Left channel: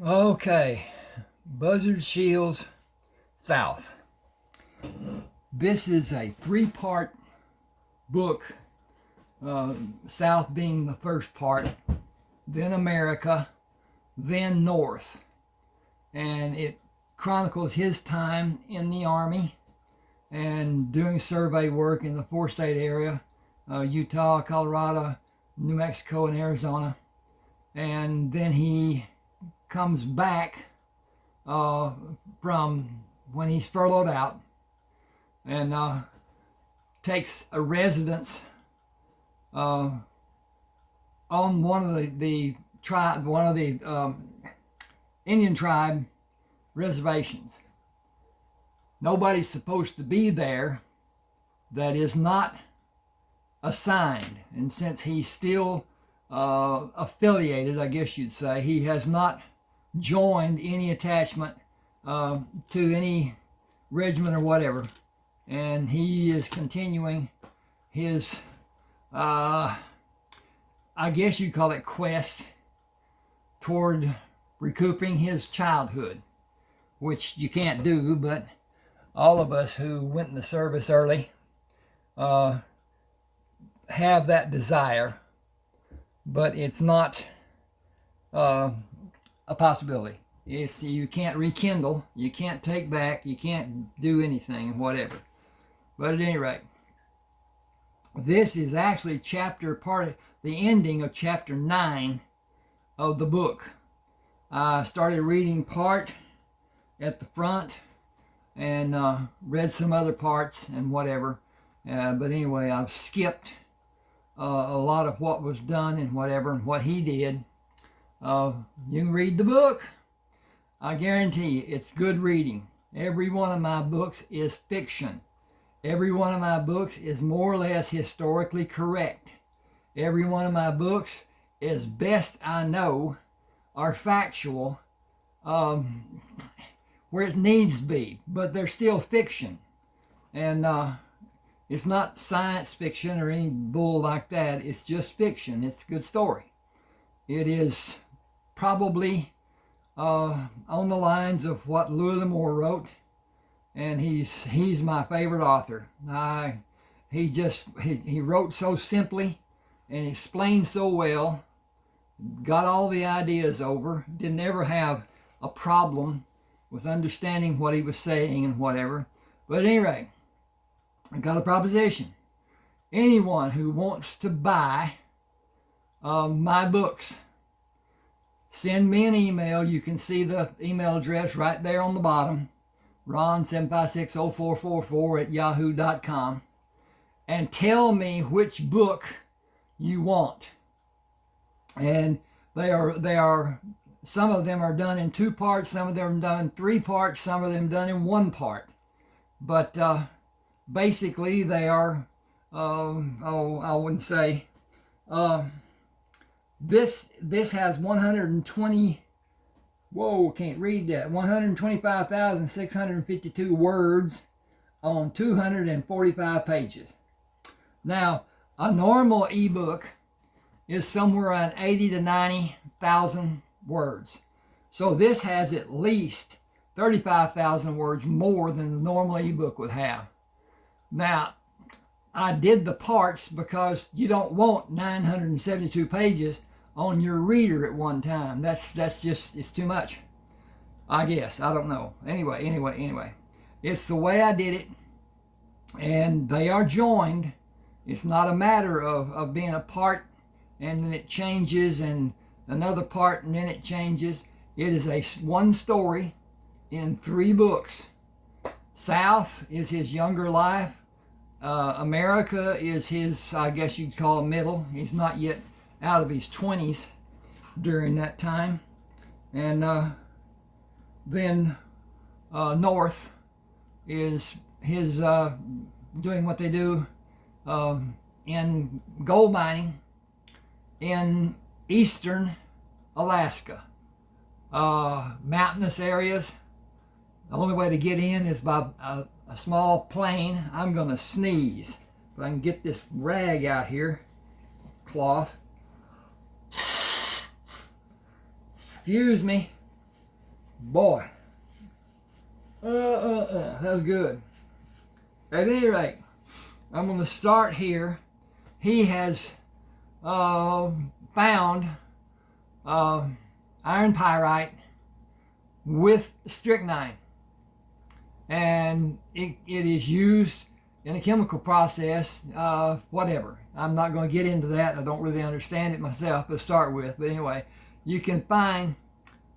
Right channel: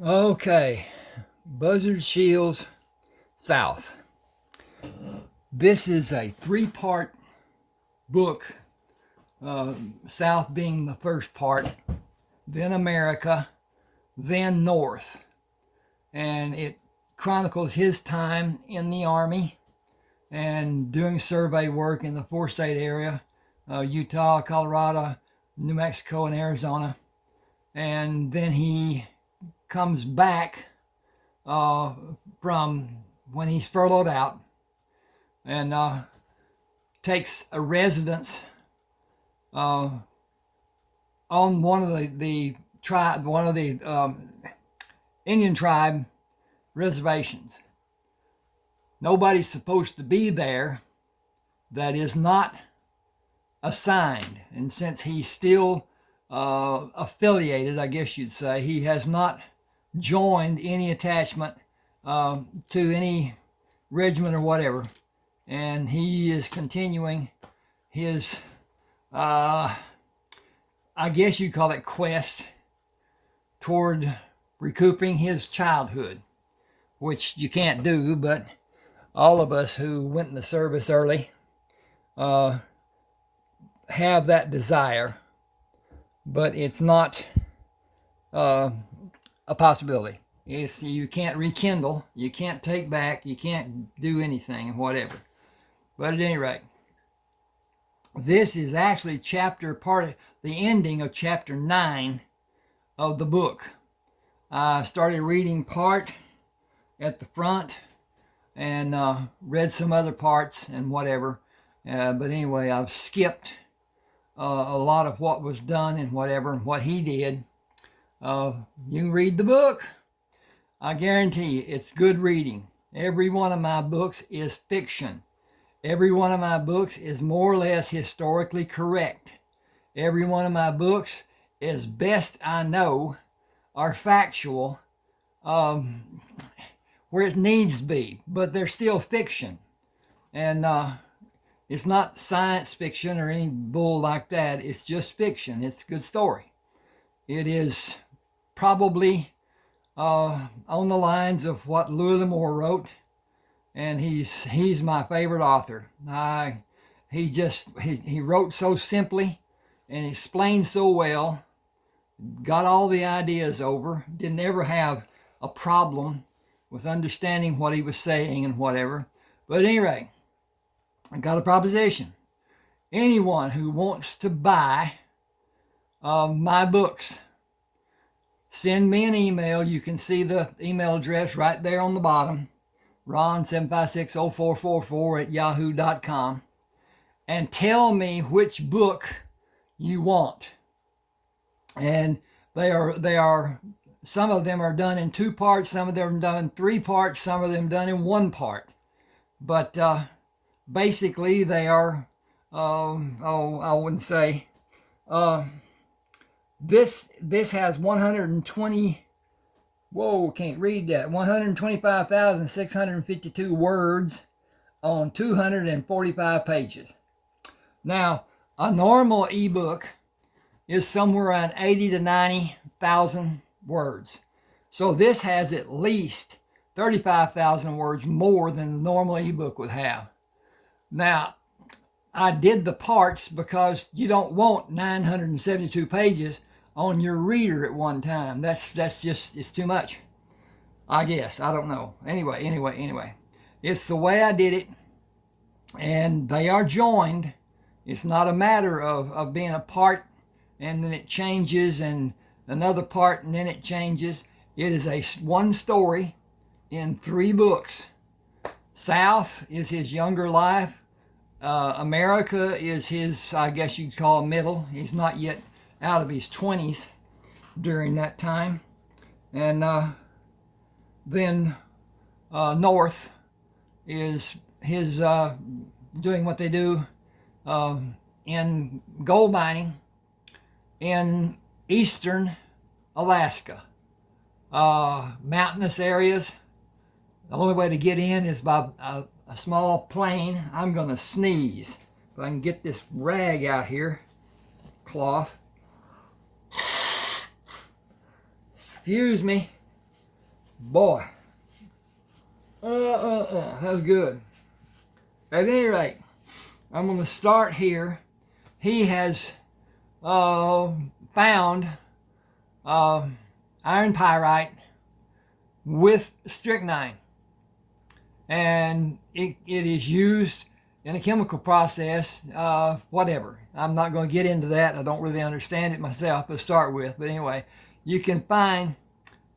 Okay, Buzzard Shields South. This is a three-part book, South being the first part, then America, then North. And it chronicles his time in the Army and doing survey work in the four-state area, Utah, Colorado, New Mexico, and Arizona. And then he comes back from when he's furloughed out and takes a residence on one of the tribe, one of the Indian tribe reservations. Nobody's supposed to be there that is not assigned, and since he's still affiliated, I guess you'd say, he has not joined any attachment to any regiment or whatever, and he is continuing his I guess you call it quest toward recouping his childhood, which you can't do, but all of us who went in the service early have that desire, but it's not a possibility. You can't rekindle, you can't take back, you can't do anything, whatever. But at any rate, this is actually part of the ending of chapter 9 of the book. I started reading part at the front and read some other parts and whatever. But anyway, I've skipped a lot of what was done and whatever and what he did. You can read the book. I guarantee you it's good reading. Every one of my books is fiction. Every one of my books is more or less historically correct. Every one of my books, as best I know, are factual where it needs to be, but they're still fiction. And it's not science fiction or any bull like that. It's just fiction. It's a good story. It is probably on the lines of what Louis L'Amour wrote, and he's my favorite author. He wrote so simply and explained so well, got all the ideas over, didn't ever have a problem with understanding what he was saying and whatever. But at any rate, I got a proposition. Anyone who wants to buy my books, send me an email. You can see the email address right there on the bottom, ron7560444@yahoo.com, and tell me which book you want. And they are some of them are done in 2 parts, some of them are done in 3 parts, some of them done in 1 part. But basically they are I wouldn't say this has 120, can't read that, 125,652 words on 245 pages. Now, a normal ebook is somewhere around 80 to 90,000 words. So this has at least 35,000 words more than the normal ebook would have. Now, I did the parts because you don't want 972 pages on your reader at one time. That's just, it's too much, I guess. I don't know. Anyway. It's the way I did it, and they are joined. It's not a matter of being a part and then it changes and another part and then it changes. It is one story in 3 books. South is his younger life. America is his, I guess you'd call middle. He's not yet out of his 20s during that time. And then North is his doing what they do in gold mining in eastern Alaska. Mountainous areas. The only way to get in is by a small plane. I'm going to sneeze. If I can get this rag out here, cloth. Excuse me. Boy, that was good. At any rate, I'm going to start here. He has found iron pyrite with strychnine, and it is used in a chemical process, whatever. I'm not going to get into that. I don't really understand it myself to start with, but anyway, you can find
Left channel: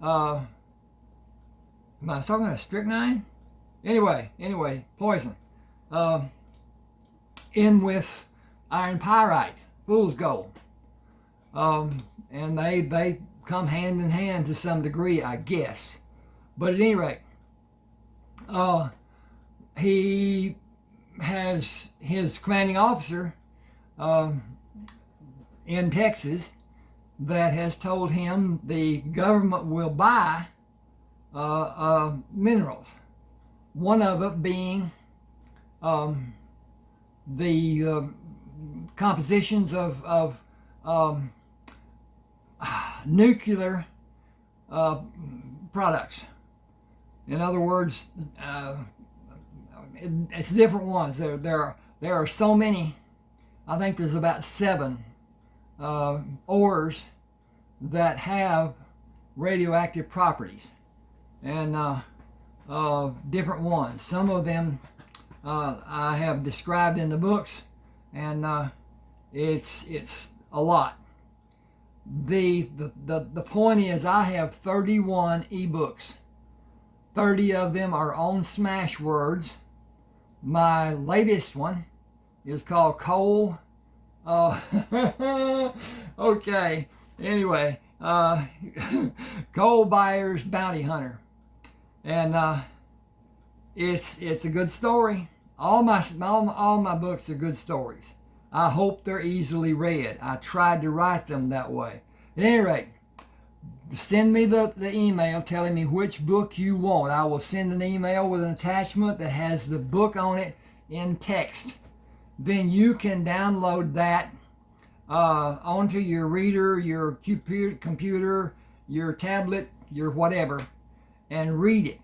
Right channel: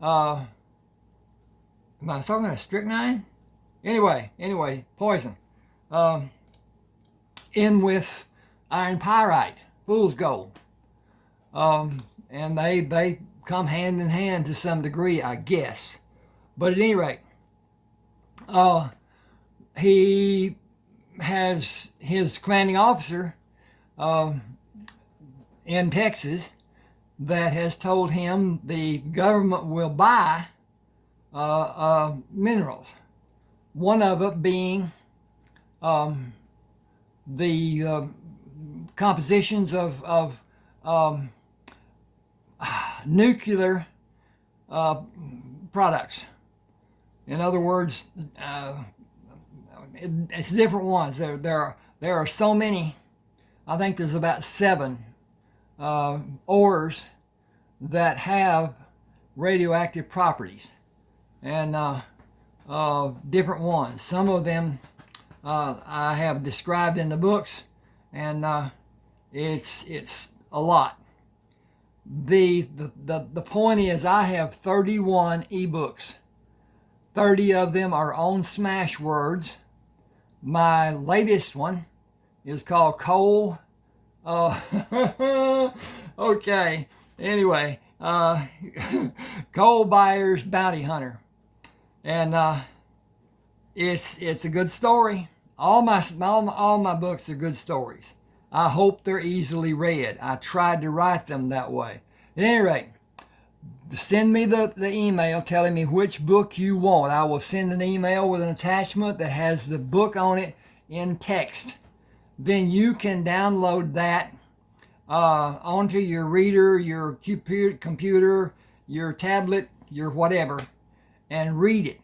am I talking about strychnine? Anyway, poison in with iron pyrite, fool's gold, and they come hand in hand to some degree, I guess. But at any rate, he has his commanding officer in Texas that has told him the government will buy minerals. One of it being the compositions of nuclear products. In other words, it's different ones. There are so many. I think there's about 7 ores that have radioactive properties, and different ones. Some of them I have described in the books, and it's a lot. The point is, I have 31 ebooks. 30 of them are on Smashwords. My latest one is called Coal. Okay. Anyway, Coal Buyer's Bounty Hunter, and it's a good story. All my books are good stories. I hope they're easily read. I tried to write them that way. At any rate, send me the email telling me which book you want. I will send an email with an attachment that has the book on it in text. Then you can download that onto your reader, your computer, your tablet, your whatever, and read it.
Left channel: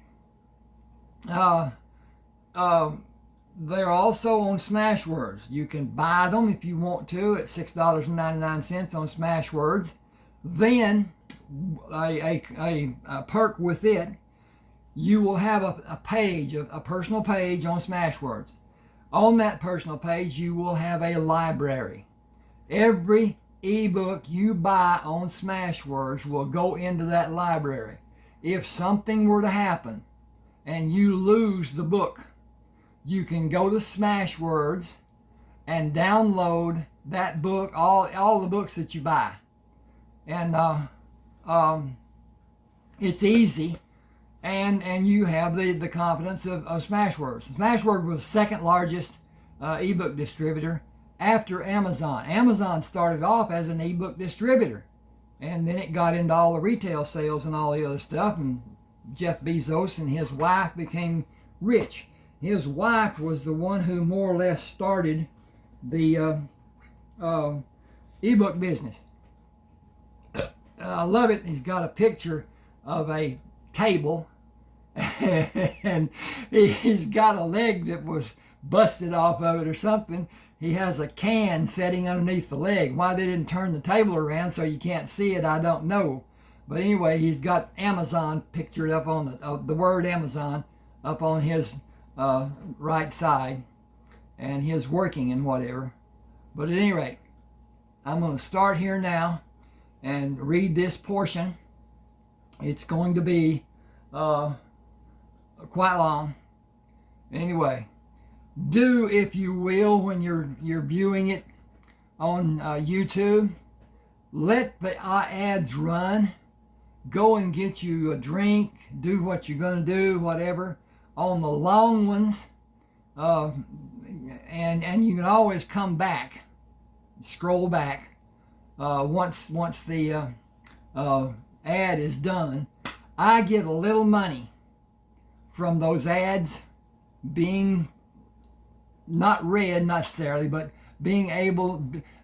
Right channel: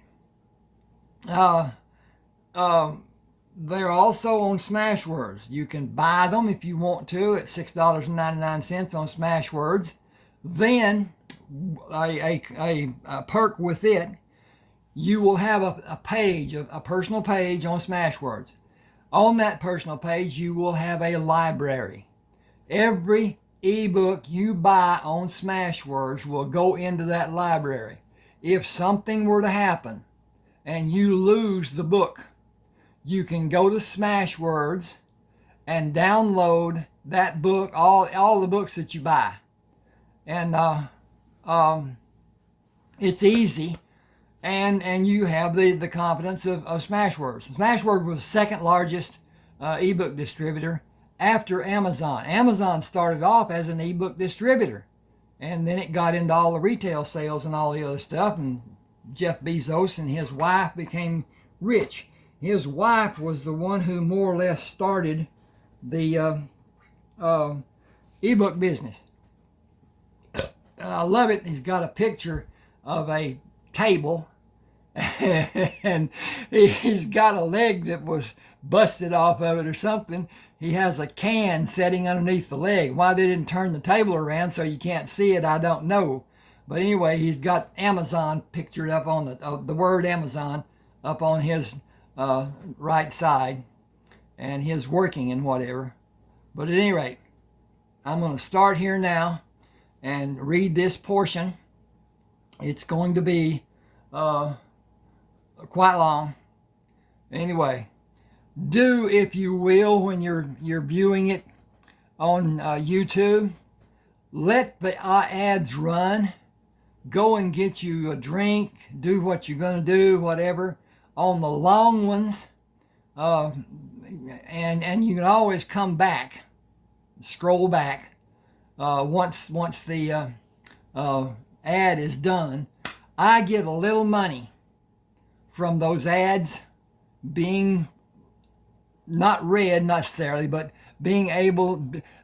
They're also on Smashwords. You can buy them if you want to at $6.99 on Smashwords. Then a perk with it, you will have a page, a personal page on Smashwords. On that personal page, you will have a library. Every ebook you buy on Smashwords will go into that library. If something were to happen and you lose the book, you can go to Smashwords and download that book, all the books that you buy. And it's easy, and you have the confidence of Smashwords. Smashwords was the second largest ebook distributor after Amazon. Amazon started off as an ebook distributor, and then it got into all the retail sales and all the other stuff, and Jeff Bezos and his wife became rich. His wife was the one who more or less started the ebook business. And I love it. He's got a picture of a table, and he's got a leg that was busted off of it or something. He has a can setting underneath the leg. Why they didn't turn the table around so you can't see it, I don't know. But anyway, he's got Amazon pictured up on the word Amazon up on his right side, and his working and whatever. But at any rate, I'm going to start here now and read this portion. It's going to be quite long. Anyway, do, if you will, when you're viewing it on YouTube, let the ads run. Go and get you a drink. Do what you're going to do, whatever. On the long ones, and you can always come back, scroll back once the ad is done. I get a little money from those ads being not read necessarily, but being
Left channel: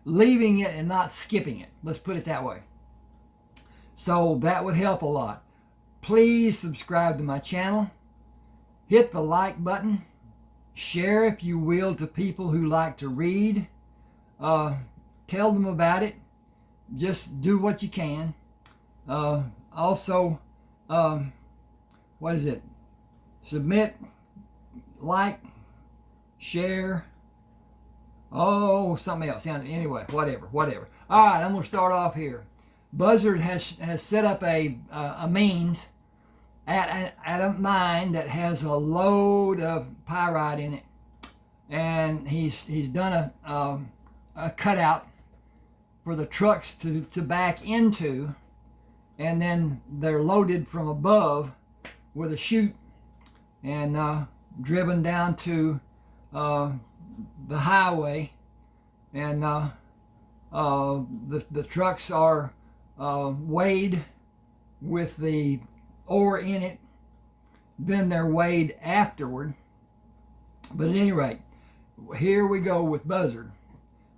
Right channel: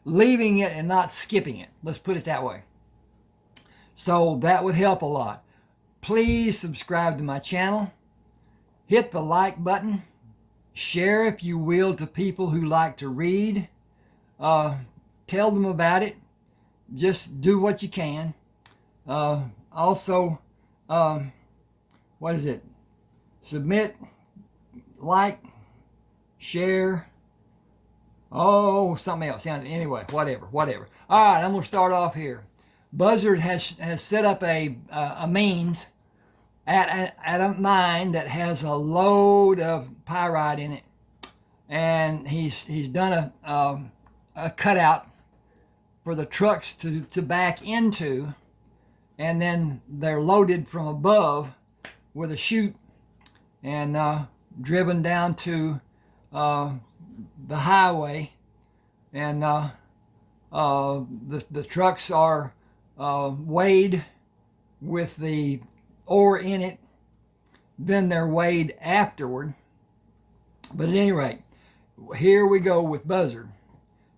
leaving it and not skipping it. Let's put it that way. So that would help a lot. Please subscribe to my channel. Hit the like button. Share, if you will, to people who like to read. Tell them about it. Just do what you can. Also, what is it? Submit, like, share. Oh, something else. Anyway, whatever. All right, I'm going to start off here. Buzzard has set up a means at a mine that has a load of pyrite in it, and he's done a cutout for the trucks to back into, and then they're loaded from above with a chute and driven down to the highway, and the trucks are weighed with the ore in it, then they're weighed afterward. But at any rate, here we go with Buzzard.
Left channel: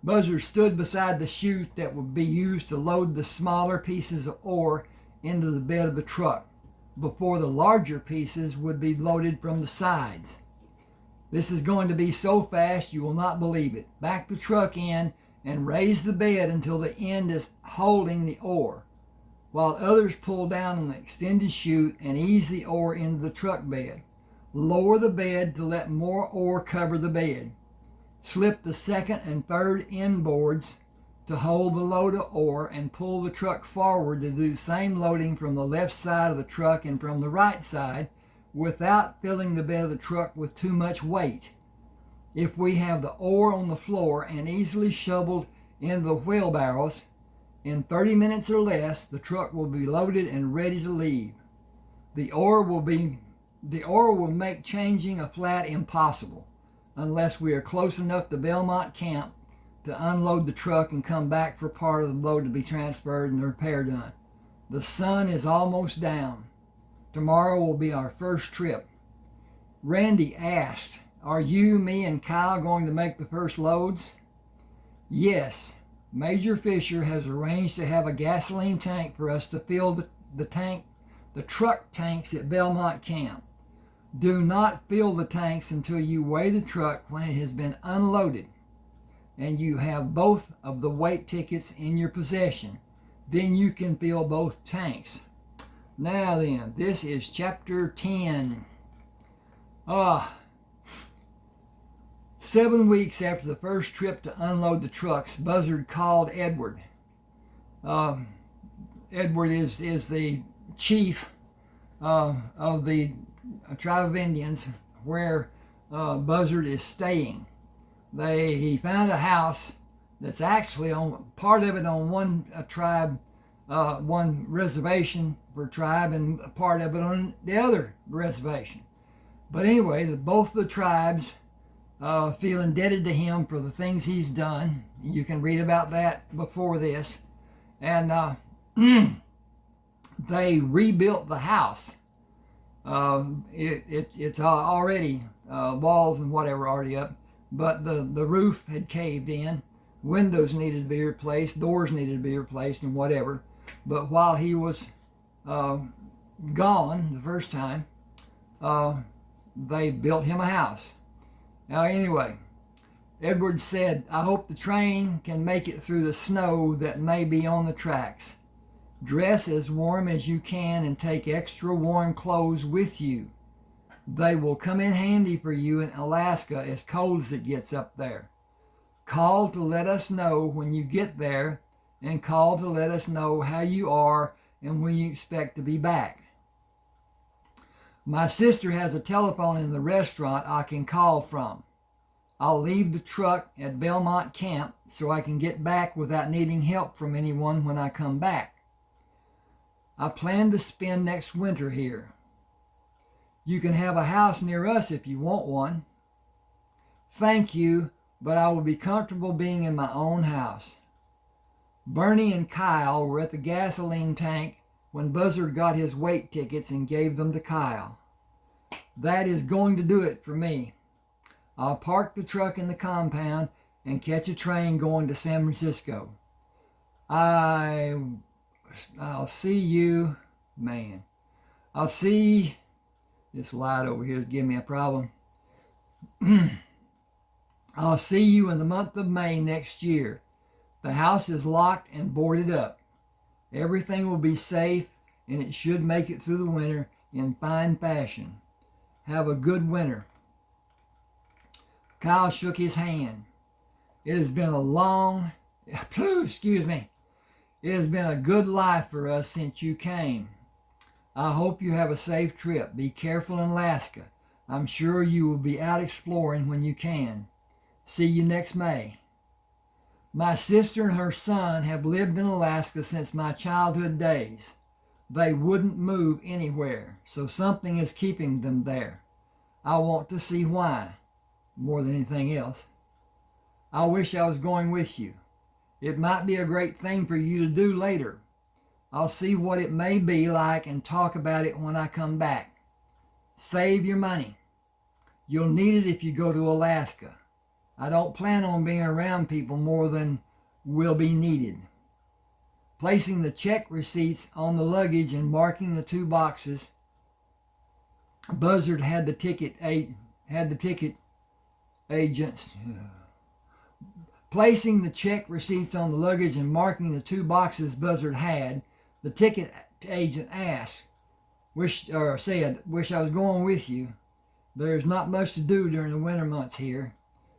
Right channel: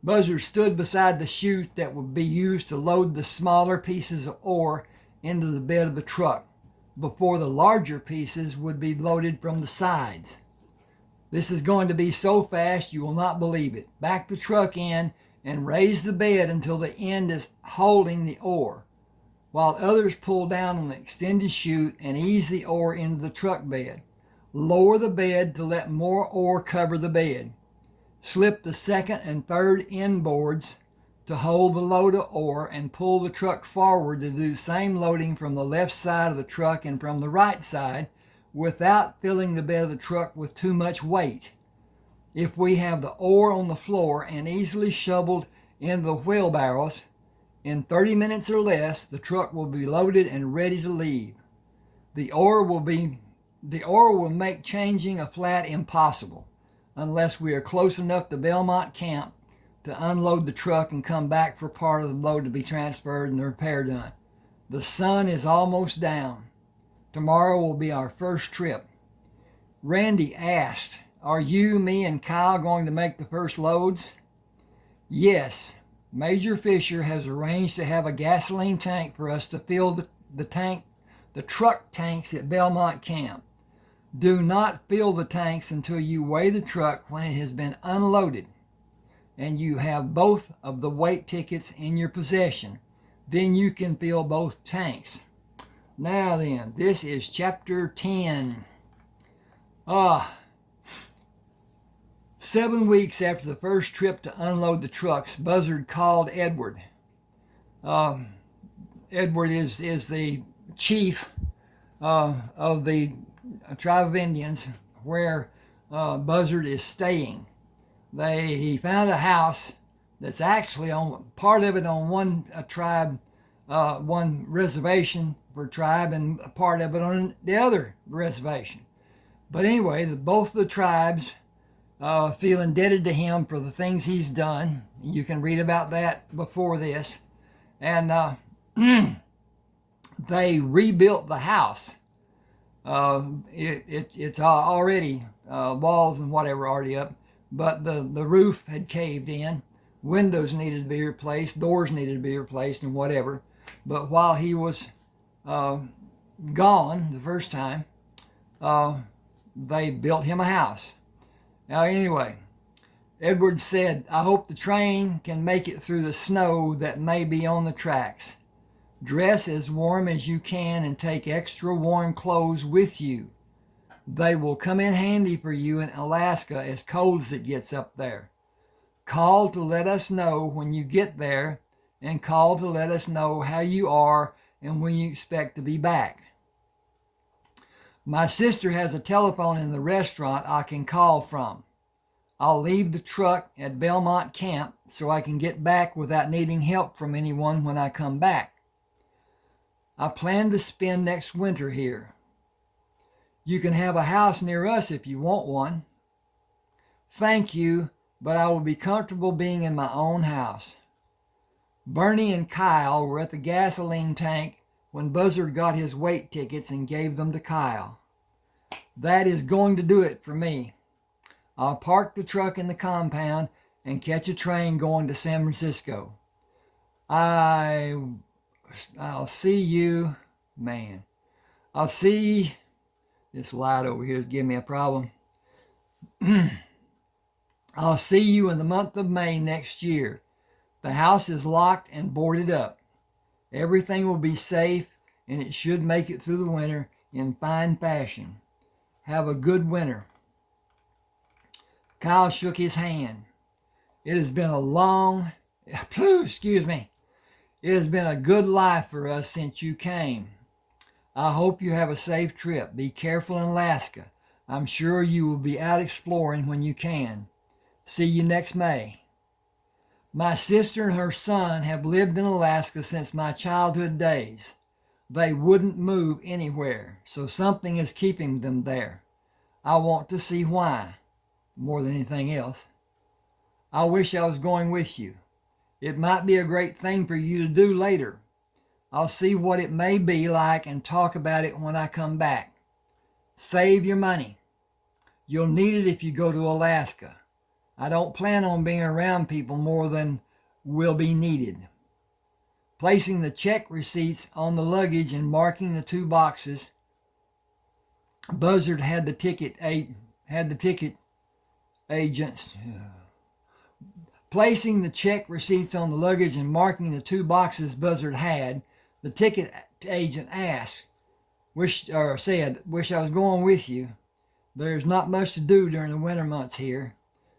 Buzzard stood beside the chute that would be used to load the smaller pieces of ore into the bed of the truck before the larger pieces would be loaded from the sides. This is going to be so fast you will not believe it. Back the truck in and raise the bed until the end is holding the ore, while others pull down on the extended chute and ease the ore into the truck bed. Lower the bed to let more ore cover the bed. Slip the second and third end boards to hold the load of ore and pull the truck forward to do the same loading from the left side of the truck and from the right side without filling the bed of the truck with too much weight. If we have the ore on the floor and easily shoveled in the wheelbarrows, in 30 minutes or less, the truck will be loaded and ready to leave. The ore will make changing a flat impossible unless we are close enough to Belmont Camp to unload the truck and come back for part of the load to be transferred and the repair done. The sun is almost down. Tomorrow will be our first trip. Randy asked, "Are you, me, and Kyle going to make the first loads?" Yes. Major Fisher has arranged to have a gasoline tank for us to fill the truck tanks at Belmont Camp. Do not fill the tanks until you weigh the truck when it has been unloaded and you have both of the weight tickets in your possession. Then you can fill both tanks. Now then, this is chapter 10. 7 weeks after the first trip to unload the trucks, Buzzard called Edward. Edward is the chief of the tribe of Indians where Buzzard is staying. He found a house that's actually on part of it on one tribe, one reservation for tribe, and part of it on the other reservation. But anyway, both the tribes feel indebted to him for the things he's done. You can read about that before this. And they rebuilt the house. It's already walls and whatever already up, but the roof had caved in. Windows needed to be replaced, doors needed to be replaced, and whatever. But while he was gone the first time, they built him a house. Now anyway, Edward said, "I hope the train can make it through the snow that may be on the tracks. Dress as warm as you can and take extra warm clothes with you. They will come in handy for you in Alaska as cold as it gets up there. Call to let us know when you get there, and call to let us know how you are and when you expect to be back. My sister has a telephone in the restaurant I can call from. I'll leave the truck at Belmont Camp so I can get back without needing help from anyone when I come back. I plan to spend next winter here. You can have a house near us if you want one. Thank you, but I will be comfortable being in my own house." Bernie and Kyle were at the gasoline tank when Buzzard got his weight tickets and gave them to Kyle. "That is going to do it for me. I'll park the truck in the compound and catch a train going to San Francisco. I'll see you, man. I'll see. This light over here is giving me a problem. I'll see you in the month of May next year. The house is locked and boarded up. Everything will be safe, and it should make it through the winter in fine fashion. Have a good winter. Kyle shook his hand. It has been a long, excuse me, it has been a good life for us since you came. I hope you have a safe trip. Be careful in Alaska. I'm sure you will be out exploring when you can. See you next May. My sister and her son have lived in Alaska since my childhood days. They wouldn't move anywhere, so something is keeping them there. I want to see why, more than anything else. I wish I was going with you. It might be a great thing for you to do later. I'll see what it may be like and talk about it when I come back. Save your money. You'll need it if you go to Alaska. I don't plan on being around people more than will be needed. Placing the check receipts on the luggage and marking the 2 boxes, Buzzard had the ticket agents. Placing the check receipts on the luggage and marking the 2 boxes Buzzard had, the ticket agent asked, wish I was going with you. There's not much to do during the winter months here.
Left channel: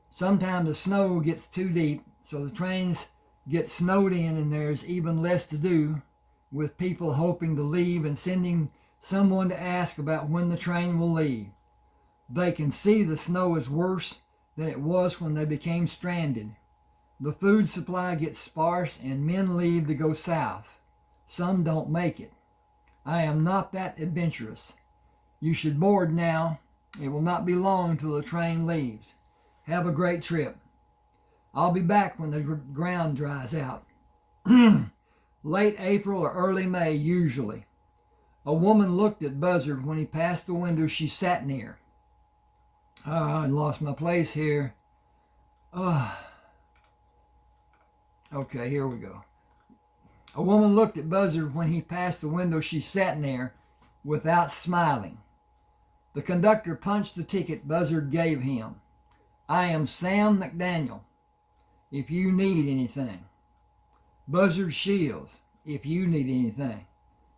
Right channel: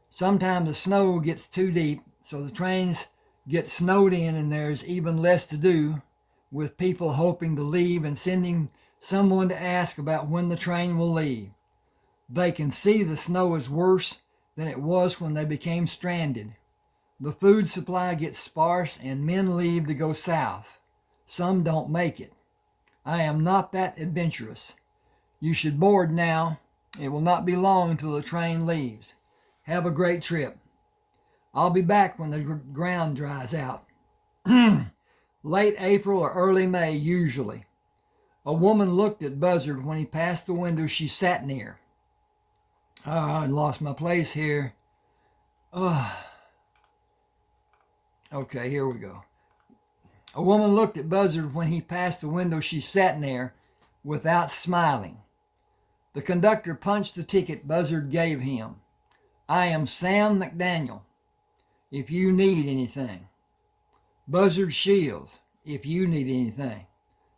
Sometimes the snow gets too deep, so the trains get snowed in and there's even less to do, with people hoping to leave and sending someone to ask about when the train will leave. They can see the snow is worse than it was when they became stranded. The food supply gets sparse and men leave to go south. Some don't make it. I am not that adventurous. You should board now. It will not be long until the train leaves. Have a great trip. I'll be back when the ground dries out. Late April or early May, usually. A woman looked at Buzzard when he passed the window she sat near. I lost my place here. Okay, here we go. A woman looked at Buzzard when he passed the window she sat near without smiling. The conductor punched the ticket Buzzard gave him. I am Sam McDaniel, if you need anything. Buzzard Shields, if you need anything.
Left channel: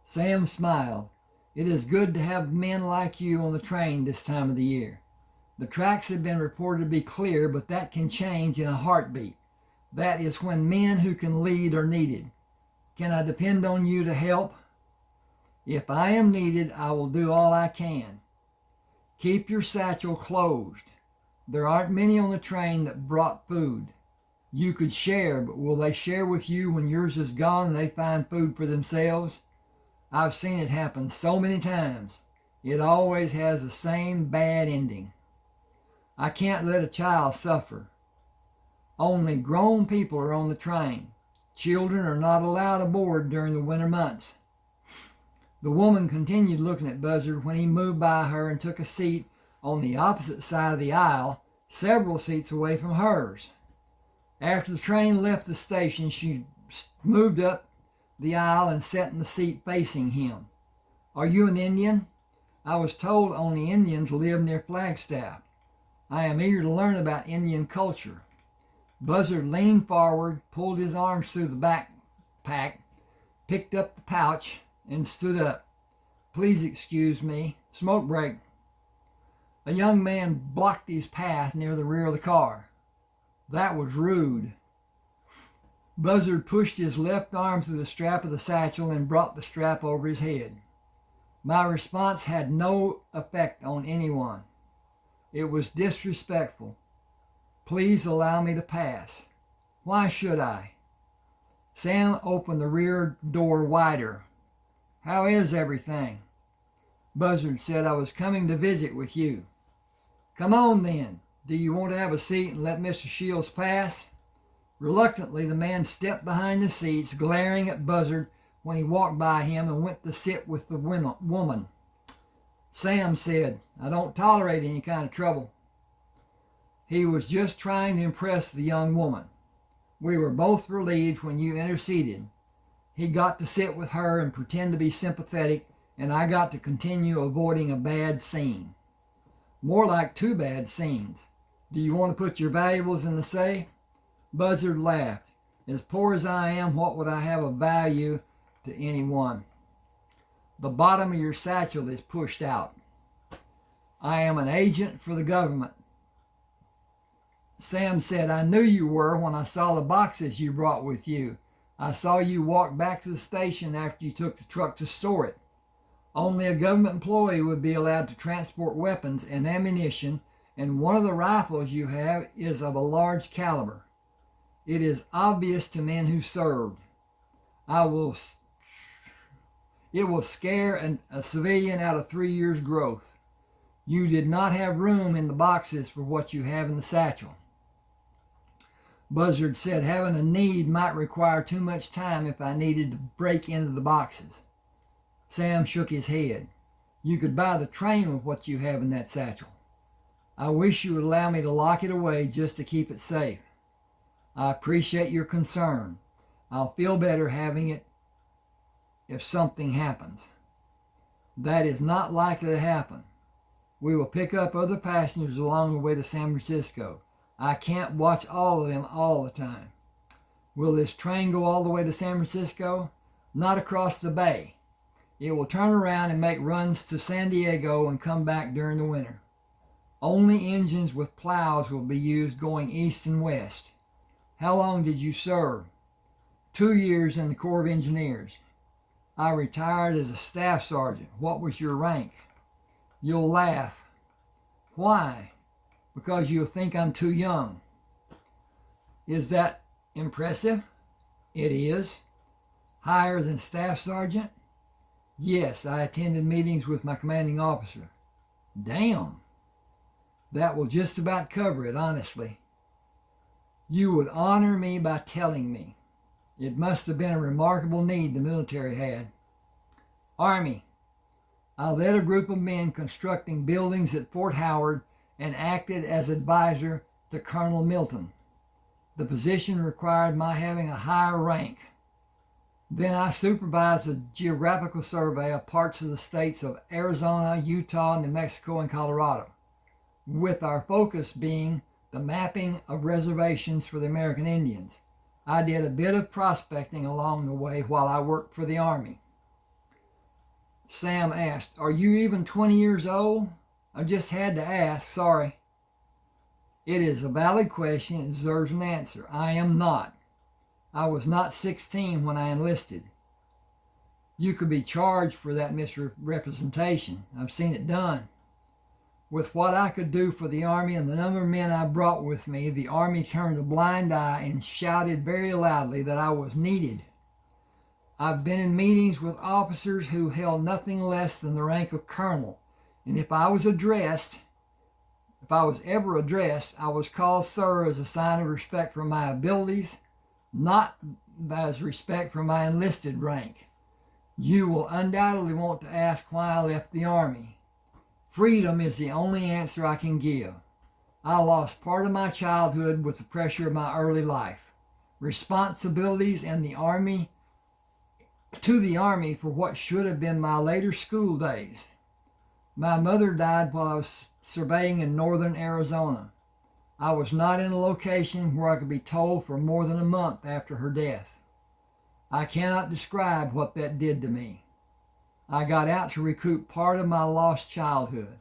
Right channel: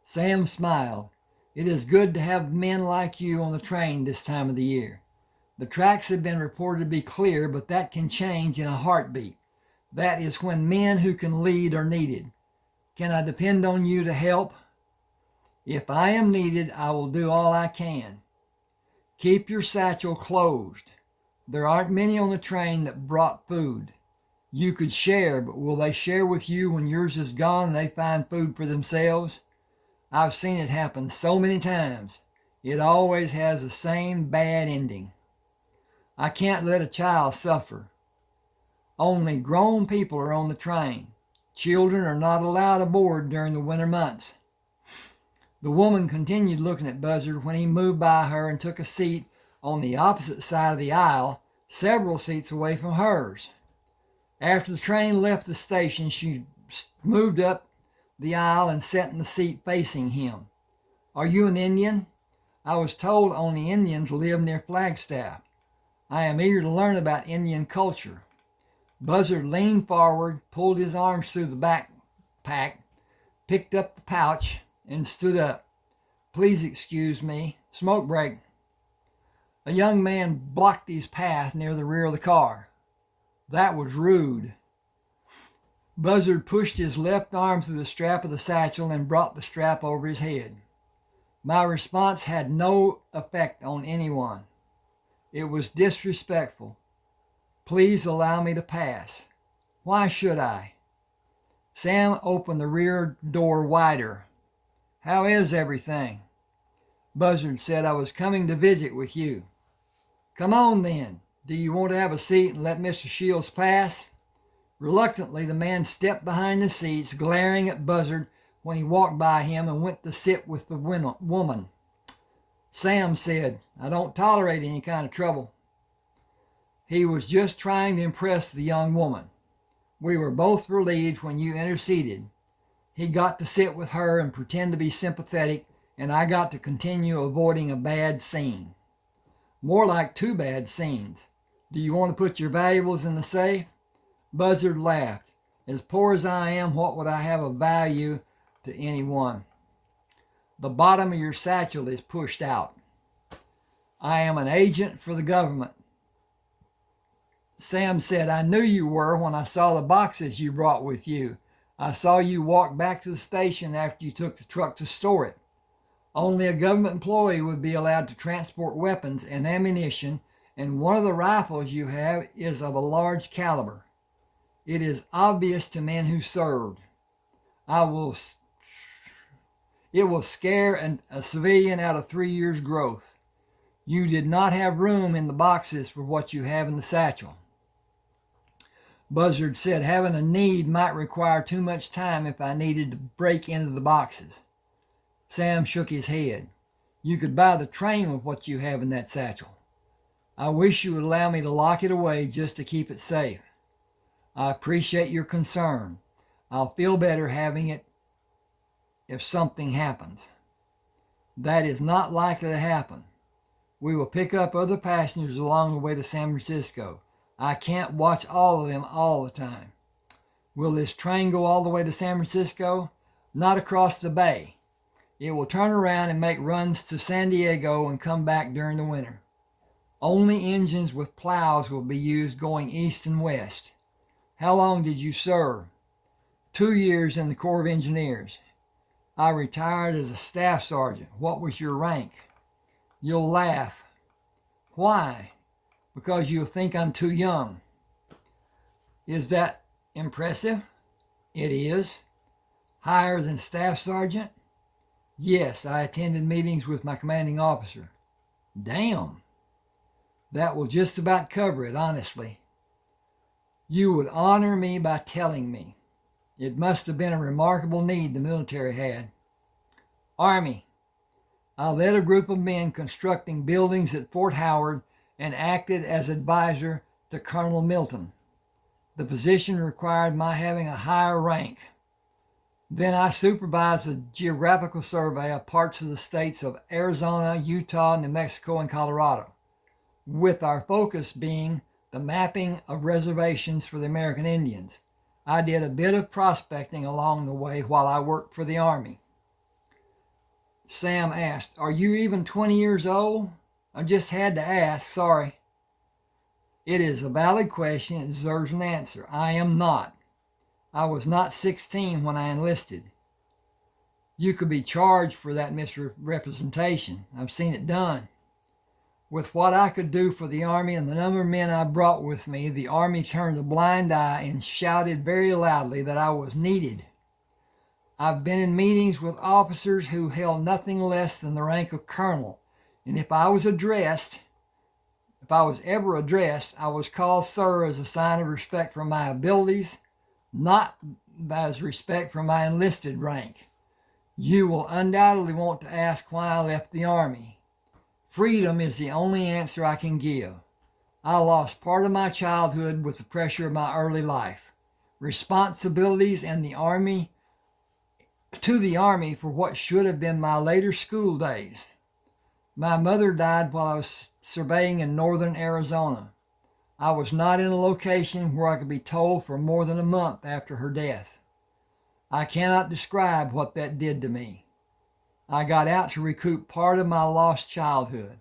Sam smiled. It is good to have men like you on the train this time of the year. The tracks have been reported to be clear, but that can change in a heartbeat. That is when men who can lead are needed. Can I depend on you to help? If I am needed, I will do all I can. Keep your satchel closed. There aren't many on the train that brought food. You could share, but will they share with you when yours is gone and they find food for themselves? I've seen it happen so many times. It always has the same bad ending. I can't let a child suffer. Only grown people are on the train. Children are not allowed aboard during the winter months. The woman continued looking at Buzzard when he moved by her and took a seat on the opposite side of the aisle, several seats away from hers. After the train left the station, she moved up the aisle and sat in the seat facing him. Are you an Indian? I was told only Indians live near Flagstaff. I am eager to learn about Indian culture. Buzzard leaned forward, pulled his arms through the backpack, picked up the pouch, and stood up. Please excuse me. Smoke break. A young man blocked his path near the rear of the car. That was rude. Buzzard pushed his left arm through the strap of the satchel and brought the strap over his head. My response had no effect on anyone. It was disrespectful. Please allow me to pass. Why should I? Sam opened the rear door wider. How is everything? Buzzard said, I was coming to visit with you. Come on then. Do you want to have a seat and let Mr. Shields pass? Reluctantly, the man stepped behind the seats, glaring at Buzzard when he walked by him and went to sit with the woman. Sam said, I don't tolerate any kind of trouble. He was just trying to impress the young woman. We were both relieved when you interceded. He got to sit with her and pretend to be sympathetic and I got to continue avoiding a bad scene. More like two bad scenes. Do you want to put your valuables in the safe? Buzzard laughed. As poor as I am, what would I have of value to anyone? The bottom of your satchel is pushed out. I am an agent for the government. Sam said, I knew you were when I saw the boxes you brought with you. I saw you walk back to the station after you took the truck to store it. Only a government employee would be allowed to transport weapons and ammunition, and one of the rifles you have is of a large caliber. It is obvious to men who served. It will scare a civilian out of 3 years' growth. You did not have room in the boxes for what you have in the satchel. Buzzard said having a need might require too much time if I needed to break into the boxes. Sam shook his head. You could buy the train with what you have in that satchel. I wish you would allow me to lock it away just to keep it safe. I appreciate your concern. I'll feel better having it if something happens. That is not likely to happen. We will pick up other passengers along the way to San Francisco. I can't watch all of them all the time. Will this train go all the way to San Francisco? Not across the bay. It will turn around and make runs to San Diego and come back during the winter. Only engines with plows will be used going east and west. How long did you serve? 2 years in the Corps of Engineers. I retired as a staff sergeant. What was your rank? You'll laugh. Why? Because you'll think I'm too young. Is that impressive? It is. Higher than staff sergeant? Yes, I attended meetings with my commanding officer. Damn. That will just about cover it, honestly. You would honor me by telling me. It must have been a remarkable need the military had. Army. I led a group of men constructing buildings at Fort Howard and acted as advisor to Colonel Milton. The position required my having a higher rank. Then I supervised a geographical survey of parts of the states of Arizona, Utah, New Mexico, and Colorado, with our focus being the mapping of reservations for the American Indians. I did a bit of prospecting along the way while I worked for the Army. Sam asked, are you even 20 years old? I just had to ask, sorry. It is a valid question. It deserves an answer. I am not. I was not 16 when I enlisted. You could be charged for that misrepresentation. I've seen it done. With what I could do for the Army and the number of men I brought with me, the Army turned a blind eye and shouted very loudly that I was needed. I've been in meetings with officers who held nothing less than the rank of colonel, and if I was ever addressed, I was called sir as a sign of respect for my abilities, not as respect for my enlisted rank. You will undoubtedly want to ask why I left the Army. Freedom is the only answer I can give. I lost part of my childhood with the pressure of my early life, responsibilities, and the Army for what should have been my later school days. My mother died while I was surveying in northern Arizona. I was not in a location where I could be told for more than a month after her death. I cannot describe what that did to me. I got out to recoup part of my lost childhood.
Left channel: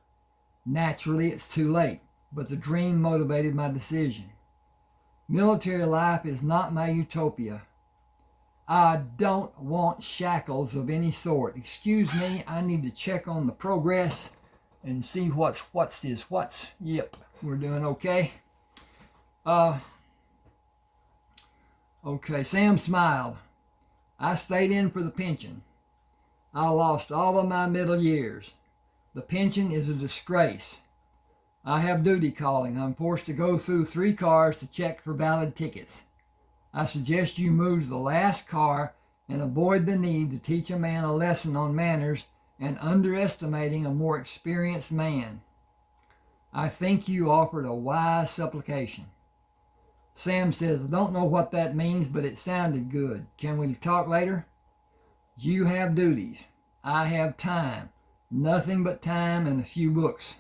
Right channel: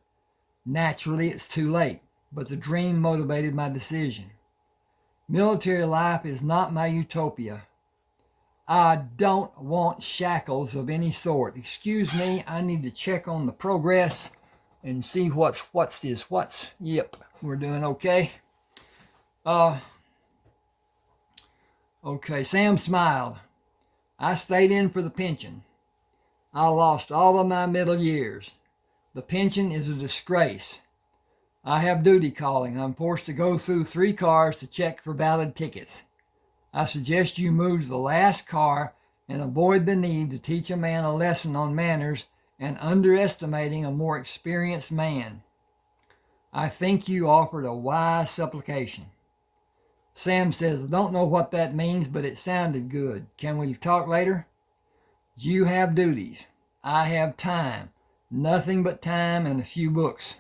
Naturally, it's too late, but the dream motivated my decision. Military life is not my utopia. I don't want shackles of any sort. Excuse me, I need to check on the progress and see what's. Yep, we're doing okay. Okay, Sam smiled. I stayed in for the pension. I lost all of my middle years. The pension is a disgrace. I have duty calling. I'm forced to go through 3 cars to check for valid tickets. I suggest you move to the last car and avoid the need to teach a man a lesson on manners and underestimating a more experienced man. I think you offered a wise supplication. Sam says, I don't know what that means, but it sounded good. Can we talk later? You have duties. I have time, nothing but time and a few books.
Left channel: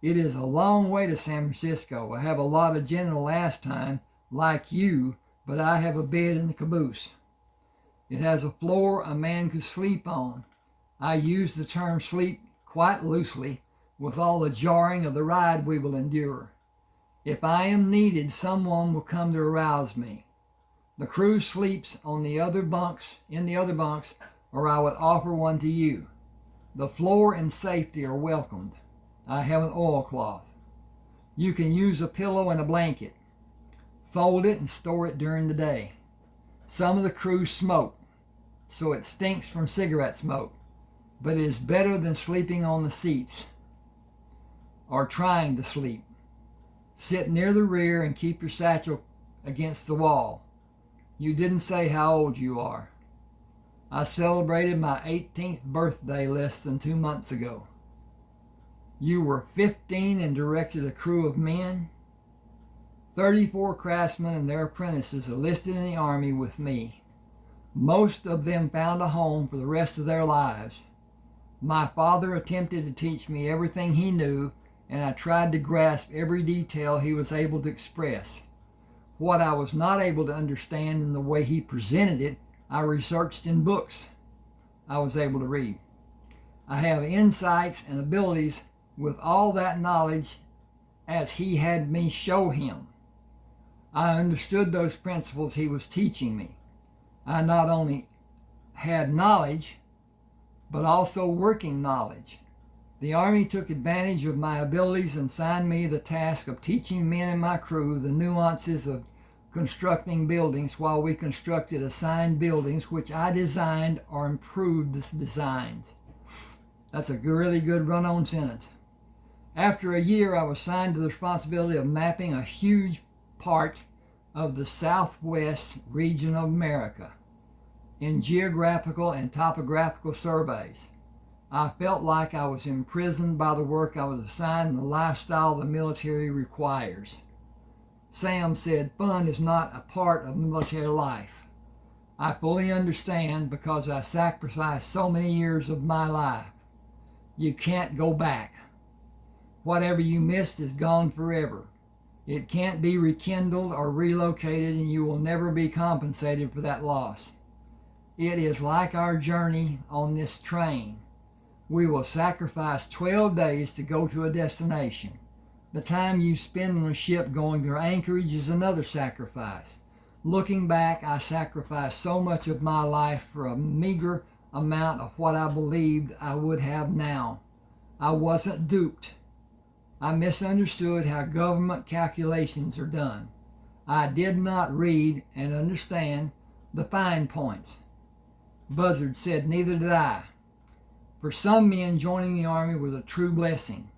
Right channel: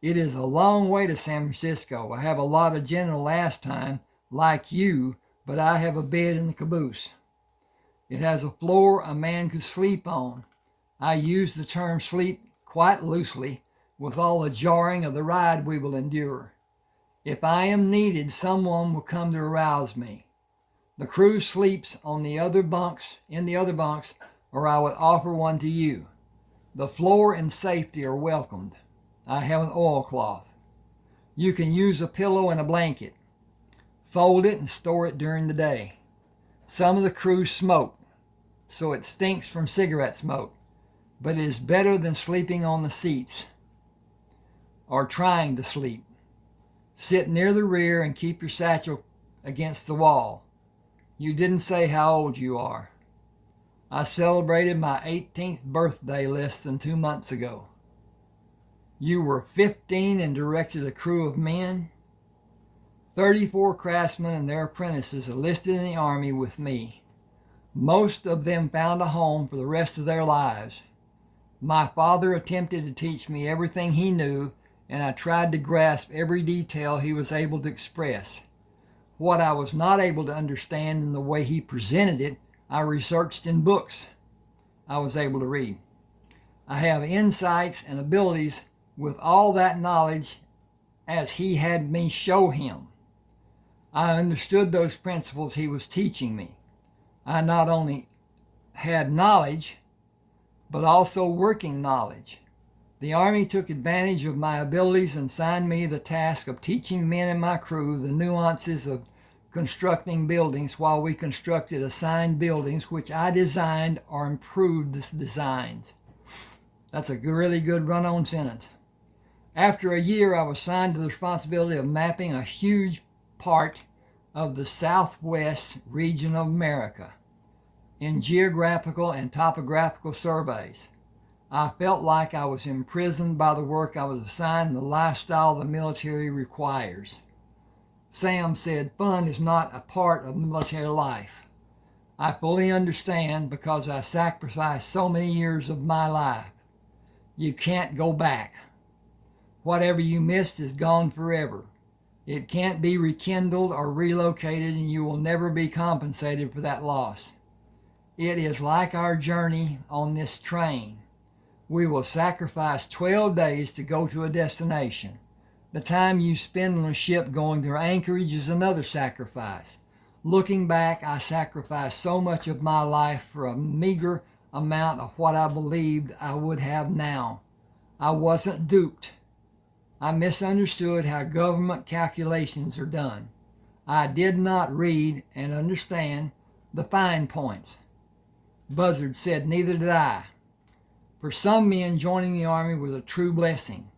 It is a long way to San Francisco. I have a lot of general last time, like you, but I have a bed in the caboose. It has a floor a man could sleep on. I use the term sleep quite loosely, with all the jarring of the ride we will endure. If I am needed, someone will come to arouse me. The crew sleeps on the other bunks, or I would offer one to you. The floor and safety are welcomed. I have an oilcloth. You can use a pillow and a blanket. Fold it and store it during the day. Some of the crew smoke, so it stinks from cigarette smoke, but it is better than sleeping on the seats or trying to sleep. Sit near the rear and keep your satchel against the wall. You didn't say how old you are. I celebrated my 18th birthday less than 2 months ago. You were 15 and directed a crew of men. 34 craftsmen and their apprentices enlisted in the Army with me. Most of them found a home for the rest of their lives. My father attempted to teach me everything he knew, and I tried to grasp every detail he was able to express. What I was not able to understand in the way he presented it, I researched in books I was able to read. I have insights and abilities with all that knowledge as he had me show him. I understood those principles he was teaching me. I not only had knowledge, but also working knowledge. The Army took advantage of my abilities and assigned me the task of teaching men in my crew the nuances of constructing buildings while we constructed assigned buildings which I designed or improved the designs. That's a really good run-on sentence. After a year, I was assigned to the responsibility of mapping a huge part of the southwest region of America in geographical and topographical surveys. I felt like I was imprisoned by the work I was assigned and the lifestyle the military requires. Sam said, fun is not a part of military life. I fully understand because I sacrificed so many years of my life. You can't go back. Whatever you missed is gone forever. It can't be rekindled or relocated, and you will never be compensated for that loss. It is like our journey on this train. We will sacrifice 12 days to go to a destination. The time you spend on a ship going to Anchorage is another sacrifice. Looking back, I sacrificed so much of my life for a meager amount of what I believed I would have now. I wasn't duped. I misunderstood how government calculations are done. I did not read and understand the fine points. Buzzard said, neither did I. For some men, joining the Army was a true blessing.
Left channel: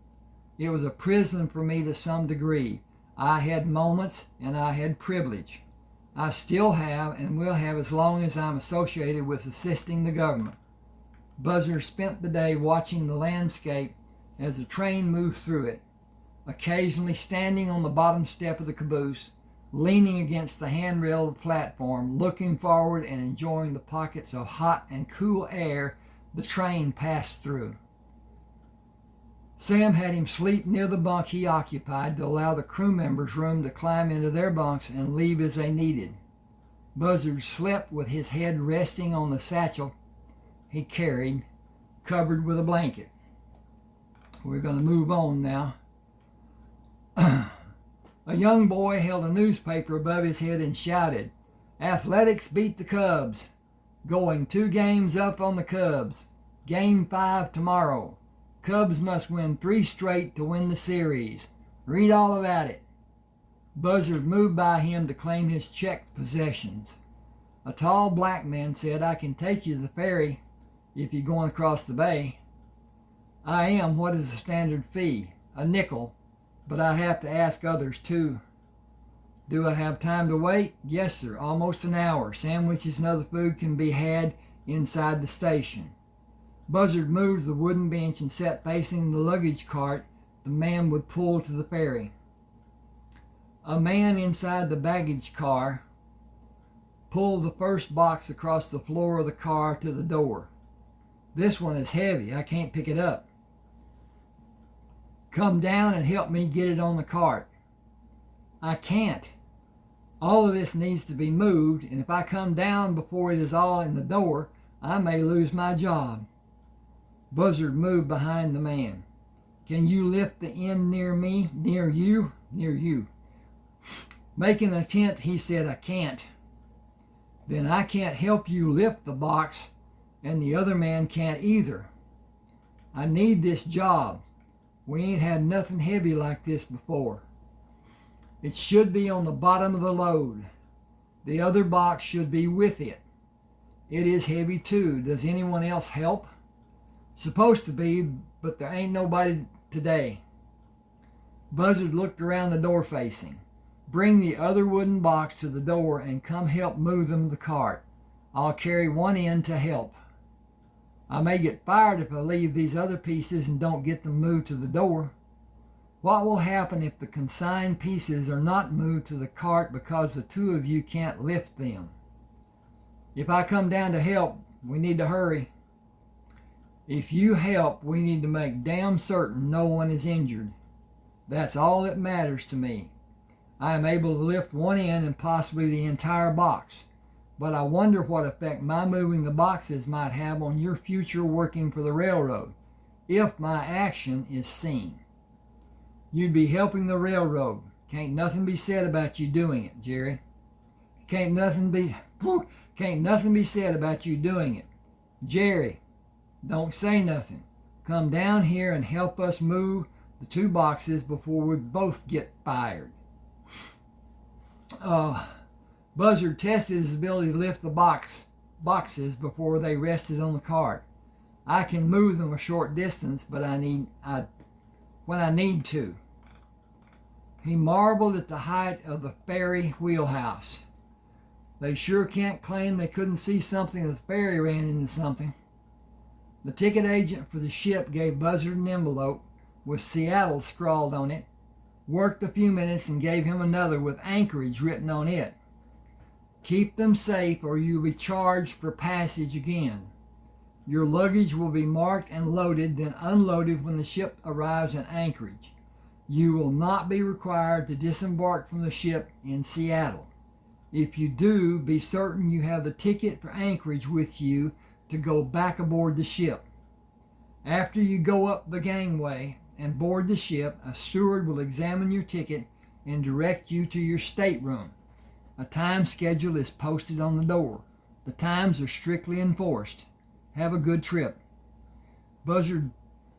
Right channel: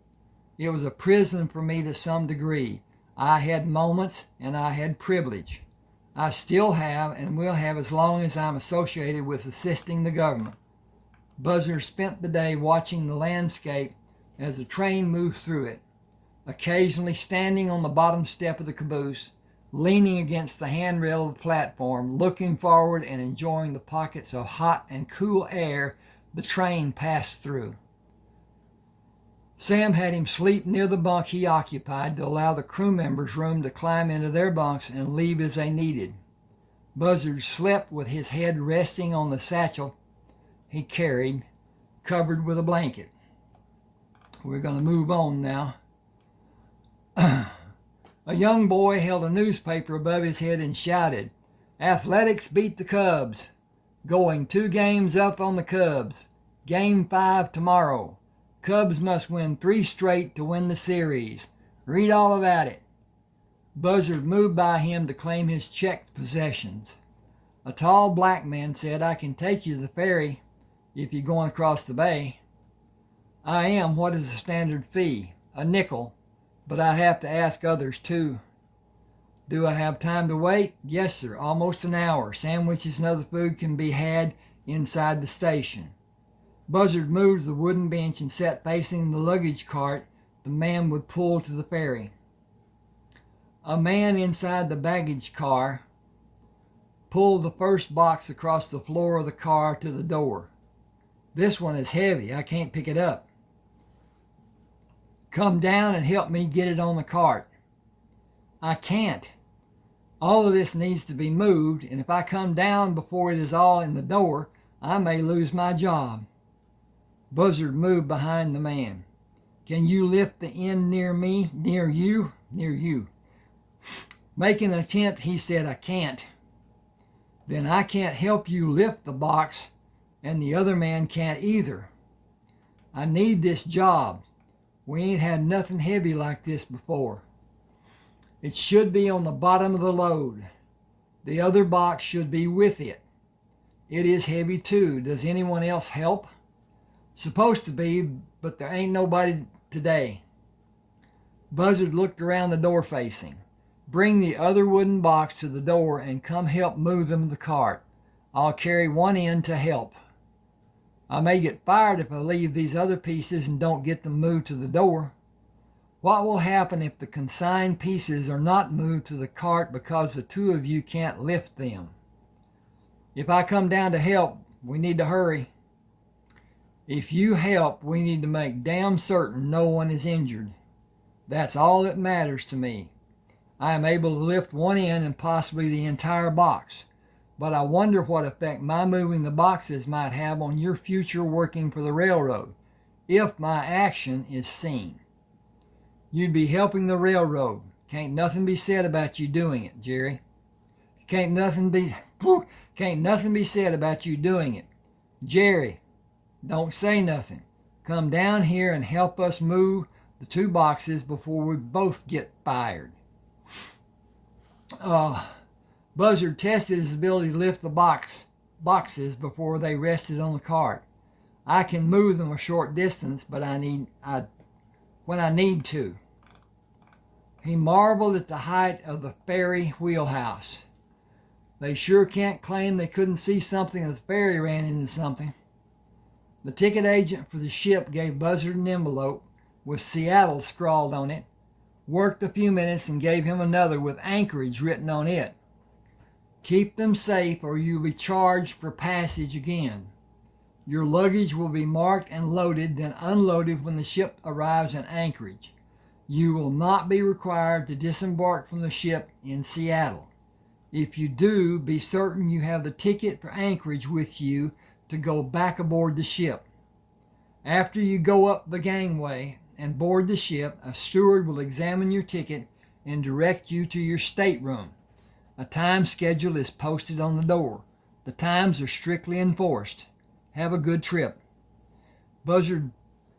It was a prison for me to some degree. I had moments and I had privilege. I still have and will have as long as I'm associated with assisting the government. Buzzard spent the day watching the landscape as the train moved through it, occasionally standing on the bottom step of the caboose, leaning against the handrail of the platform, looking forward and enjoying the pockets of hot and cool air the train passed through. Sam had him sleep near the bunk he occupied to allow the crew members room to climb into their bunks and leave as they needed. Buzzard slept with his head resting on the satchel he carried, covered with a blanket. We're going to move on now. A young boy held a newspaper above his head and shouted, "Athletics beat the Cubs. Going 2 games up on the Cubs. Game 5 tomorrow. Cubs must win 3 straight to win the series. Read all about it." Buzzard moved by him to claim his checked possessions. A tall black man said, "I can take you to the ferry if you're going across the bay." "I am. What is the standard fee?" "A nickel, but I have to ask others too." "Do I have time to wait?" "Yes, sir. Almost an hour. Sandwiches and other food can be had inside the station." Buzzard moved to the wooden bench and sat facing the luggage cart the man would pull to the ferry. A man inside the baggage car pulled the first box across the floor of the car to the door. This one is heavy. I can't pick it up. Come down and help me get it on the cart. I can't. All of this needs to be moved, and if I come down before it is all in the door, I may lose my job. Buzzard moved behind the man. Can you lift the end near me? Near you? Near you. Making an attempt, he said, I can't. Then I can't help you lift the box, and the other man can't either. I need this job. We ain't had nothing heavy like this before. It should be on the bottom of the load. The other box should be with it. It is heavy too. Does anyone else help? Supposed to be, but there ain't nobody today. Buzzard looked around the door facing. Bring the other wooden box to the door and come help move them to the cart. I'll carry one end to help. I may get fired if I leave these other pieces and don't get them moved to the door. What will happen if the consigned pieces are not moved to the cart because the two of you can't lift them? If I come down to help, we need to hurry. If you help, we need to make damn certain no one is injured. That's all that matters to me. I am able to lift one end and possibly the entire box, but I wonder what effect my moving the boxes might have on your future working for the railroad, if my action is seen. You'd be helping the railroad. Can't nothing be said about you doing it, Jerry. Can't nothing be said about you doing it. Jerry, don't say nothing. Come down here and help us move the two boxes before we both get fired. Buzzard tested his ability to lift the boxes before they rested on the cart. I can move them a short distance, but when I need to. He marveled at the height of the ferry wheelhouse. They sure can't claim they couldn't see something if the ferry ran into something. The ticket agent for the ship gave Buzzard an envelope with Seattle scrawled on it, worked a few minutes and gave him another with Anchorage written on it. Keep them safe or you'll be charged for passage again. Your luggage will be marked and loaded, then unloaded when the ship arrives in Anchorage. You will not be required to disembark from the ship in Seattle. If you do, be certain you have the ticket for Anchorage with you to go back aboard the ship. After you go up the gangway and board the ship, a steward will examine your ticket and direct you to your stateroom. A time schedule is posted on the door. The times are strictly enforced. Have a good trip. Buzzard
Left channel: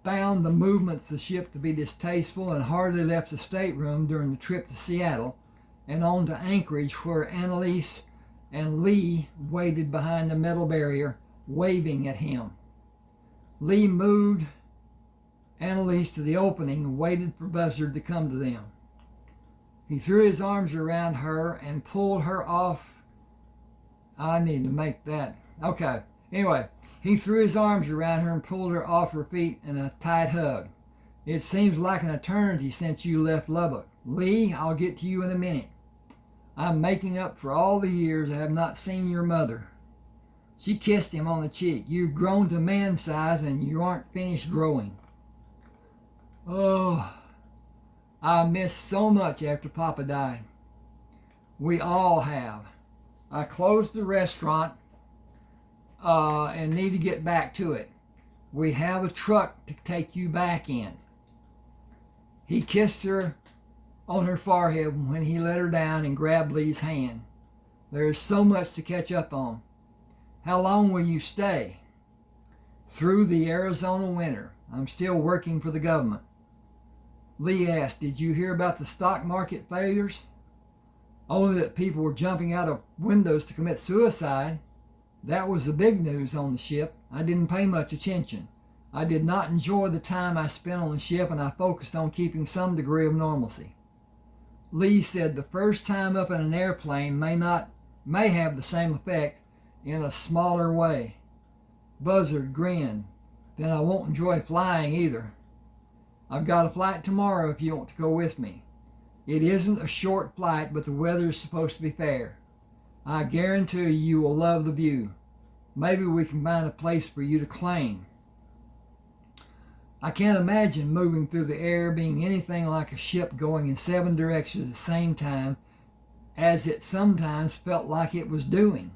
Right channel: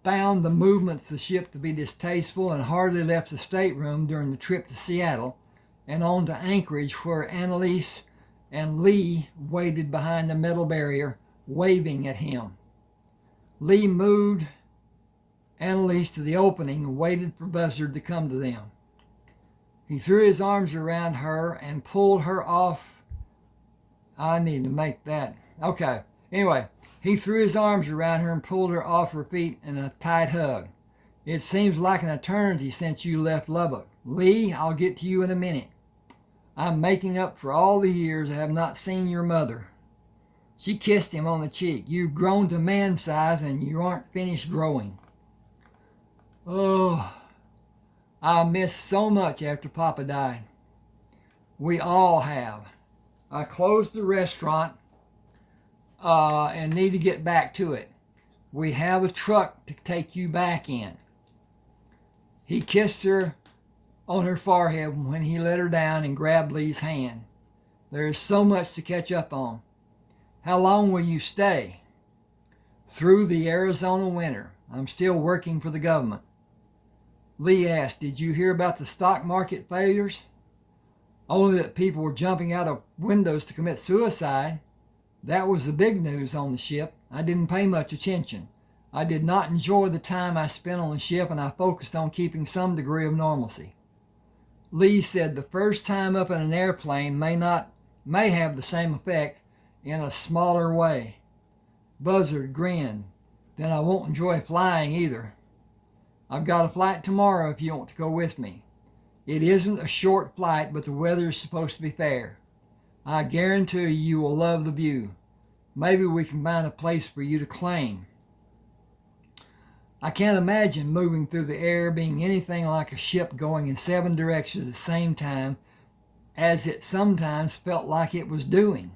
found the movements of the ship to be distasteful and hardly left the stateroom during the trip to Seattle and on to Anchorage, where Annalise and Lee waited behind the metal barrier, waving at him. Lee moved Annalise to the opening and waited for Buzzard to come to them. He threw his arms around her and pulled her off. I need to make that. Okay. Anyway, he threw his arms around her and pulled her off her feet in a tight hug. It seems like an eternity since you left Lubbock. Lee, I'll get to you in a minute. I'm making up for all the years I have not seen your mother. She kissed him on the cheek. You've grown to man size and you aren't finished growing. Oh, I missed so much after Papa died. We all have. I closed the restaurant and need to get back to it. We have a truck to take you back in. He kissed her on her forehead when he let her down and grabbed Lee's hand. There is so much to catch up on. How long will you stay? Through the Arizona winter. I'm still working for the government. Lee asked, did you hear about the stock market failures? Only that people were jumping out of windows to commit suicide. That was the big news on the ship. I didn't pay much attention. I did not enjoy the time I spent on the ship, and I focused on keeping some degree of normalcy. Lee said the first time up in an airplane may have the same effect in a smaller way. Buzzard grinned. Then I won't enjoy flying either. I've got a flight tomorrow if you want to go with me. It isn't a short flight, but the weather is supposed to be fair. I guarantee you will love the view. Maybe we can find a place for you to claim. I can't imagine moving through the air being anything like a ship going in 7 directions at the same time, as it sometimes felt like it was doing.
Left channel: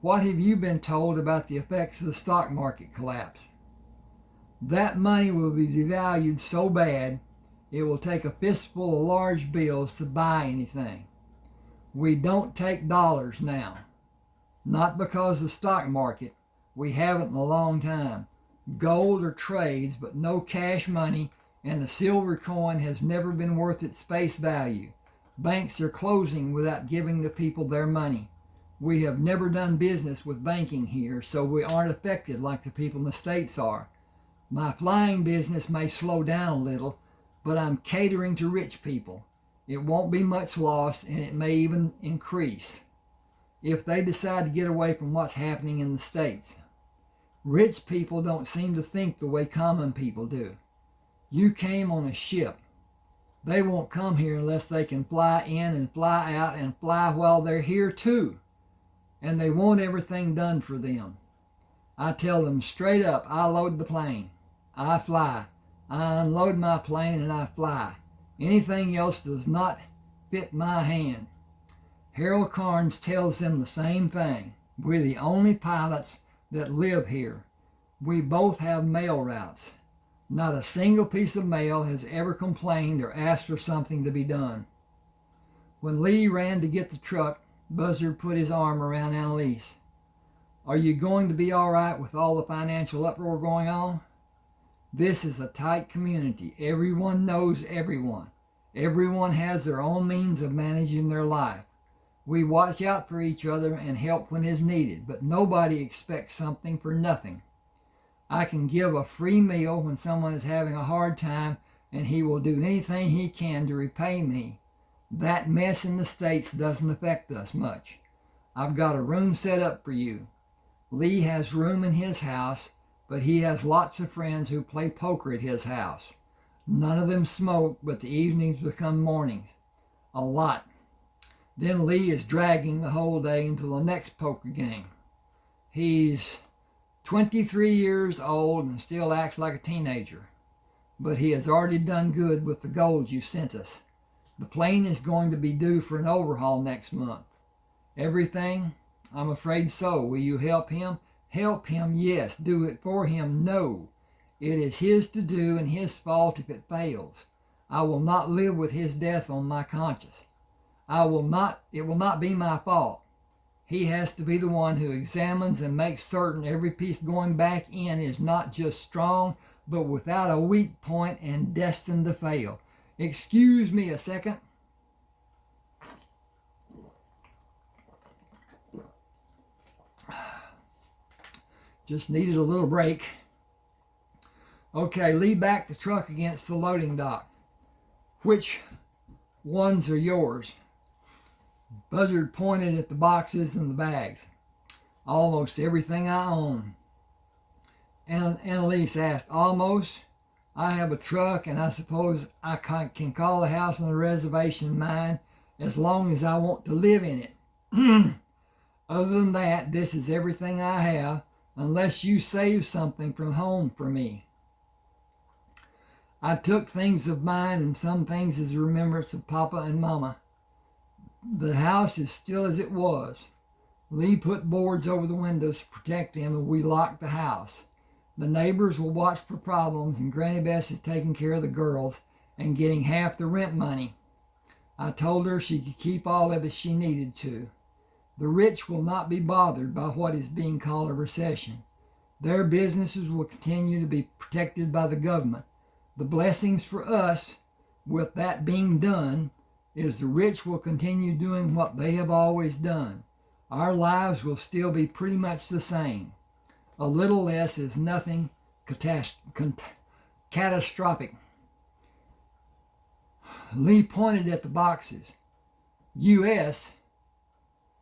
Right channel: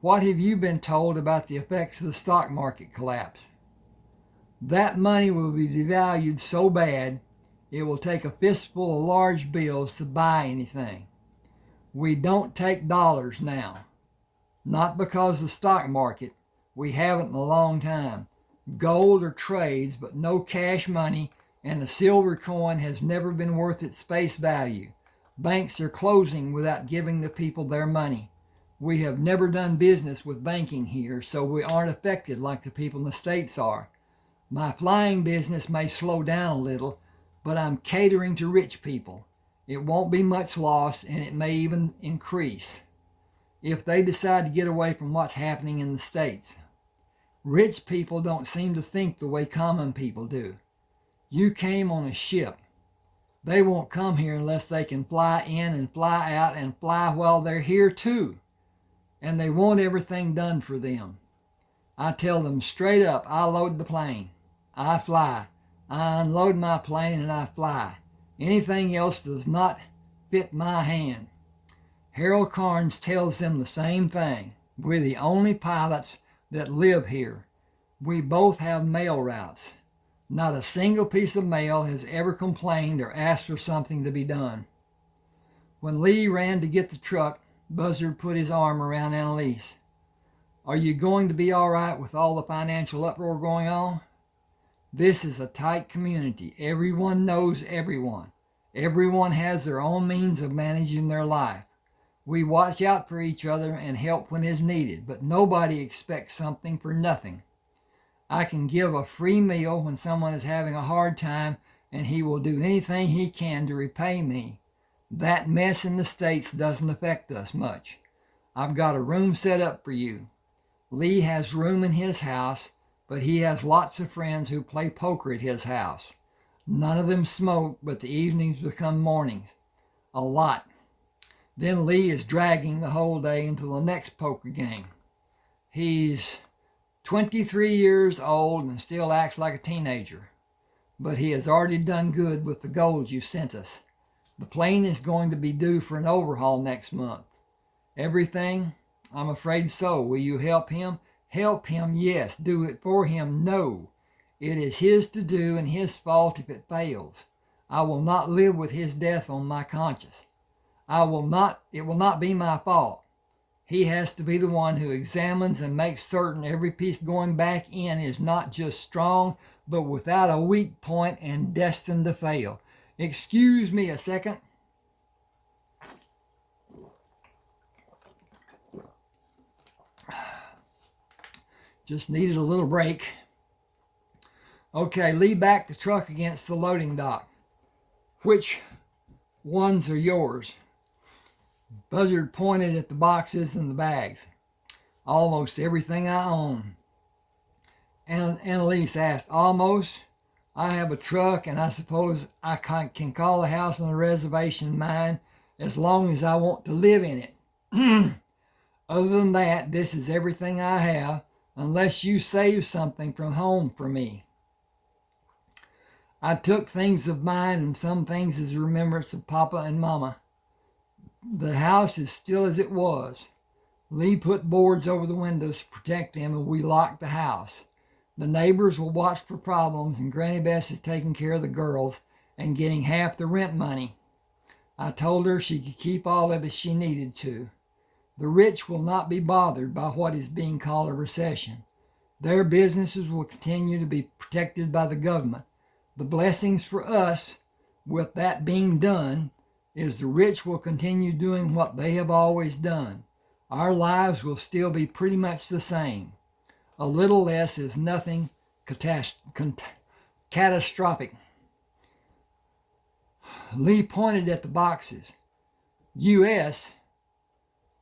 What have you been told about the effects of the stock market collapse? That money will be devalued so bad it will take a fistful of large bills to buy anything. We don't take dollars now. Not because of the stock market. We haven't in a long time. Gold or trades, but no cash money, and the silver coin has never been worth its face value. Banks are closing without giving the people their money. We have never done business with banking here, so we aren't affected like the people in the States are. My flying business may slow down a little, but I'm catering to rich people. It won't be much loss, and it may even increase if they decide to get away from what's happening in the States. Rich people don't seem to think the way common people do. You came on a ship. They won't come here unless they can fly in and fly out and fly while they're here too. And they want everything done for them. I tell them straight up, I load the plane. I fly. I unload my plane and I fly. Anything else does not fit my hand. Harold Carnes tells them the same thing. We're the only pilots that live here. We both have mail routes. Not a single piece of mail has ever complained or asked for something to be done. When Lee ran to get the truck, Buzzard put his arm around Annalise. Are you going to be all right with all the financial uproar going on? This is a tight community. Everyone knows everyone. Everyone has their own means of managing their life. We watch out for each other and help when is needed, but nobody expects something for nothing. I can give a free meal when someone is having a hard time, and he will do anything he can to repay me. That mess in the States doesn't affect us much. I've got a room set up for you. Lee has room in his house, but he has lots of friends who play poker at his house. None of them smoke, but the evenings become mornings. A lot. Then Lee is dragging the whole day until the next poker game. He's 23 years old and still acts like a teenager. But he has already done good with the gold you sent us. The plane is going to be due for an overhaul next month. Everything? I'm afraid so. Will you help him? Help him, yes. Do it for him, no. It is his to do and his fault if it fails. I will not live with his death on my conscience. It will not be my fault. He has to be the one who examines and makes certain every piece going back in is not just strong, but without a weak point and destined to fail. Excuse me a second. Just needed a little break. Okay, Lee backed the truck against the loading dock. Which ones are yours? Buzzard pointed at the boxes and the bags. Almost everything I own. Annalise asked, almost? I have a truck, and I suppose I can call the house on the reservation mine as long as I want to live in it. Other than that, this is everything I have, unless you save something from home for me. I took things of mine and some things as a remembrance of Papa and Mama. The house is still as it was. Lee put boards over the windows to protect him, and we locked the house. The neighbors will watch for problems, and Granny Bess is taking care of the girls and getting half the rent money. I told her she could keep all of it if she needed to. The rich will not be bothered by what is being called a recession. Their businesses will continue to be protected by the government. The blessings for us, with that being done, is the rich will continue doing what they have always done. Our lives will still be pretty much the same. A little less is nothing catastrophic. Lee pointed at the boxes. U.S.,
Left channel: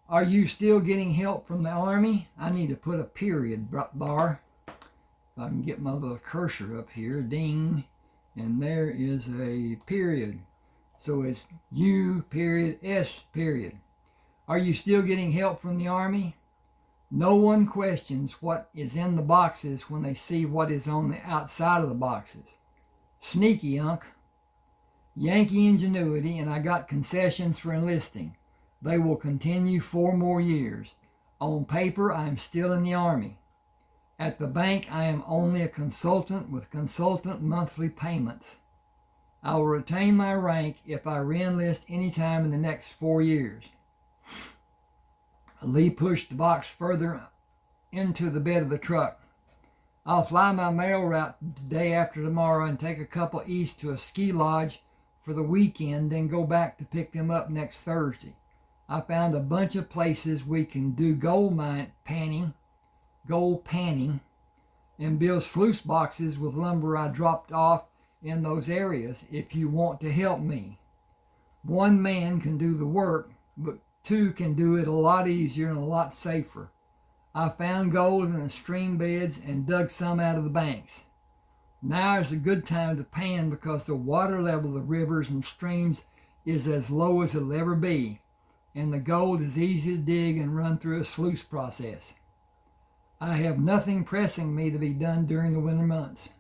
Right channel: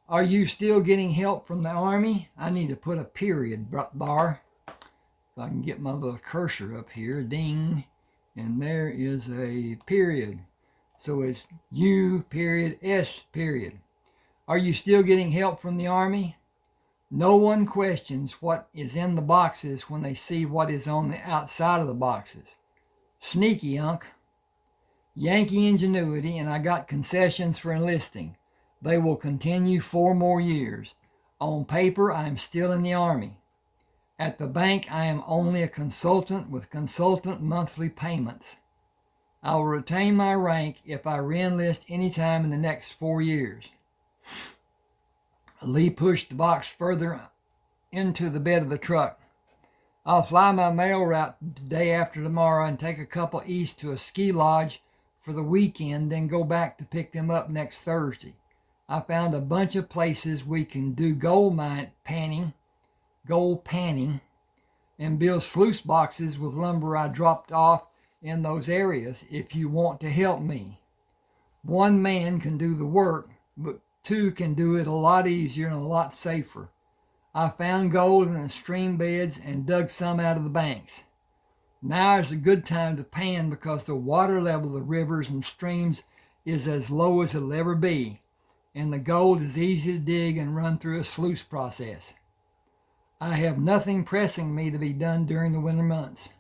are you still getting help from the Army? I need to put a period bar. If I can get my little cursor up here, ding, and there is a period. So it's U period S period. Are you still getting help from the Army? No one questions what is in the boxes when they see what is on the outside of the boxes. Sneaky, Unc. Yankee ingenuity, and I got concessions for enlisting. They will continue 4 more years. On paper, I am still in the Army. At the bank, I am only a consultant with consultant monthly payments. I will retain my rank if I reenlist any time in the next 4 years. Lee pushed the box further into the bed of the truck. I'll fly my mail route the day after tomorrow and take a couple east to a ski lodge for the weekend, then go back to pick them up next Thursday. I found a bunch of places we can do gold panning, and build sluice boxes with lumber I dropped off in those areas if you want to help me. 1 man can do the work, but 2 can do it a lot easier and a lot safer. I found gold in the stream beds and dug some out of the banks. Now is a good time to pan because the water level of the rivers and streams is as low as it'll ever be, and the gold is easy to dig and run through a sluice process. I have nothing pressing me to be done during the winter months.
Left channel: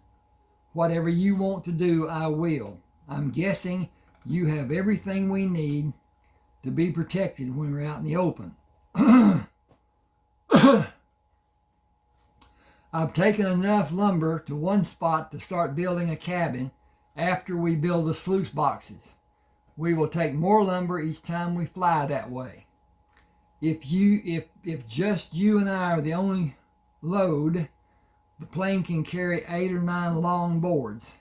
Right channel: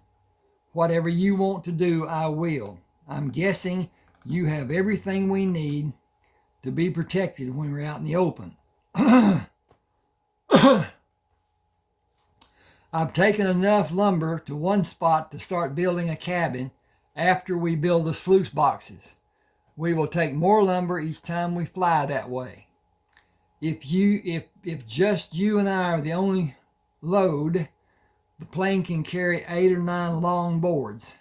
Whatever you want to do, I will. I'm guessing you have everything we need to be protected when we're out in the open. I've taken enough lumber to one spot to start building a cabin after we build the sluice boxes. We will take more lumber each time we fly that way. If just you and I are the only load, the plane can carry 8 or 9 long boards,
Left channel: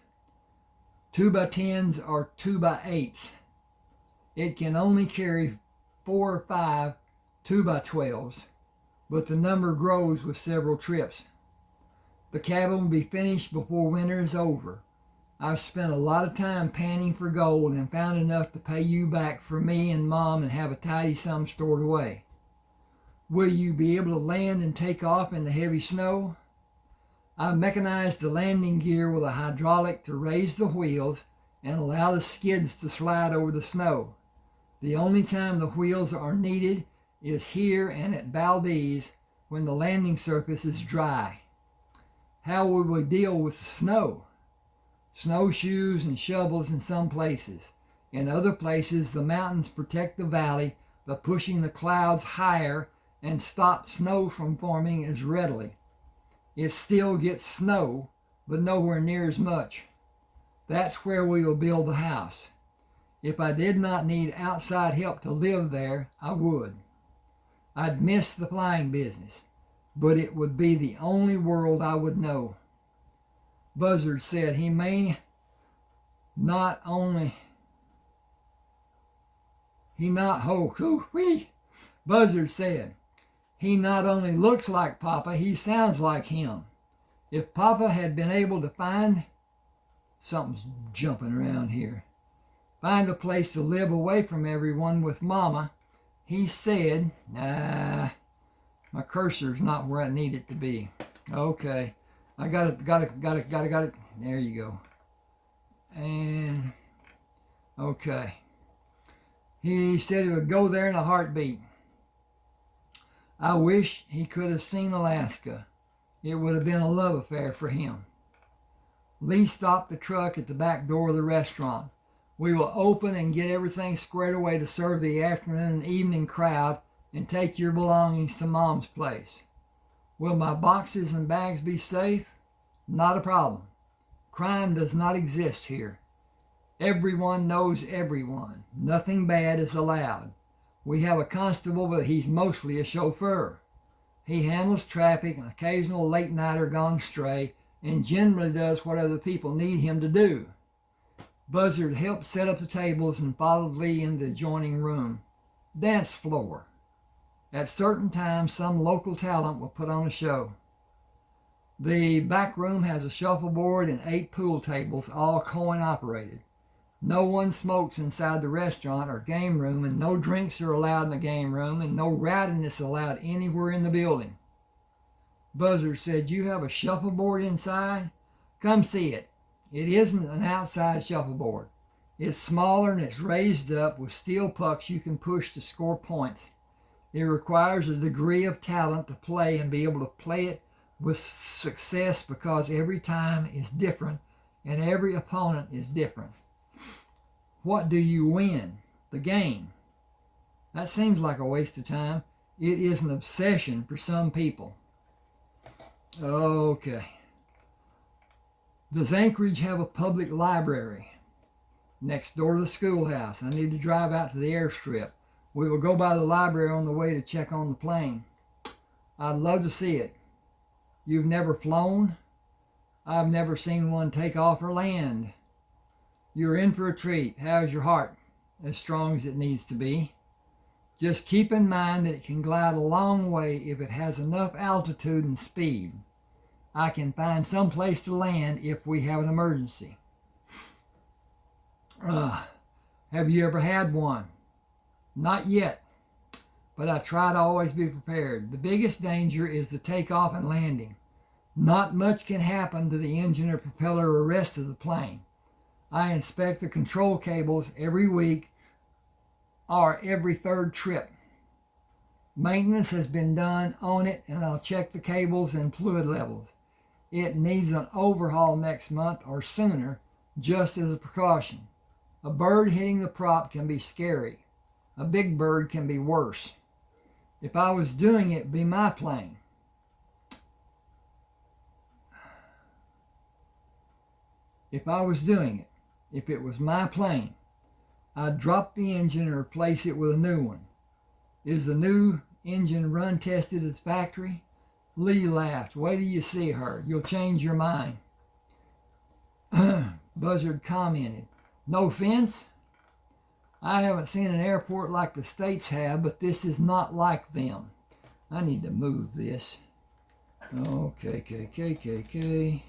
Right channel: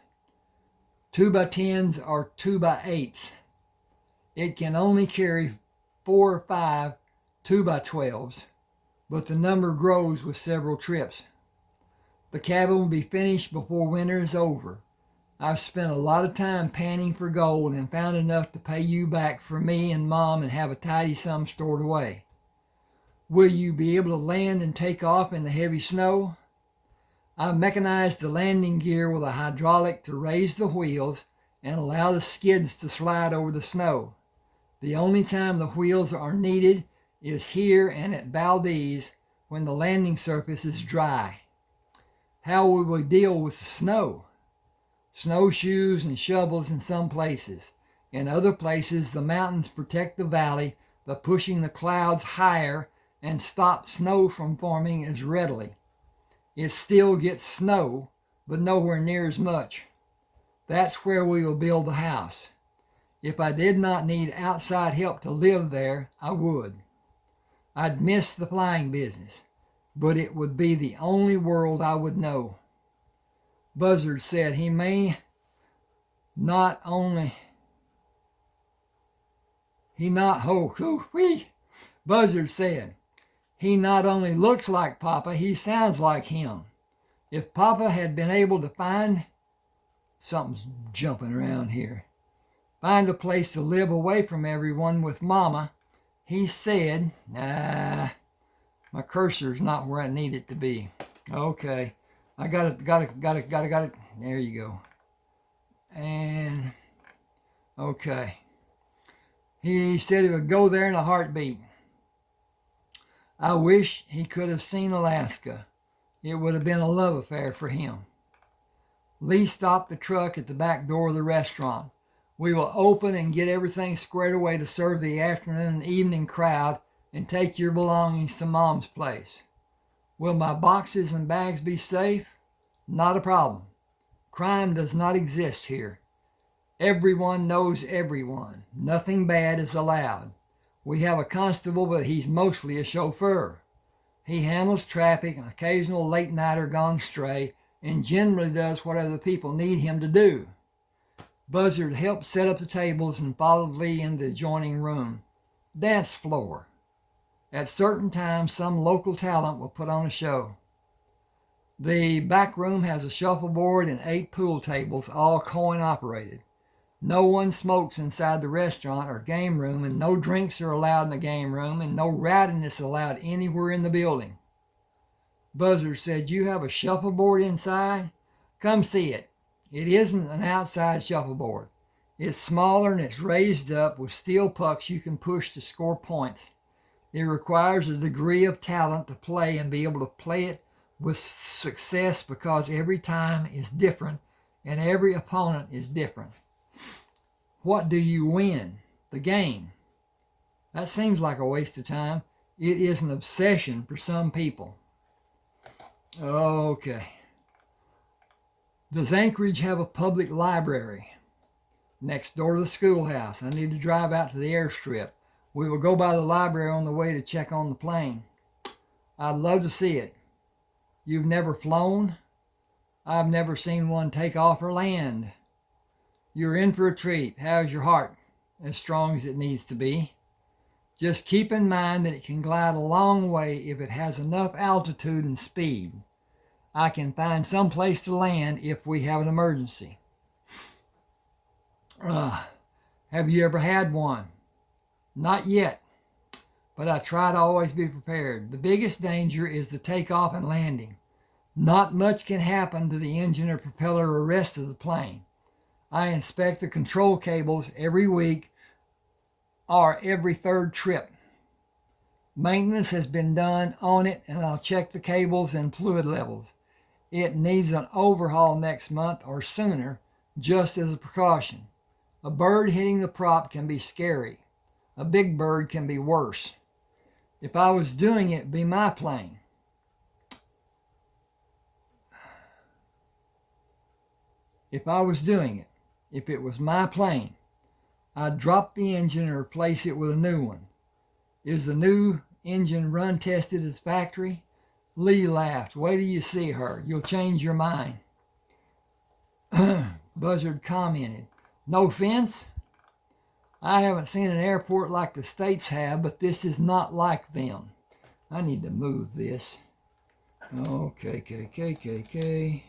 2x10s or 2x8s. It can only carry 4 or 5 2x12s, but the number grows with several trips. The cabin will be finished before winter is over. I've spent a lot of time panning for gold and found enough to pay you back for me and Mom and have a tidy sum stored away. Will you be able to land and take off in the heavy snow? I've mechanized the landing gear with a hydraulic to raise the wheels and allow the skids to slide over the snow. The only time the wheels are needed is here and at Valdez when the landing surface is dry. How will we deal with the snow? Snowshoes and shovels in some places. In other places, the mountains protect the valley by pushing the clouds higher and stop snow from forming as readily. It still gets snow, but nowhere near as much. That's where we will build the house. If I did not need outside help to live there, I would. I'd miss the flying business, but it would be the only world I would know. Buzzard said he may not only... Buzzard said, he not only looks like Papa, he sounds like him. If Papa had been able to find... Something's jumping around here. Find a place to live away from everyone with Mama, he said, my cursor's not where I need it to be. Okay. I got it. There you go. And, okay. He said he would go there in a heartbeat. I wish he could have seen Alaska. It would have been a love affair for him. Lee stopped the truck at the back door of the restaurant. We will open and get everything squared away to serve the afternoon and evening crowd and take your belongings to Mom's place. Will my boxes and bags be safe? Not a problem. Crime does not exist here. Everyone knows everyone. Nothing bad is allowed. We have a constable, but he's mostly a chauffeur. He handles traffic, an occasional late-nighter gone stray, and generally does what other people need him to do. Buzzard helped set up the tables and followed Lee into the adjoining room. Dance floor. At certain times, some local talent will put on a show. The back room has a shuffleboard and 8 pool tables, all coin-operated. No one smokes inside the restaurant or game room, and no drinks are allowed in the game room, and no rowdiness allowed anywhere in the building. Buzzard said, you have a shuffleboard inside? Come see it. It isn't an outside shuffleboard. It's smaller and it's raised up with steel pucks you can push to score points. It requires a degree of talent to play and be able to play it with success because every time is different and every opponent is different. What do you win? The game. That seems like a waste of time. It is an obsession for some people. Okay. Does Anchorage have a public library? Next door to the schoolhouse. I need to drive out to the airstrip. We will go by the library on the way to check on the plane. I'd love to see it. You've never flown? I've never seen one take off or land. You're in for a treat. How's your heart? As strong as it needs to be. Just keep in mind that it can glide a long way if it has enough altitude and speed. I can find some place to land if we have an emergency. Have you ever had one? Not yet, but I try to always be prepared. The biggest danger is the takeoff and landing. Not much can happen to the engine or propeller or rest of the plane. I inspect the control cables every week or every third trip. Maintenance has been done on it, and I'll check the cables and fluid levels. It needs an overhaul next month or sooner, just as a precaution. A bird hitting the prop can be scary. A big bird can be worse. If I was doing it, it'd be my plane. If I was doing it, if it was my plane, I'd drop the engine and replace it with a new one. Is the new engine run tested at the factory? Lee laughed. Wait till you see her. You'll change your mind. Buzzard commented. No offense? I haven't seen an airport like the States have, but this is not like them. I need to move this. Okay.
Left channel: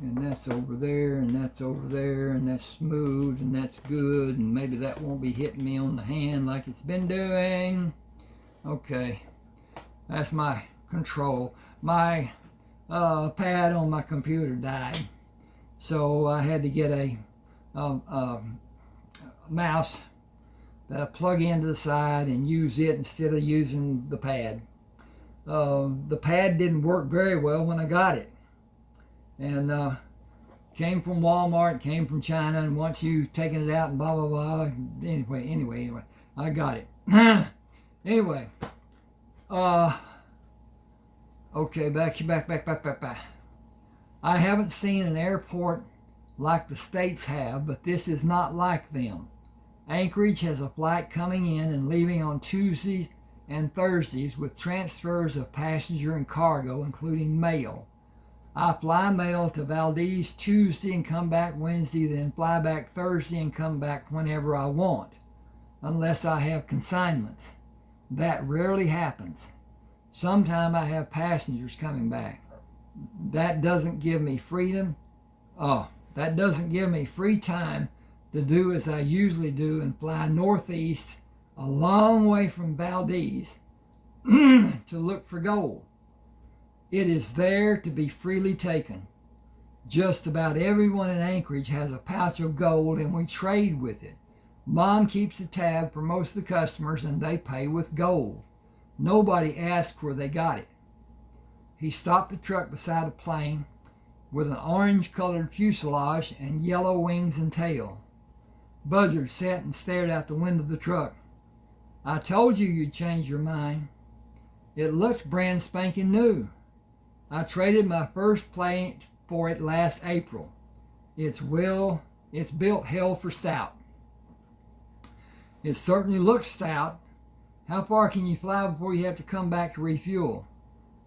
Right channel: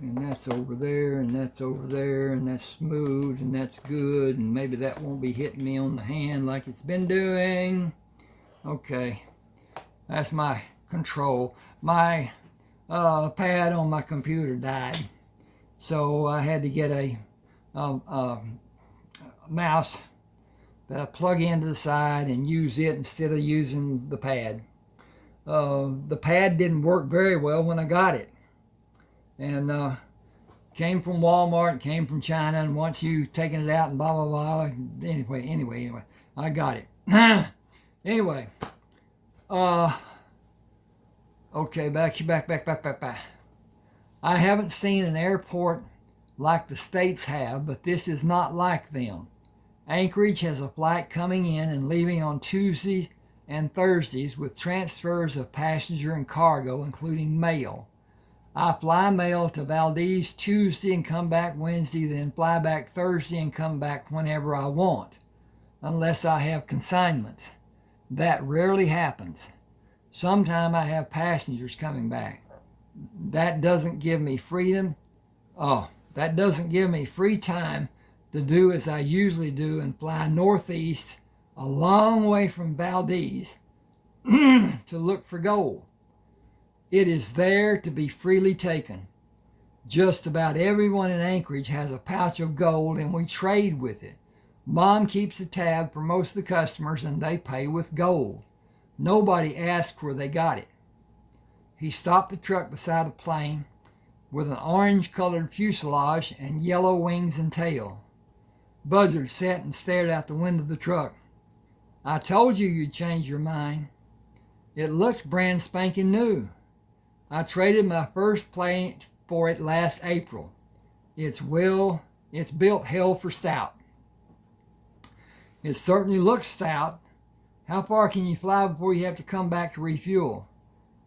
And that's over there, and that's over there, and that's smooth, and that's good, and maybe that won't be hitting me on the hand like it's been doing. Okay, that's my control. My pad on my computer died, so I had to get a mouse that I plug into the side and use it instead of using the pad. The pad didn't work very well when I got it. And came from Walmart, came from China, and once you taken it out and blah, blah, blah. Anyway, I got it. Anyway, okay, back. I haven't seen an airport like the States have, but this is not like them. Anchorage has a flight coming in and leaving on Tuesdays and Thursdays with transfers of passenger and cargo, including mail. I fly mail to Valdez Tuesday and come back Wednesday, then fly back Thursday and come back whenever I want, unless I have consignments. That rarely happens. Sometimes I have passengers coming back. That doesn't give me freedom. That doesn't give me free time to do as I usually do and fly northeast a long way from Valdez to look for gold. It is there to be freely taken. Just about everyone in Anchorage has a pouch of gold and we trade with it. Mom keeps a tab for most of the customers and they pay with gold. Nobody asks where they got it. He stopped the truck beside the plane with an orange-colored fuselage and yellow wings and tail. Buzzard sat and stared out the window of the truck. I told you you'd change your mind. It looks brand spanking new. I traded my first plane for it last April. It's built hell for stout. It certainly looks stout. How far can you fly before you have to come back to refuel?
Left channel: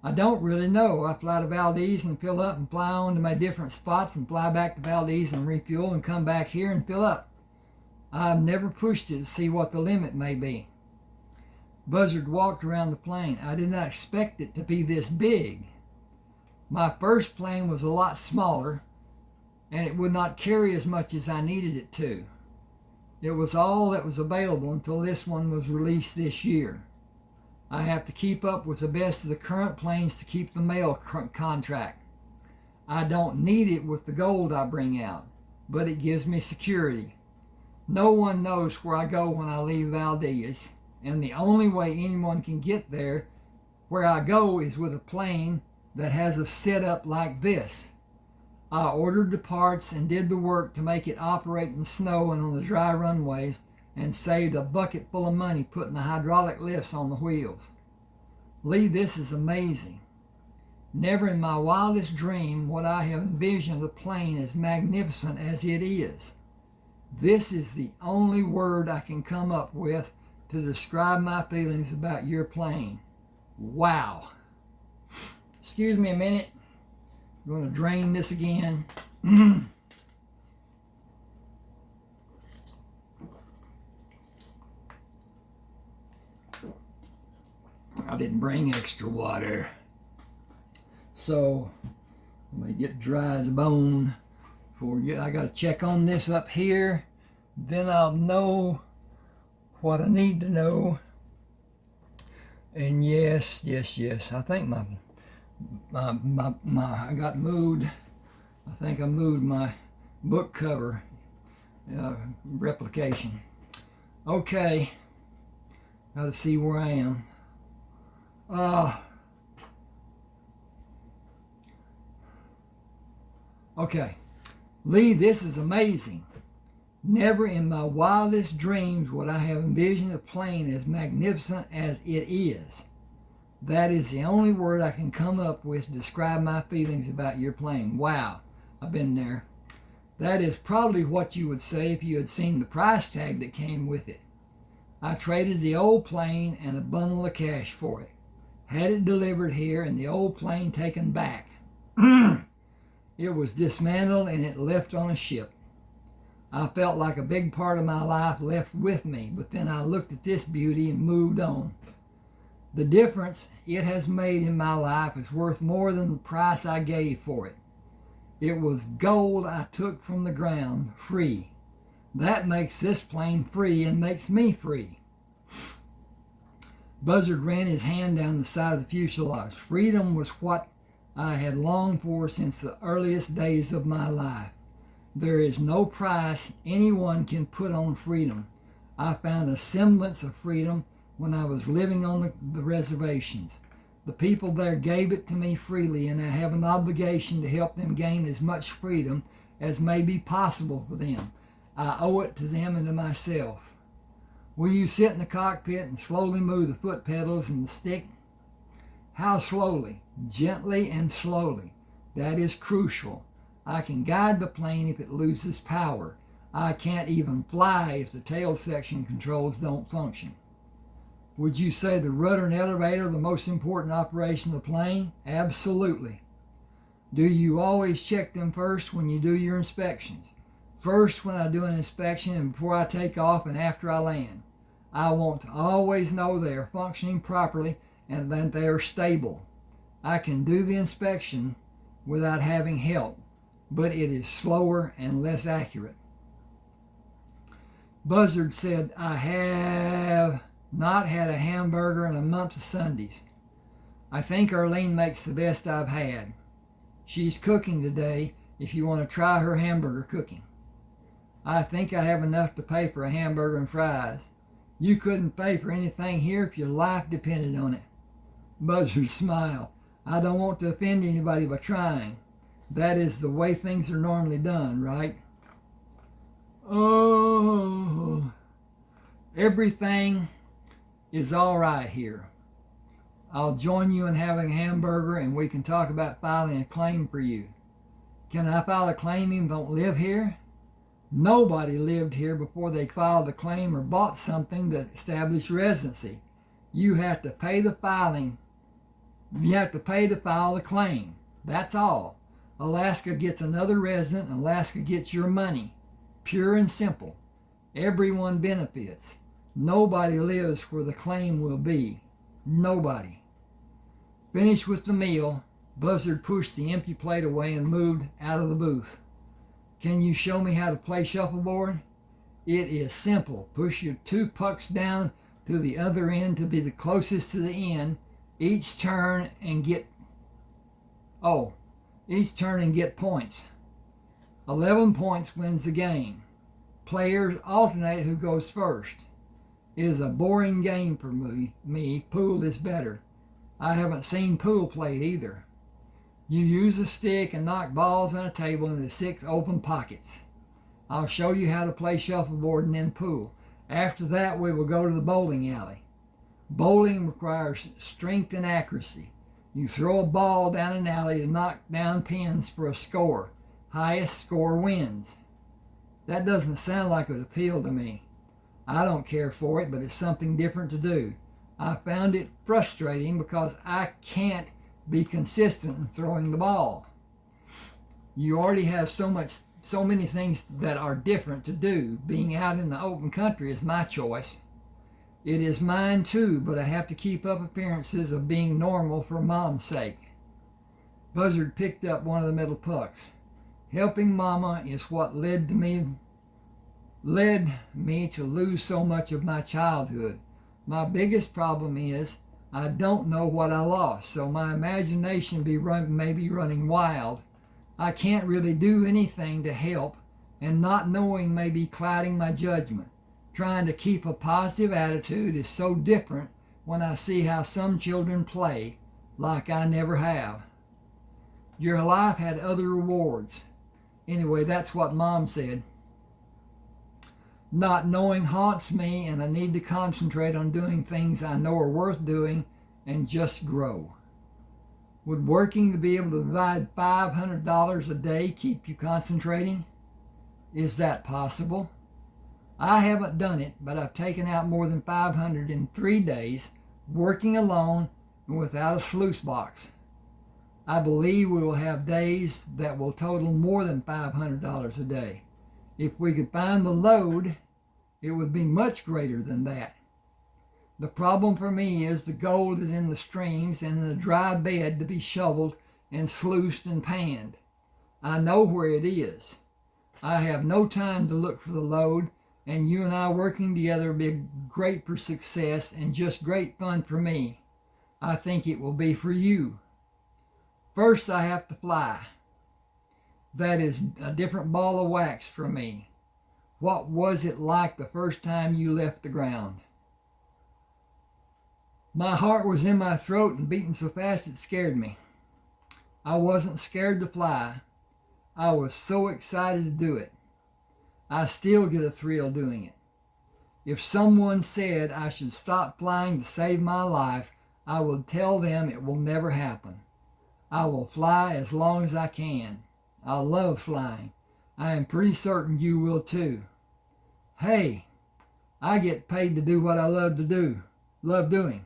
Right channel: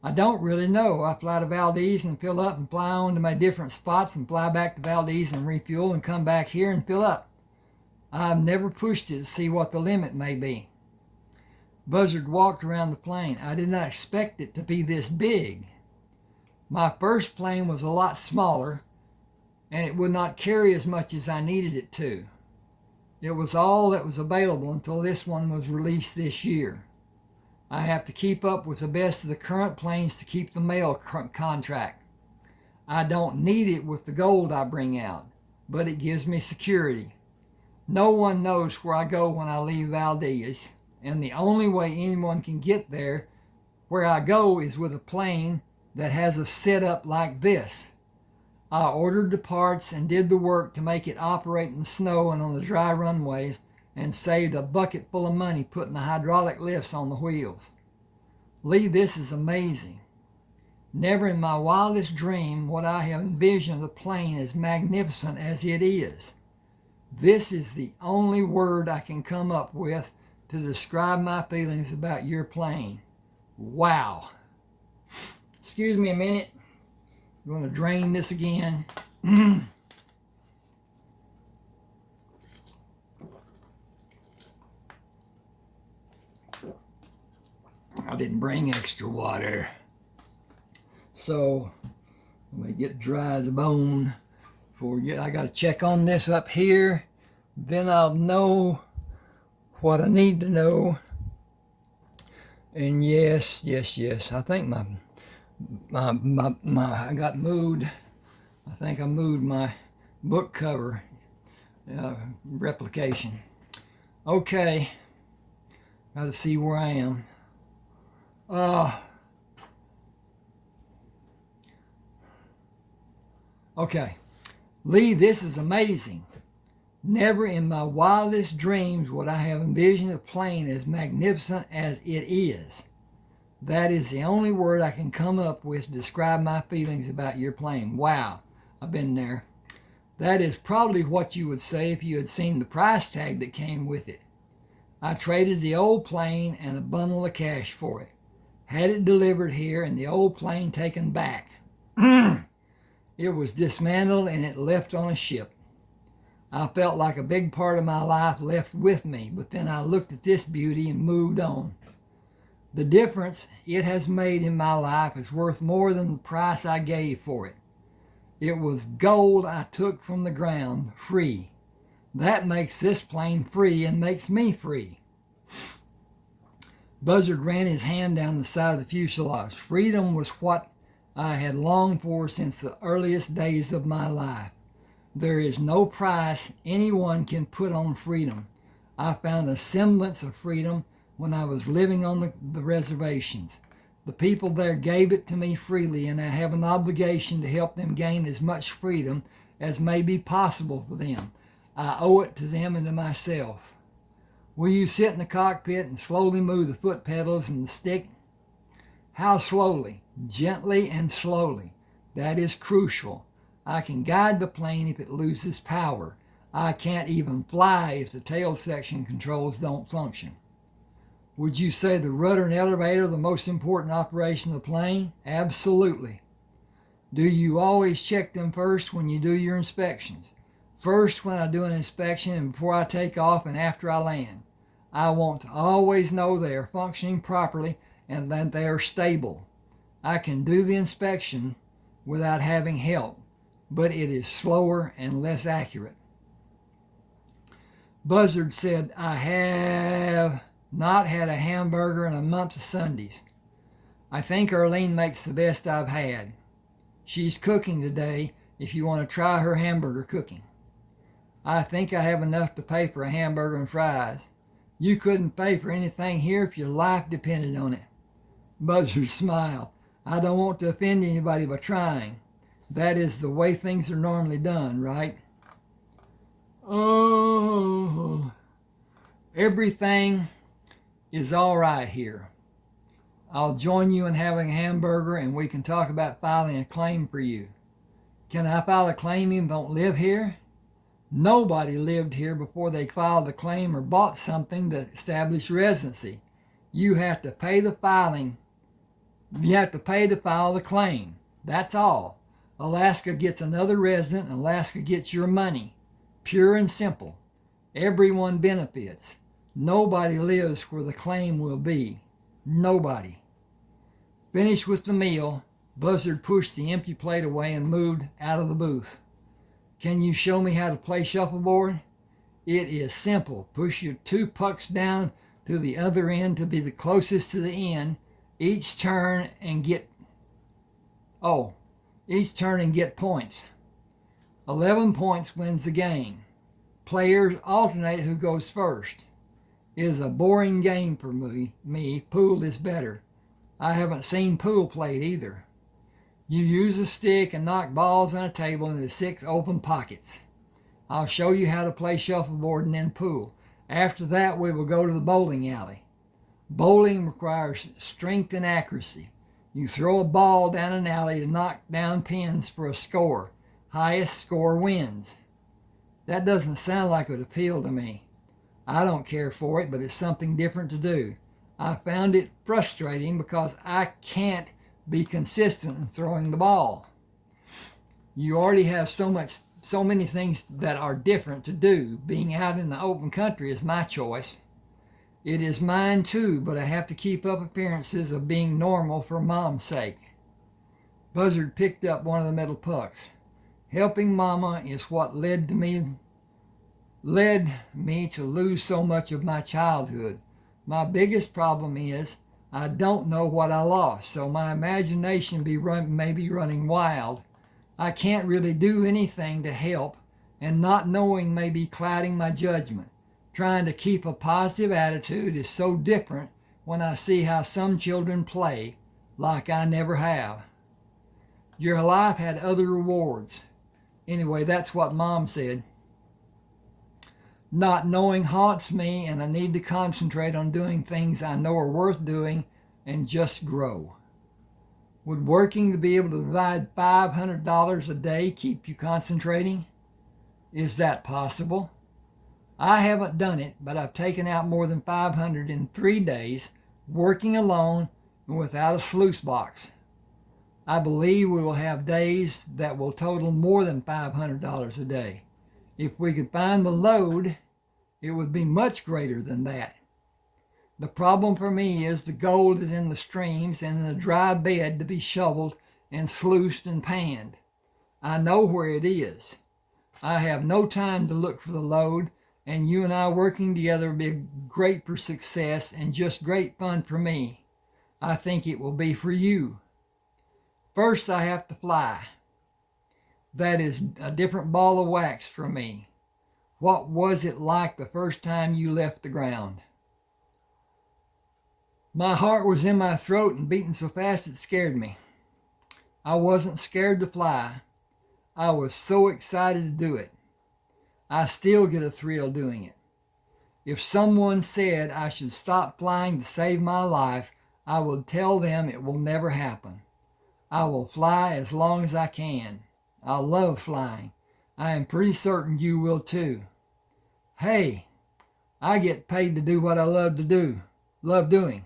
I don't really know. I fly to Valdez and fill up and fly on to my different spots and fly back to Valdez and refuel and come back here and fill up. I've never pushed it to see what the limit may be. Buzzard walked around the plane. I did not expect it to be this big. My first plane was a lot smaller, and it would not carry as much as I needed it to. It was all that was available until this one was released this year. I have to keep up with the best of the current planes to keep the mail contract. I don't need it with the gold I bring out, but it gives me security. No one knows where I go when I leave Valdez, and the only way anyone can get there where I go is with a plane that has a setup like this. I ordered the parts and did the work to make it operate in the snow and on the dry runways, and saved a bucket full of money putting the hydraulic lifts on the wheels. Lee, this is amazing. Never in my wildest dream would I have envisioned the plane as magnificent as it is. This is the only word I can come up with to describe my feelings about your plane. Wow. Excuse me a minute. I'm going to drain this again. I didn't bring extra water. So, let me get dry as a bone. I got to check on this up here. Then I'll know what I need to know. And yes. I think I got moved. I think I moved my book cover replication. Okay. Got to see where I am. Okay. Lee, this is amazing. Never in my wildest dreams would I have envisioned a plane as magnificent as it is. That is the only word I can come up with to describe my feelings about your plane. Wow, I've been there. That is probably what you would say if you had seen the price tag that came with it. I traded the old plane and a bundle of cash for it. Had it delivered here and the old plane taken back. It was dismantled and it left on a ship. I felt like a big part of my life left with me, but then I looked at this beauty and moved on. The difference it has made in my life is worth more than the price I gave for it. It was gold I took from the ground, free. That makes this plane free and makes me free. Buzzard ran his hand down the side of the fuselage. Freedom was what I had longed for since the earliest days of my life. There is no price anyone can put on freedom. I found a semblance of freedom when I was living on the reservations. The people there gave it to me freely, and I have an obligation to help them gain as much freedom as may be possible for them. I owe it to them and to myself. Will you sit in the cockpit and slowly move the foot pedals and the stick? How slowly? Gently and slowly. That is crucial. I can guide the plane if it loses power. I can't even fly if the tail section controls don't function. Would you say the rudder and elevator are the most important operation of the plane? Absolutely. Do you always check them first when you do your inspections? First when I do an inspection and before I take off and after I land. I want to always know they are functioning properly and that they are stable. I can do the inspection without having help, but it is slower and less accurate. Buzzard said, I have not had a hamburger in a month of Sundays. I think Arlene makes the best I've had. She's cooking today if you want to try her hamburger cooking. I think I have enough to pay for a hamburger and fries. You couldn't pay for anything here if your life depended on it. Buzzard smiled. I don't want to offend anybody by trying. That is the way things are normally done, right? Oh, everything is all right here. I'll join you in having a hamburger and we can talk about filing a claim for you. Can I file a claim even if I don't live here? Nobody lived here before they filed a claim or bought something to establish residency. You have to pay the filing. You have to pay to file the claim. That's all. Alaska gets another resident and Alaska gets your money. Pure and simple. Everyone benefits. Nobody lives where the claim will be. Nobody. Finished with the meal, Buzzard pushed the empty plate away and moved out of the booth. Can you show me how to play shuffleboard? It is simple. Push your two pucks down to the other end to be the closest to the end. Each turn and get points. 11 points wins the game. Players alternate who goes first. is a boring game for me. Pool is better. I haven't seen pool played either. You use a stick and knock balls on a table into 6 open pockets. I'll show you how to play shuffleboard and then pool. After that, we will go to the bowling alley. Bowling requires strength and accuracy. You throw a ball down an alley to knock down pins for a score. Highest score wins. That doesn't sound like it would appeal to me. I don't care for it, but it's something different to do. I found it frustrating because I can't be consistent in throwing the ball. You already have so many things that are different to do. Being out in the open country is my choice. It is mine too, but I have to keep up appearances of being normal for Mom's sake. Buzzard picked up one of the metal pucks. Helping Mama is what led me to lose so much of my childhood. My biggest problem is I don't know what I lost, so my imagination may be running wild. I can't really do anything to help, and not knowing may be clouding my judgment. Trying to keep a positive attitude is so different when I see how some children play like I never have. Your life had other rewards. Anyway, that's what Mom said. Not knowing haunts me, and I need to concentrate on doing things I know are worth doing and just grow. Would working to be able to provide $500 a day keep you concentrating? Is that possible? I haven't done it, but I've taken out more than $500 in 3 days, working alone and without a sluice box. I believe we will have days that will total more than $500 a day. If we could find the load, it would be much greater than that. The problem for me is the gold is in the streams and in the dry bed to be shoveled and sluiced and panned. I know where it is. I have no time to look for the load, and you and I working together will be great for success and just great fun for me. I think it will be for you. First, I have to fly. That is a different ball of wax for me. What was it like the first time you left the ground? My heart was in my throat and beating so fast it scared me. I wasn't scared to fly. I was so excited to do it. I still get a thrill doing it. If someone said I should stop flying to save my life, I would tell them it will never happen. I will fly as long as I can. I love flying. I am pretty certain you will too. Hey, I get paid to do what I love doing.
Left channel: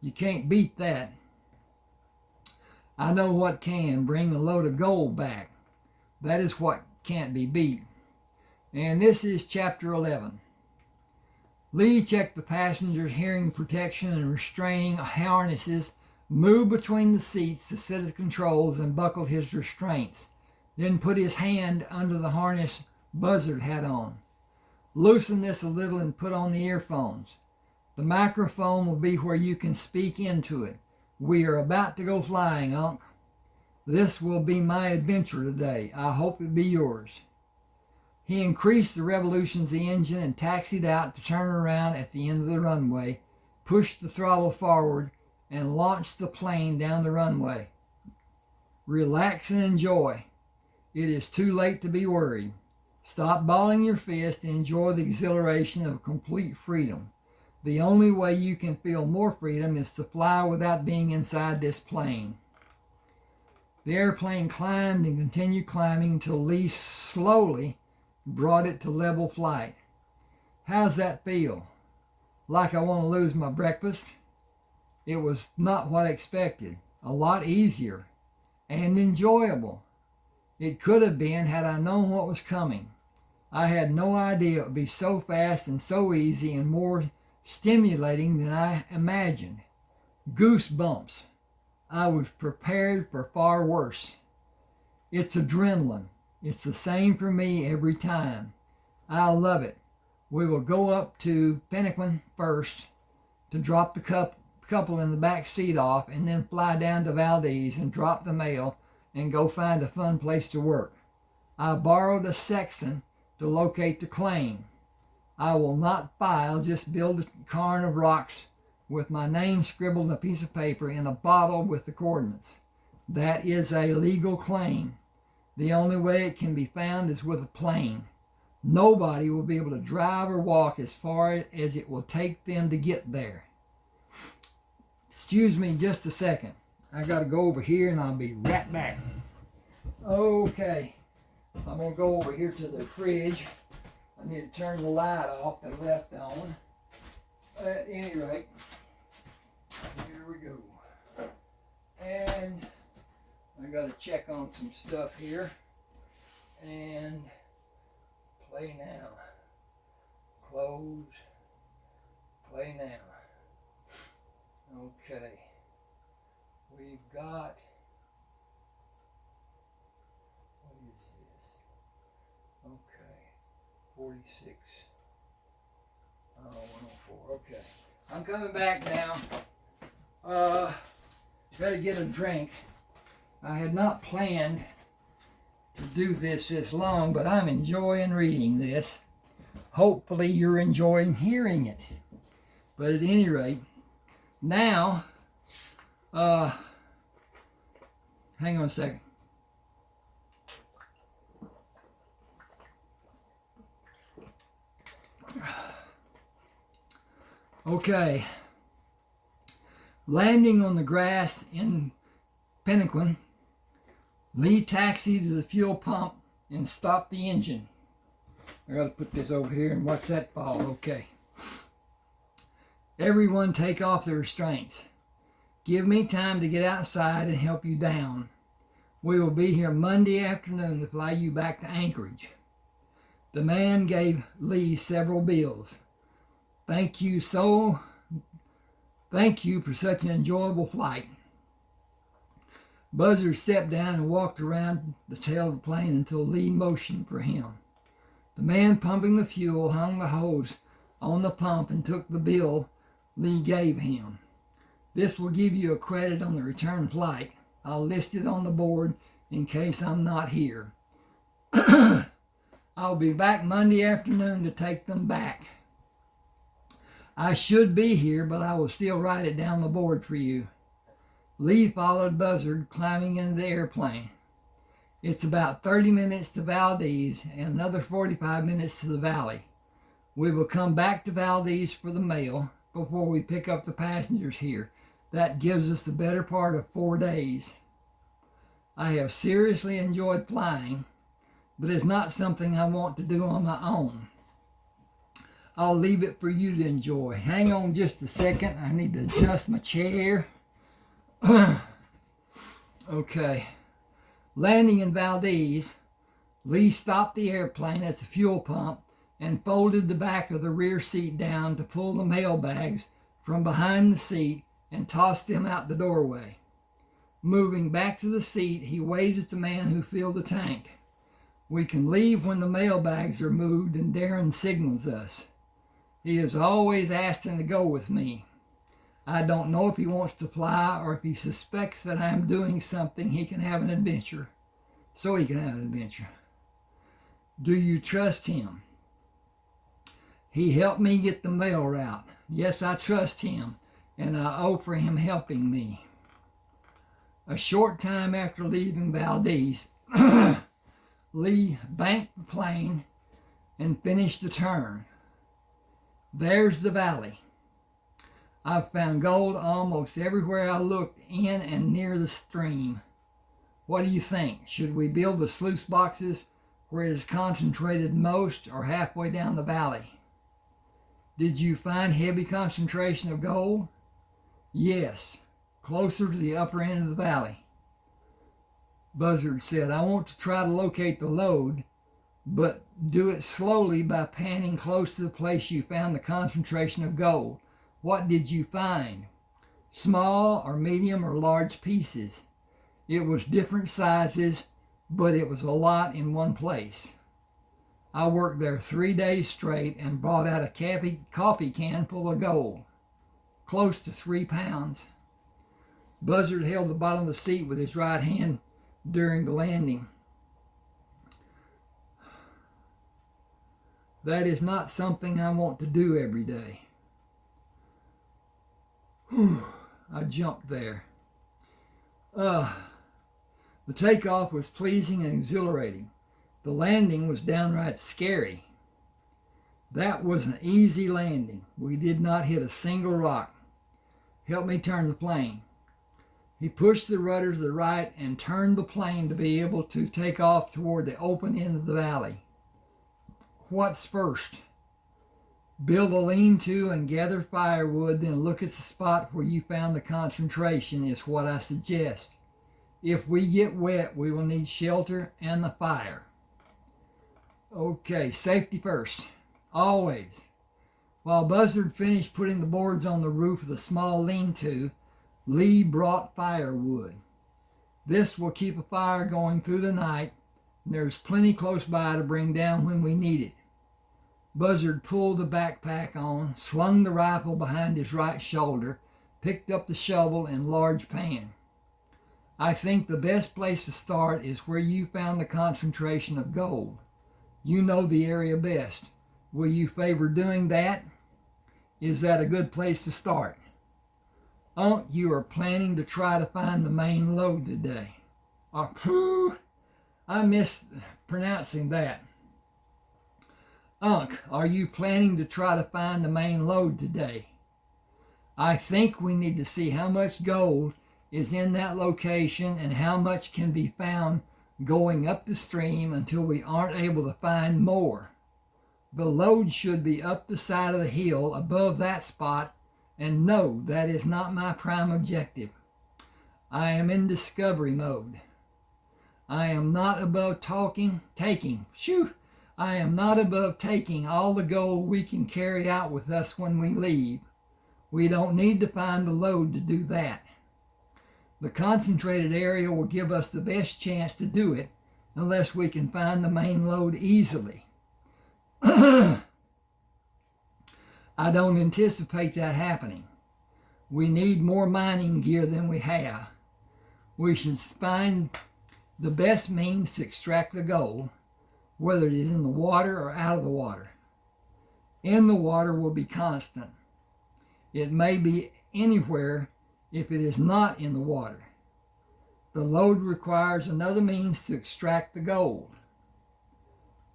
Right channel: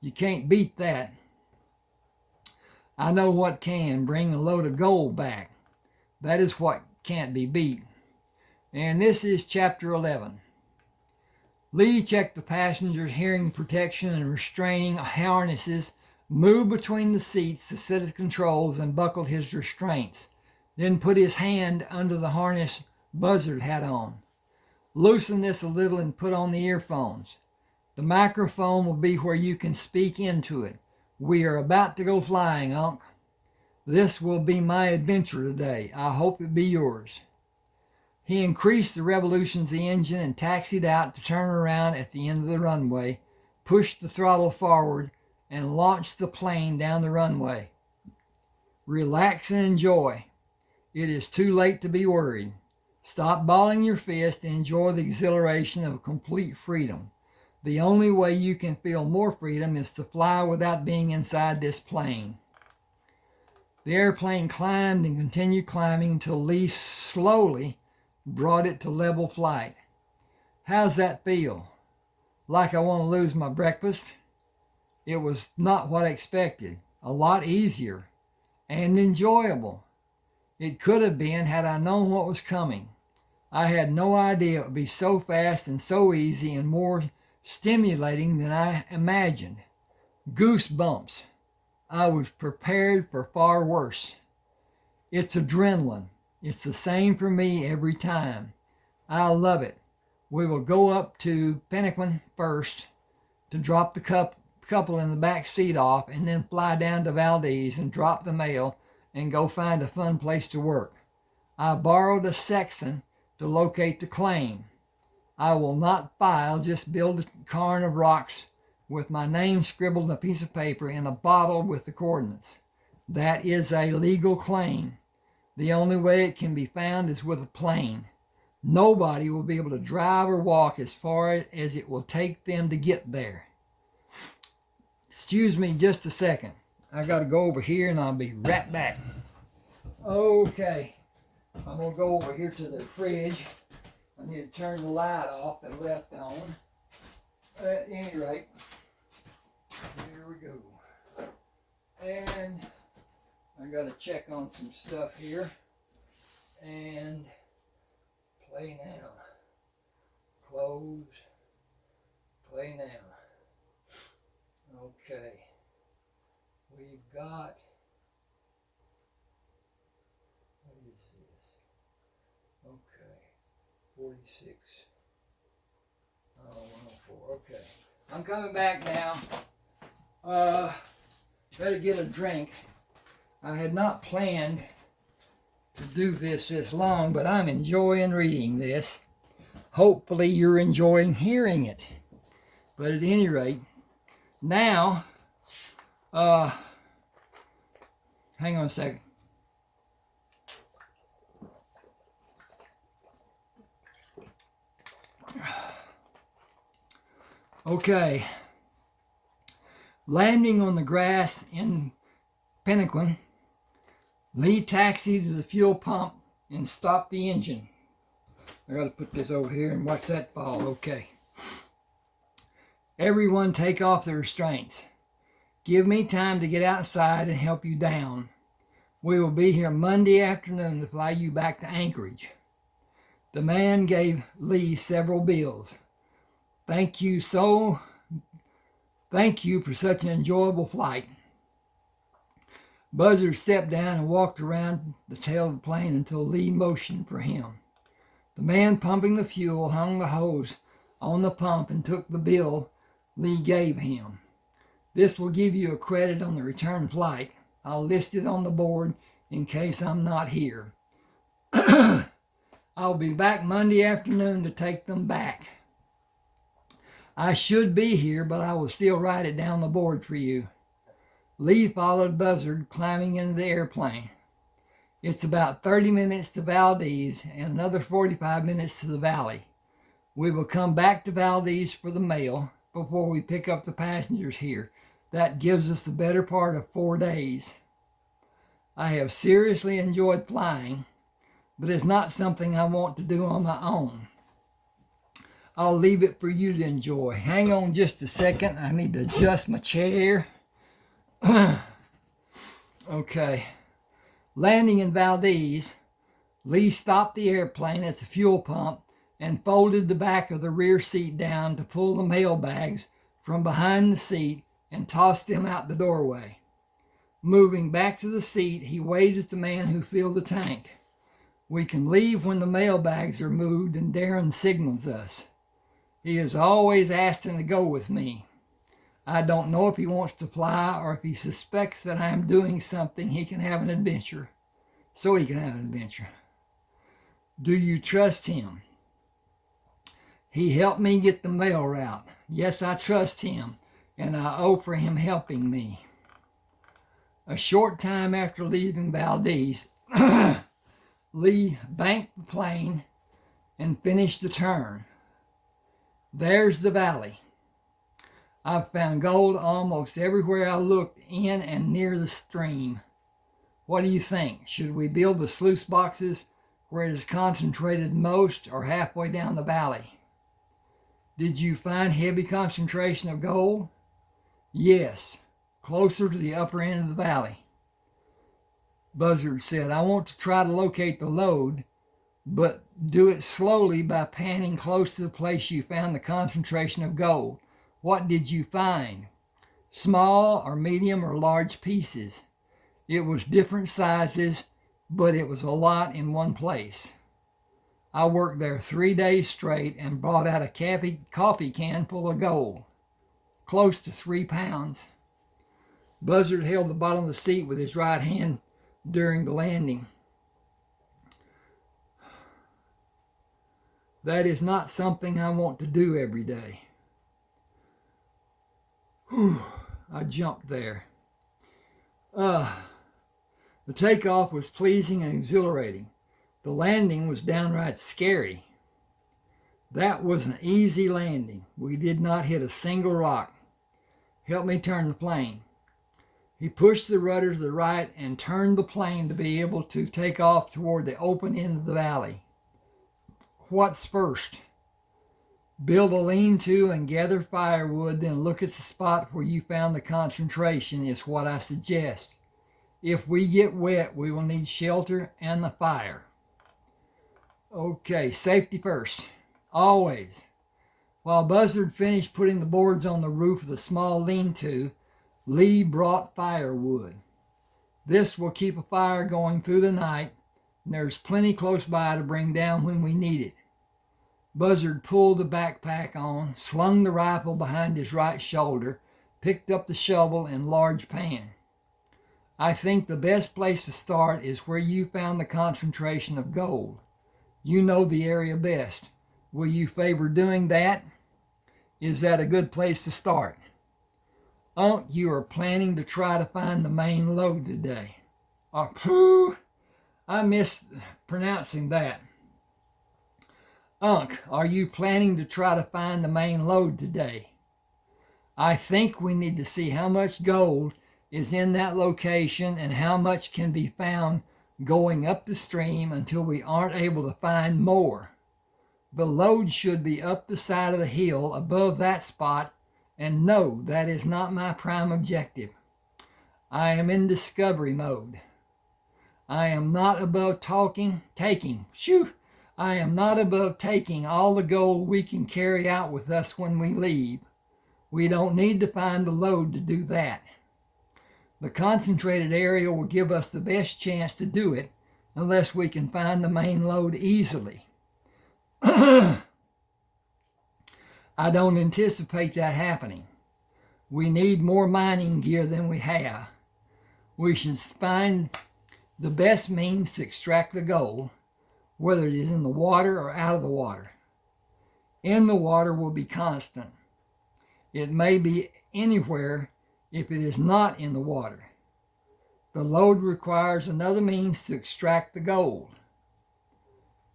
You can't beat that. I know what can bring a load of gold back. That is what can't be beat. And this is chapter 11. Lee checked the passenger's hearing protection and restraining harnesses, moved between the seats to set his controls, and buckled his restraints. Then put his hand under the harness Buzzard had on. Loosen this a little and put on the earphones. The microphone will be where you can speak into it. We are about to go flying, Unc. This will be my adventure today. I hope it be yours. He increased the revolutions of the engine and taxied out to turn around at the end of the runway, pushed the throttle forward, and launched the plane down the runway. Relax and enjoy. It is too late to be worried. Stop balling your fist and enjoy the exhilaration of complete freedom. The only way you can feel more freedom is to fly without being inside this plane. The airplane climbed and continued climbing until Lee slowly brought it to level flight. How's that feel? Like I want to lose my breakfast? It was not what I expected. A lot easier and enjoyable. It could have been had I known what was coming. I had no idea it would be so fast and so easy and more stimulating than I imagined. Goosebumps. I was prepared for far worse. It's adrenaline. It's the same for me every time. I love it. We will go up to Pennaquin first to drop the couple in the back seat off, and then fly down to Valdez and drop the mail and go find a fun place to work. I borrowed a sextant to locate the claim. I will not file, just build a cairn of rocks with my name scribbled on a piece of paper and a bottle with the coordinates. That is a legal claim. The only way it can be found is with a plane. Nobody will be able to drive or walk as far as it will take them to get there. Excuse me just a second. I got to go over here and I'll be right back. Okay. I'm going to go over here to the fridge. I need to turn the light off and left on. At any rate, here we go. And I got to check on some stuff here. And play now. Close. Play now. Okay. We've got, what is this? Okay. 46. Oh, 104. Okay. I'm coming back now. Better get a drink. I had not planned to do this long, but I'm enjoying reading this. Hopefully you're enjoying hearing it. But at any rate, now, hang on a second. Okay. Landing on the grass in Pennaquin, Lee taxied to the fuel pump and stopped the engine. I gotta put this over here and watch that fall. Okay. Everyone take off their restraints. Give me time to get outside and help you down. We will be here Monday afternoon to fly you back to Anchorage. The man gave Lee several bills. Thank you for such an enjoyable flight. Buzzard stepped down and walked around the tail of the plane until Lee motioned for him. The man pumping the fuel hung the hose on the pump and took the bill Lee gave him. This will give you a credit on the return flight. I'll list it on the board in case I'm not here. I'll be back Monday afternoon to take them back. I should be here, but I will still write it down the board for you. Lee followed Buzzard, climbing into the airplane. It's about 30 minutes to Valdez and another 45 minutes to the valley. We will come back to Valdez for the mail before we pick up the passengers here. That gives us the better part of 4 days. I have seriously enjoyed flying, but it's not something I want to do on my own. I'll leave it for you to enjoy. Hang on just a second. I need to adjust my chair. Okay. Landing in Valdez, Lee stopped the airplane at the fuel pump and folded the back of the rear seat down to pull the mail bags from behind the seat and tossed them out the doorway. Moving back to the seat, he waved at the man who filled the tank. We can leave when the mail bags are moved and Darren signals us. He is always asking to go with me. I don't know if he wants to fly or if he suspects that I am doing something he can have an adventure. So he can have an adventure. Do you trust him? He helped me get the mail route. Yes, I trust him, and I owe for him helping me. A short time after leaving Valdez, Lee banked the plane and finished the turn. There's the valley. I've found gold almost everywhere I looked in and near the stream. What do you think? Should we build the sluice boxes where it is concentrated most or halfway down the valley? Did you find heavy concentration of gold? Yes, closer to the upper end of the valley. Buzzard said, I want to try to locate the lode, but do it slowly by panning close to the place you found the concentration of gold. What did you find? Small or medium or large pieces. It was different sizes, but it was a lot in one place. I worked there 3 days straight and brought out a coffee can full of gold, close to 3 pounds. Buzzard held the bottom of the seat with his right hand during the landing. That is not something I want to do every day. Whew, I jumped there. The takeoff was pleasing and exhilarating. The landing was downright scary. That was an easy landing. We did not hit a single rock. Help me turn the plane. He pushed the rudder to the right and turned the plane to be able to take off toward the open end of the valley. What's first? Build a lean-to and gather firewood, then look at the spot where you found the concentration is what I suggest. If we get wet, we will need shelter and the fire. Okay, safety first. Always. While Buzzard finished putting the boards on the roof of the small lean-to, Lee brought firewood. This will keep a fire going through the night, and there's plenty close by to bring down when we need it. Buzzard pulled the backpack on, slung the rifle behind his right shoulder, picked up the shovel and large pan. I think the best place to start is where you found the concentration of gold. You know the area best. Will you favor doing that? Is that a good place to start? You are planning to try to find the main lode today. I mispronouncing that. Are you planning to try to find the main lode today? I think we need to see how much gold is in that location and how much can be found going up the stream until we aren't able to find more. The lode should be up the side of the hill above that spot, and no, that is not my prime objective. I am in discovery mode. I am not above taking all the gold we can carry out with us when we leave. We don't need to find the lode to do that. The concentrated area will give us the best chance to do it unless we can find the main lode easily. I don't anticipate that happening. We need more mining gear than we have. We should find the best means to extract the gold, whether it is in the water or out of the water. In the water will be constant. It may be anywhere if it is not in the water. The lode requires another means to extract the gold.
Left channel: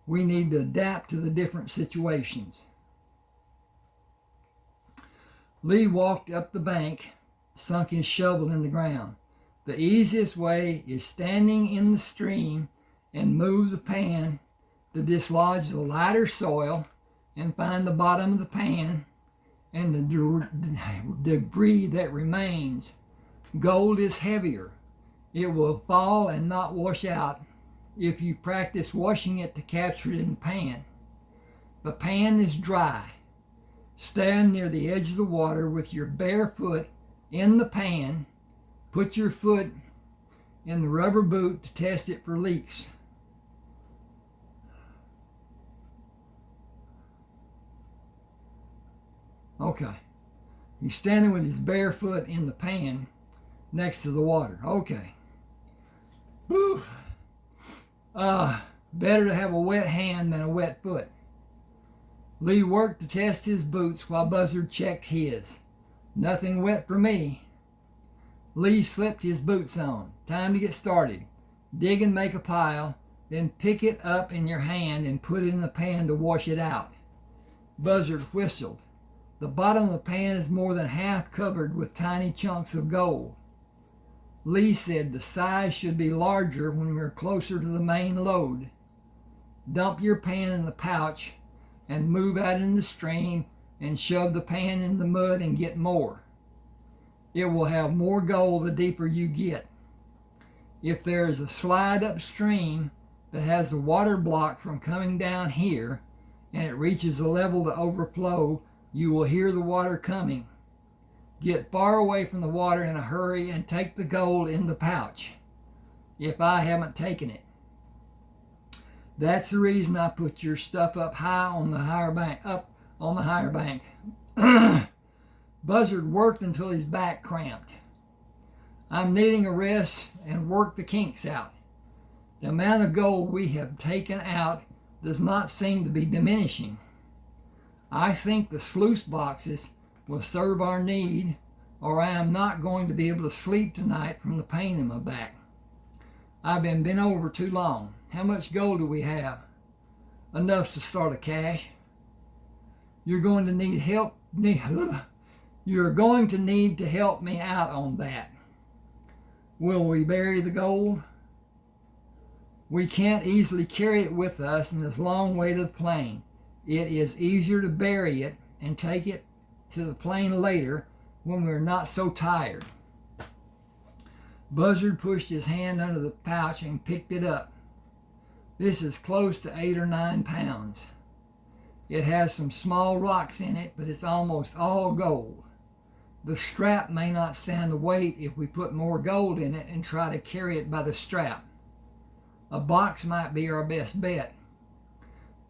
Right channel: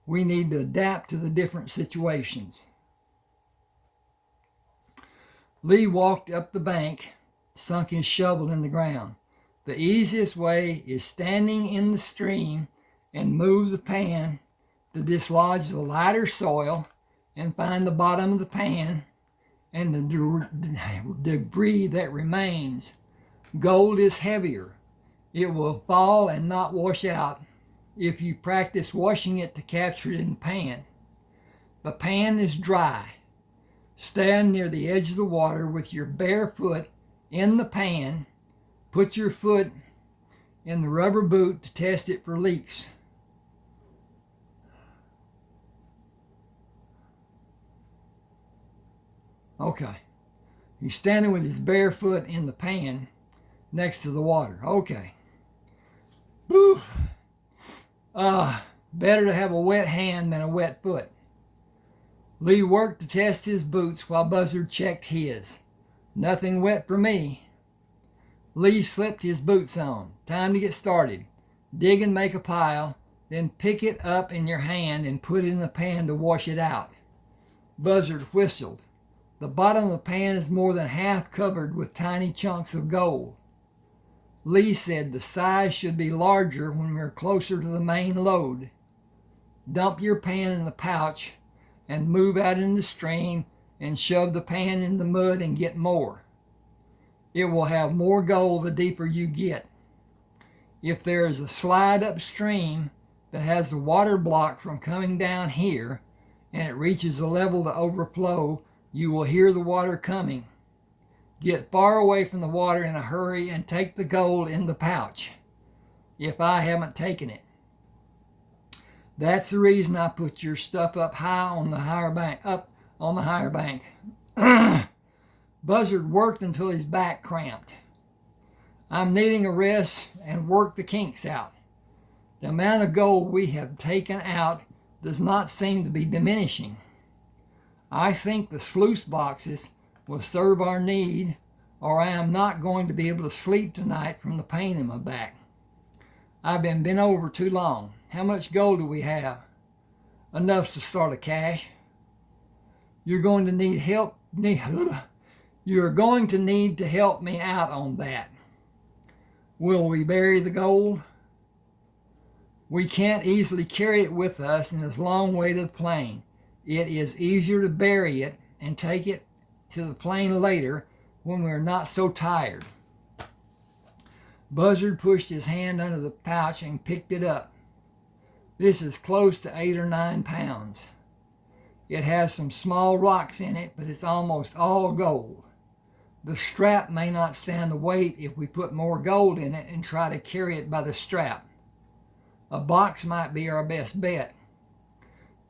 We need to adapt to the different situations. Lee walked up the bank, sunk his shovel in the ground. The easiest way is standing in the stream and move the pan to dislodge the lighter soil and find the bottom of the pan and the debris that remains. Gold is heavier. It will fall and not wash out if you practice washing it to capture it in the pan. The pan is dry. Stand near the edge of the water with your bare foot in the pan. Put your foot in the rubber boot to test it for leaks. Okay. He's standing with his bare foot in the pan next to the water. Okay. Woo. Better to have a wet hand than a wet foot. Lee worked to test his boots while Buzzard checked his. Nothing wet for me. Lee slipped his boots on. Time to get started. Dig and make a pile, then pick it up in your hand and put it in the pan to wash it out. Buzzard whistled. The bottom of the pan is more than half covered with tiny chunks of gold. Lee said the size should be larger when we're closer to the main lode. Dump your pan in the pouch and move out in the stream and shove the pan in the mud and get more. It will have more gold the deeper you get. If there is a slide upstream that has the water blocked from coming down here and it reaches a level to overflow, you will hear the water coming. Get far away from the water in a hurry and take the gold in the pouch, if I haven't taken it. That's the reason I put your stuff up high on the higher bank. Buzzard worked until his back cramped. I'm needing a rest and work the kinks out. The amount of gold we have taken out does not seem to be diminishing. I think the sluice boxes will serve our need, or I am not going to be able to sleep tonight from the pain in my back. I've been bent over too long. How much gold do we have? Enough to start a cache. You're going to need help. You're going to need to help me out on that. Will we bury the gold? We can't easily carry it with us, and it's a long way to the plane. It is easier to bury it and take it to the plane later when we're not so tired. Buzzard pushed his hand under the pouch and picked it up. This is close to 8 or 9 pounds. It has some small rocks in it, but it's almost all gold. The strap may not stand the weight if we put more gold in it and try to carry it by the strap. A box might be our best bet.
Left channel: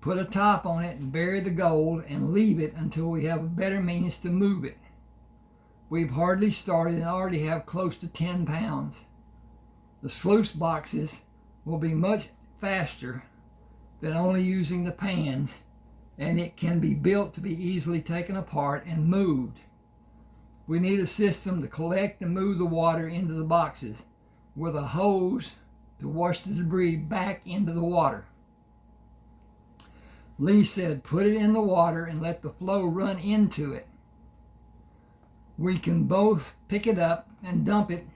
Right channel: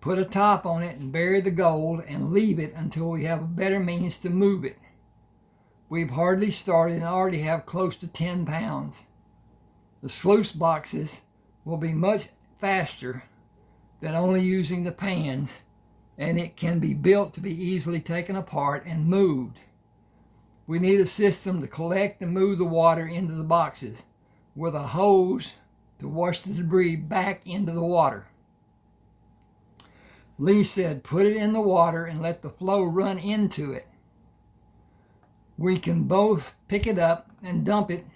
Put a top on it and bury the gold and leave it until we have a better means to move it. We've hardly started and already have close to 10 pounds. The sluice boxes will be much faster than only using the pans, and it can be built to be easily taken apart and moved. We need a system to collect and move the water into the boxes with a hose to wash the debris back into the water. Lee said, put it in the water and let the flow run into it. We can both pick it up and dump it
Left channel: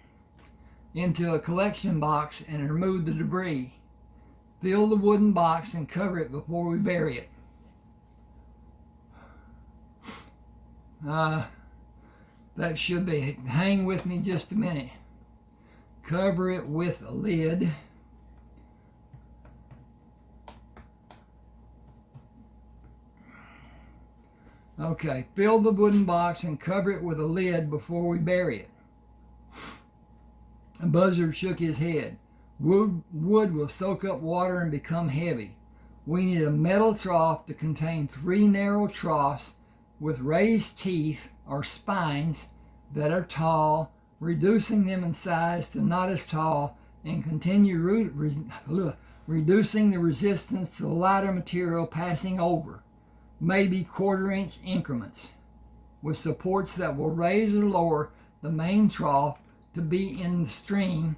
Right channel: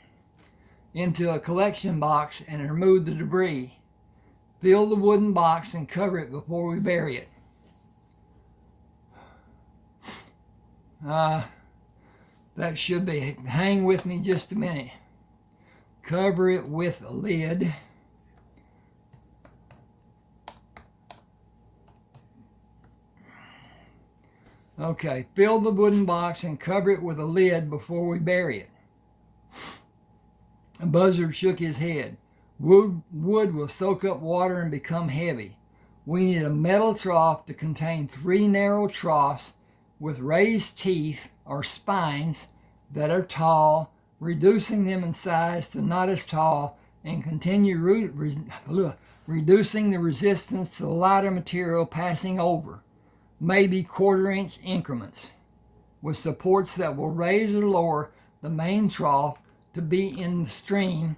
into a collection box and remove the debris. Fill the wooden box and cover it before we bury it. That should be. Hang with me just a minute. Cover it with a lid. Okay, fill the wooden box and cover it with a lid before we bury it. Buzzard shook his head. Wood will soak up water and become heavy. We need a metal trough to contain 3 narrow troughs with raised teeth or spines that are tall, reducing them in size to not as tall, and continue reducing the resistance to the lighter material passing over, maybe 1/4-inch increments, with supports that will raise or lower the main trough to be in the stream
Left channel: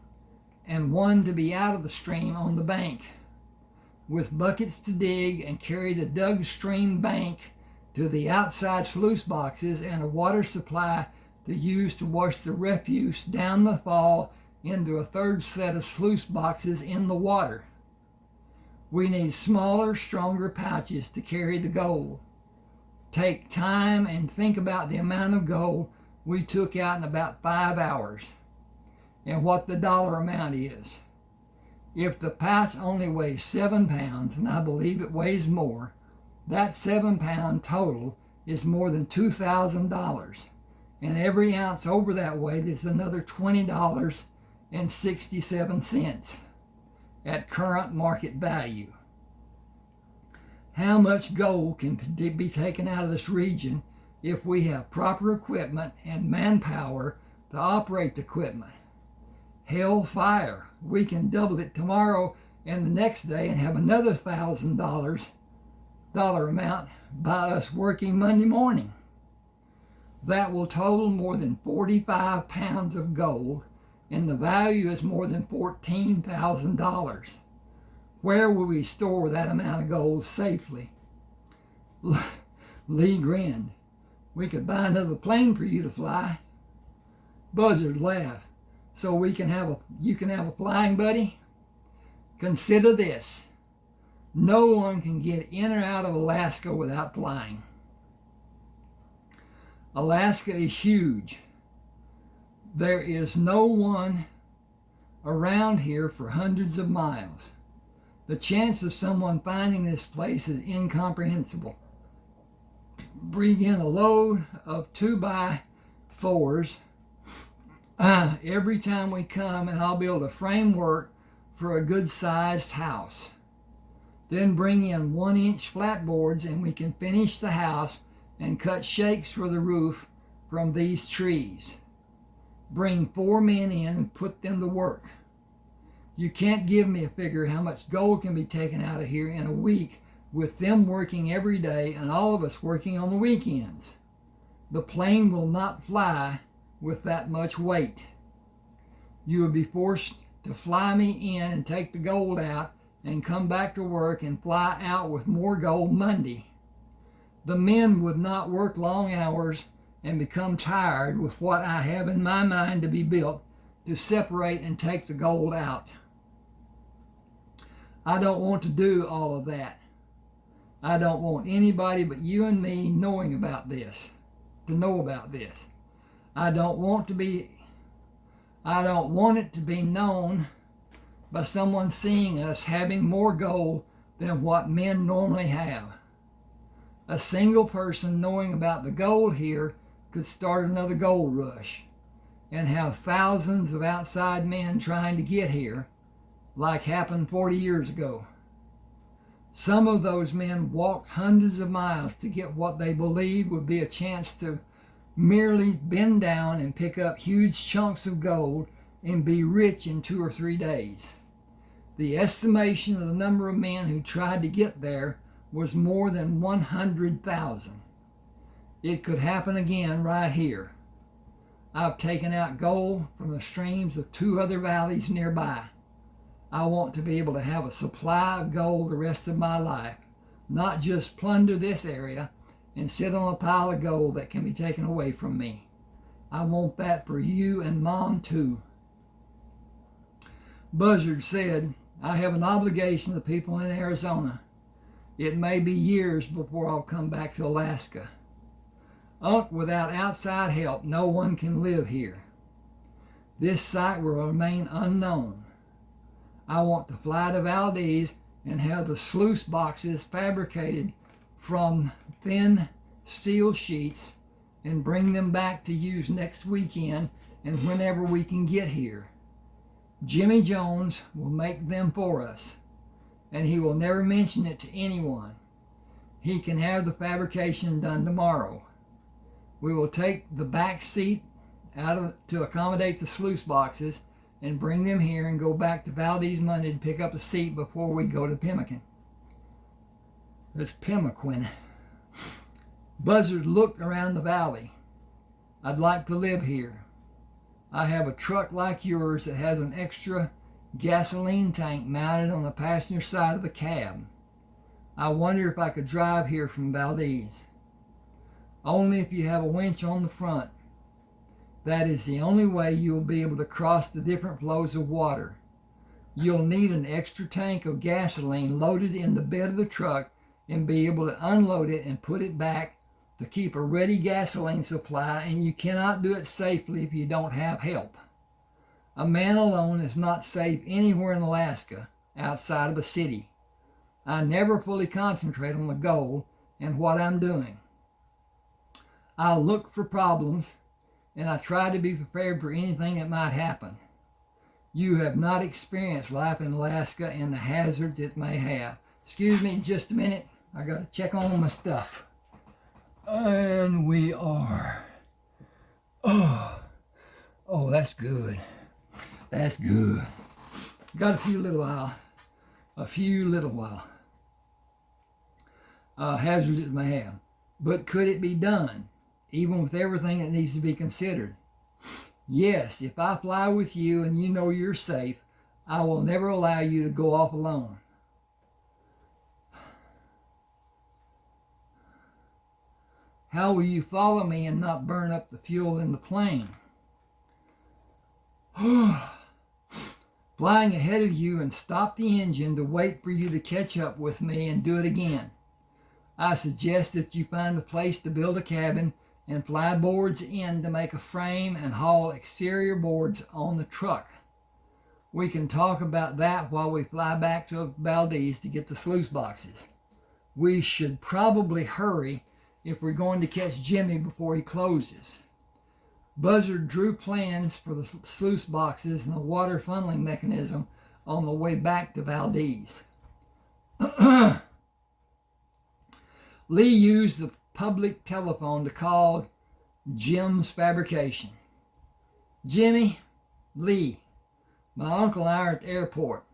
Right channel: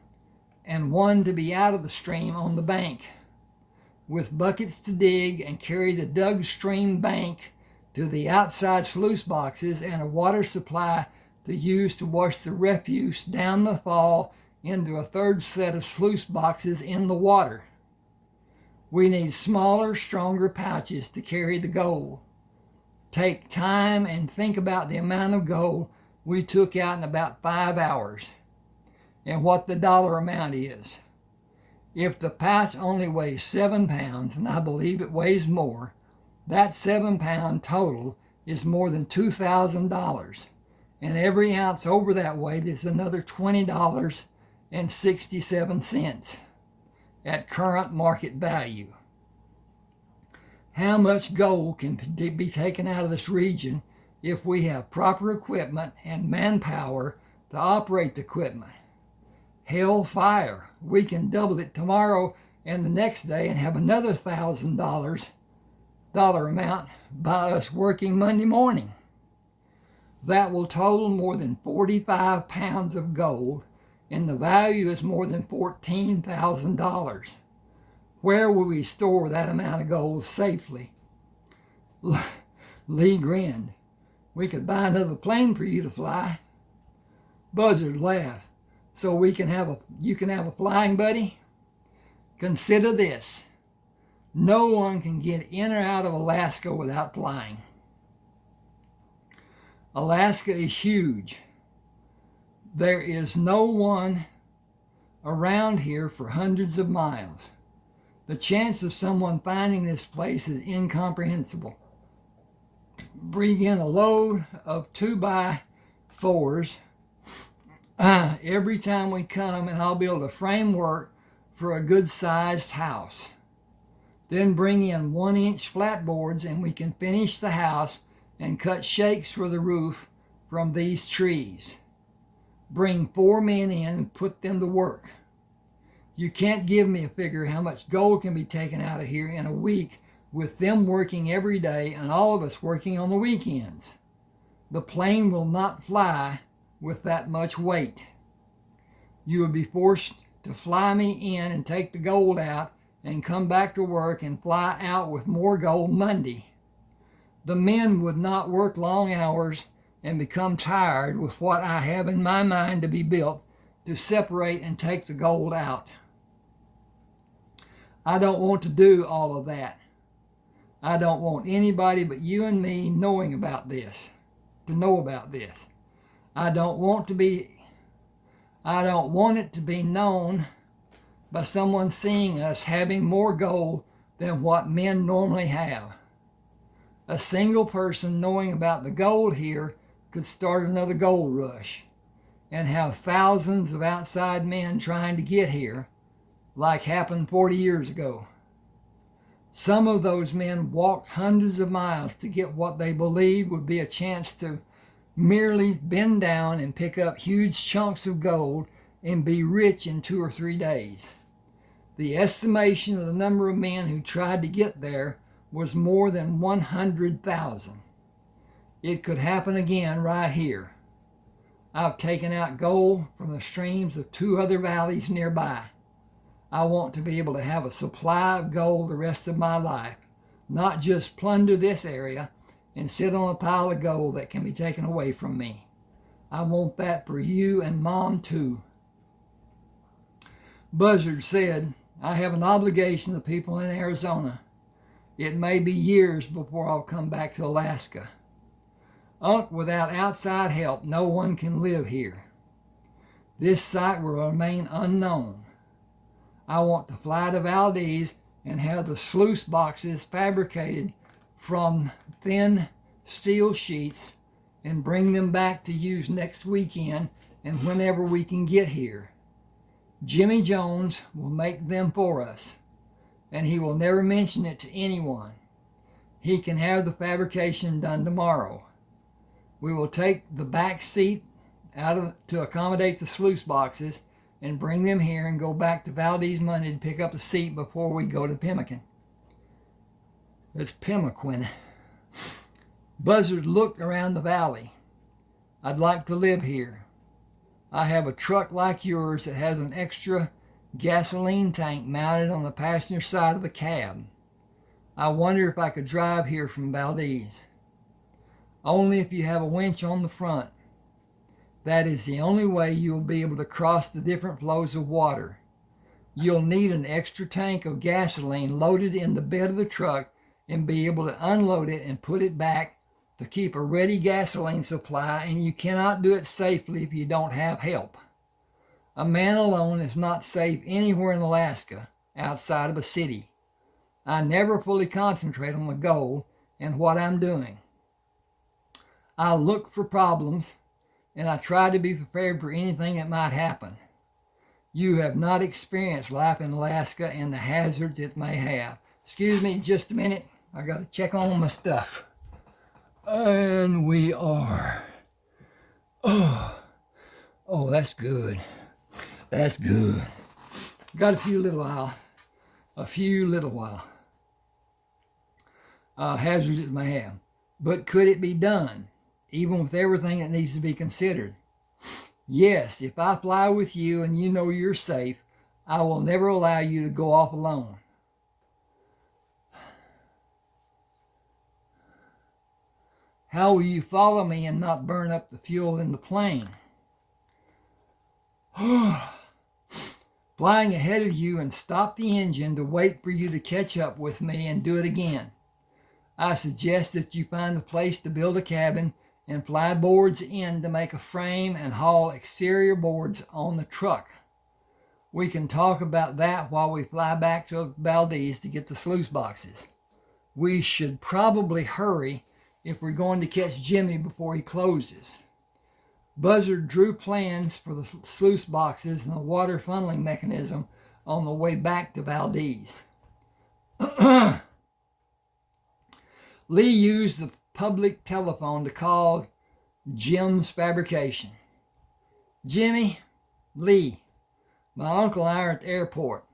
and one to be out of the stream on the bank, with buckets to dig and carry the dug stream bank to the outside sluice boxes and a water supply to use to wash the refuse down the fall into a 3rd set of sluice boxes in the water. We need smaller, stronger pouches to carry the gold. Take time and think about the amount of gold we took out in about 5 hours and what the dollar amount is. If the pouch only weighs 7 pounds, and I believe it weighs more, that 7-pound total is more than $2,000, and every ounce over that weight is another $20.67 at current market value. How much gold can be taken out of this region if we have proper equipment and manpower to operate the equipment? Hell fire, we can double it tomorrow and the next day and have another $1,000 amount by us working Monday morning. That will total more than 45 pounds of gold, and the value is more than $14,000. Where will we store that amount of gold safely? Lee grinned. We could buy another plane for you to fly. Buzzard laughed. So you can have a flying buddy? Consider this. No one can get in or out of Alaska without flying. Alaska is huge. There is no one around here for hundreds of miles. The chance of someone finding this place is incomprehensible. Bring in a load of 2x4s every time we come, and I'll build a framework for a good-sized house. Then bring in 1-inch flatboards, and we can finish the house and cut shakes for the roof from these trees. Bring 4 men in and put them to work. You can't give me a figure how much gold can be taken out of here in a week with them working every day and all of us working on the weekends. The plane will not fly with that much weight. You would be forced to fly me in and take the gold out and come back to work and fly out with more gold Monday. The men would not work long hours and become tired with what I have in my mind to be built to separate and take the gold out. I don't want to do all of that. I don't want anybody but you and me knowing about this, to know about this. I don't want it to be known by someone seeing us having more gold than what men normally have. A single person knowing about the gold here could start another gold rush and have thousands of outside men trying to get here, like happened 40 years ago. Some of those men walked hundreds of miles to get what they believed would be a chance to merely bend down and pick up huge chunks of gold and be rich in 2 or 3 days. The estimation of the number of men who tried to get there was more than 100,000. It could happen again right here. I've taken out gold from the streams of 2 other valleys nearby. I want to be able to have a supply of gold the rest of my life, not just plunder this area and sit on a pile of gold that can be taken away from me. I want that for you and Mom too. Buzzard said, I have an obligation to people in Arizona. It may be years before I'll come back to Alaska. Without outside help, no one can live here. This site will remain unknown. I want to fly to Valdez and have the sluice boxes fabricated from thin steel sheets and bring them back to use next weekend and whenever we can get here. Jimmy Jones will make them for us, and he will never mention it to anyone. He can have the fabrication done tomorrow. We will take the back seat to accommodate the sluice boxes and bring them here and go back to Valdez Monday to pick up the seat before we go to Pemmican. It's Pemmican. Buzzard looked around the valley. I'd like to live here. I have a truck like yours that has an extra gasoline tank mounted on the passenger side of the cab. I wonder if I could drive here from Valdez. Only if you have a winch on the front. That is the only way you will be able to cross the different flows of water. You'll need an extra tank of gasoline loaded in the bed of the truck and be able to unload it and put it back to keep a ready gasoline supply, and you cannot do it safely if you don't have help. A man alone is not safe anywhere in Alaska outside of a city. I never fully concentrate on the goal and what I'm doing. I look for problems, and I try to be prepared for anything that might happen. You have not experienced life in Alaska and the hazards it may have. Excuse me just a minute. I got to check on my stuff. And we are. Oh, that's good. That's good. Got a few little while. Hazards it may have. But could it be done, even with everything that needs to be considered? Yes, if I fly with you and you know you're safe, I will never allow you to go off alone. How will you follow me and not burn up the fuel in the plane? Flying ahead of you and stop the engine to wait for you to catch up with me and do it again. I suggest that you find a place to build a cabin and fly boards in to make a frame and haul exterior boards on the truck. We can talk about that while we fly back to Valdez to get the sluice boxes. We should probably hurry if we're going to catch Jimmy before he closes. Buzzard drew plans for the sluice boxes and the water funneling mechanism on the way back to Valdez. Lee used the public telephone to call Jim's fabrication. Jimmy, Lee, my uncle and I are at the airport.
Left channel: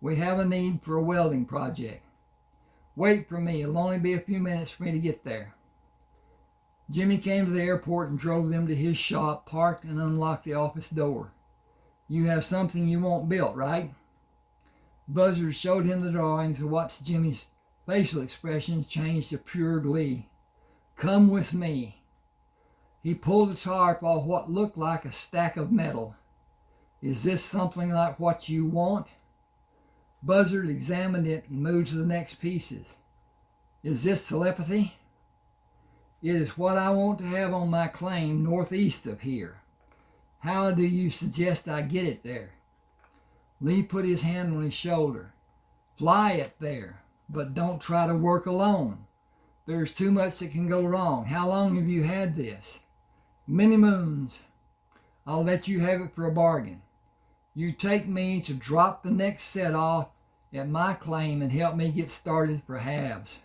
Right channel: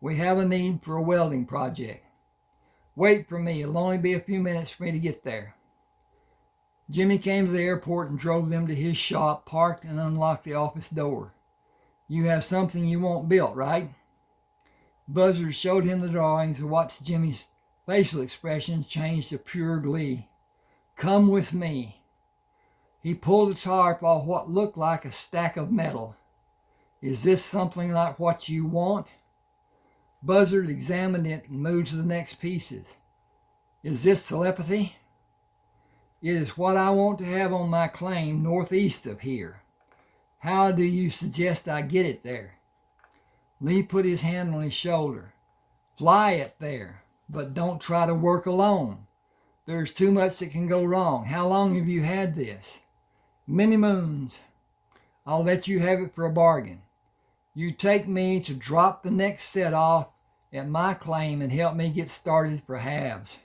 We have a need for a welding project. Wait for me. It'll only be a few minutes for me to get there. Jimmy came to the airport and drove them to his shop, parked and unlocked the office door. You have something you want built, right? Buzzard showed him the drawings and watched Jimmy's facial expressions change to pure glee. Come with me. He pulled a tarp off what looked like a stack of metal. Is this something like what you want? Buzzard examined it and moved to the next pieces. Is this telepathy? It is what I want to have on my claim northeast of here. How do you suggest I get it there? Lee put his hand on his shoulder. Fly it there, but don't try to work alone. There's too much that can go wrong. How long have you had this? Many moons. I'll let you have it for a bargain. You take me to drop the next set off at my claim and help me get started for halves.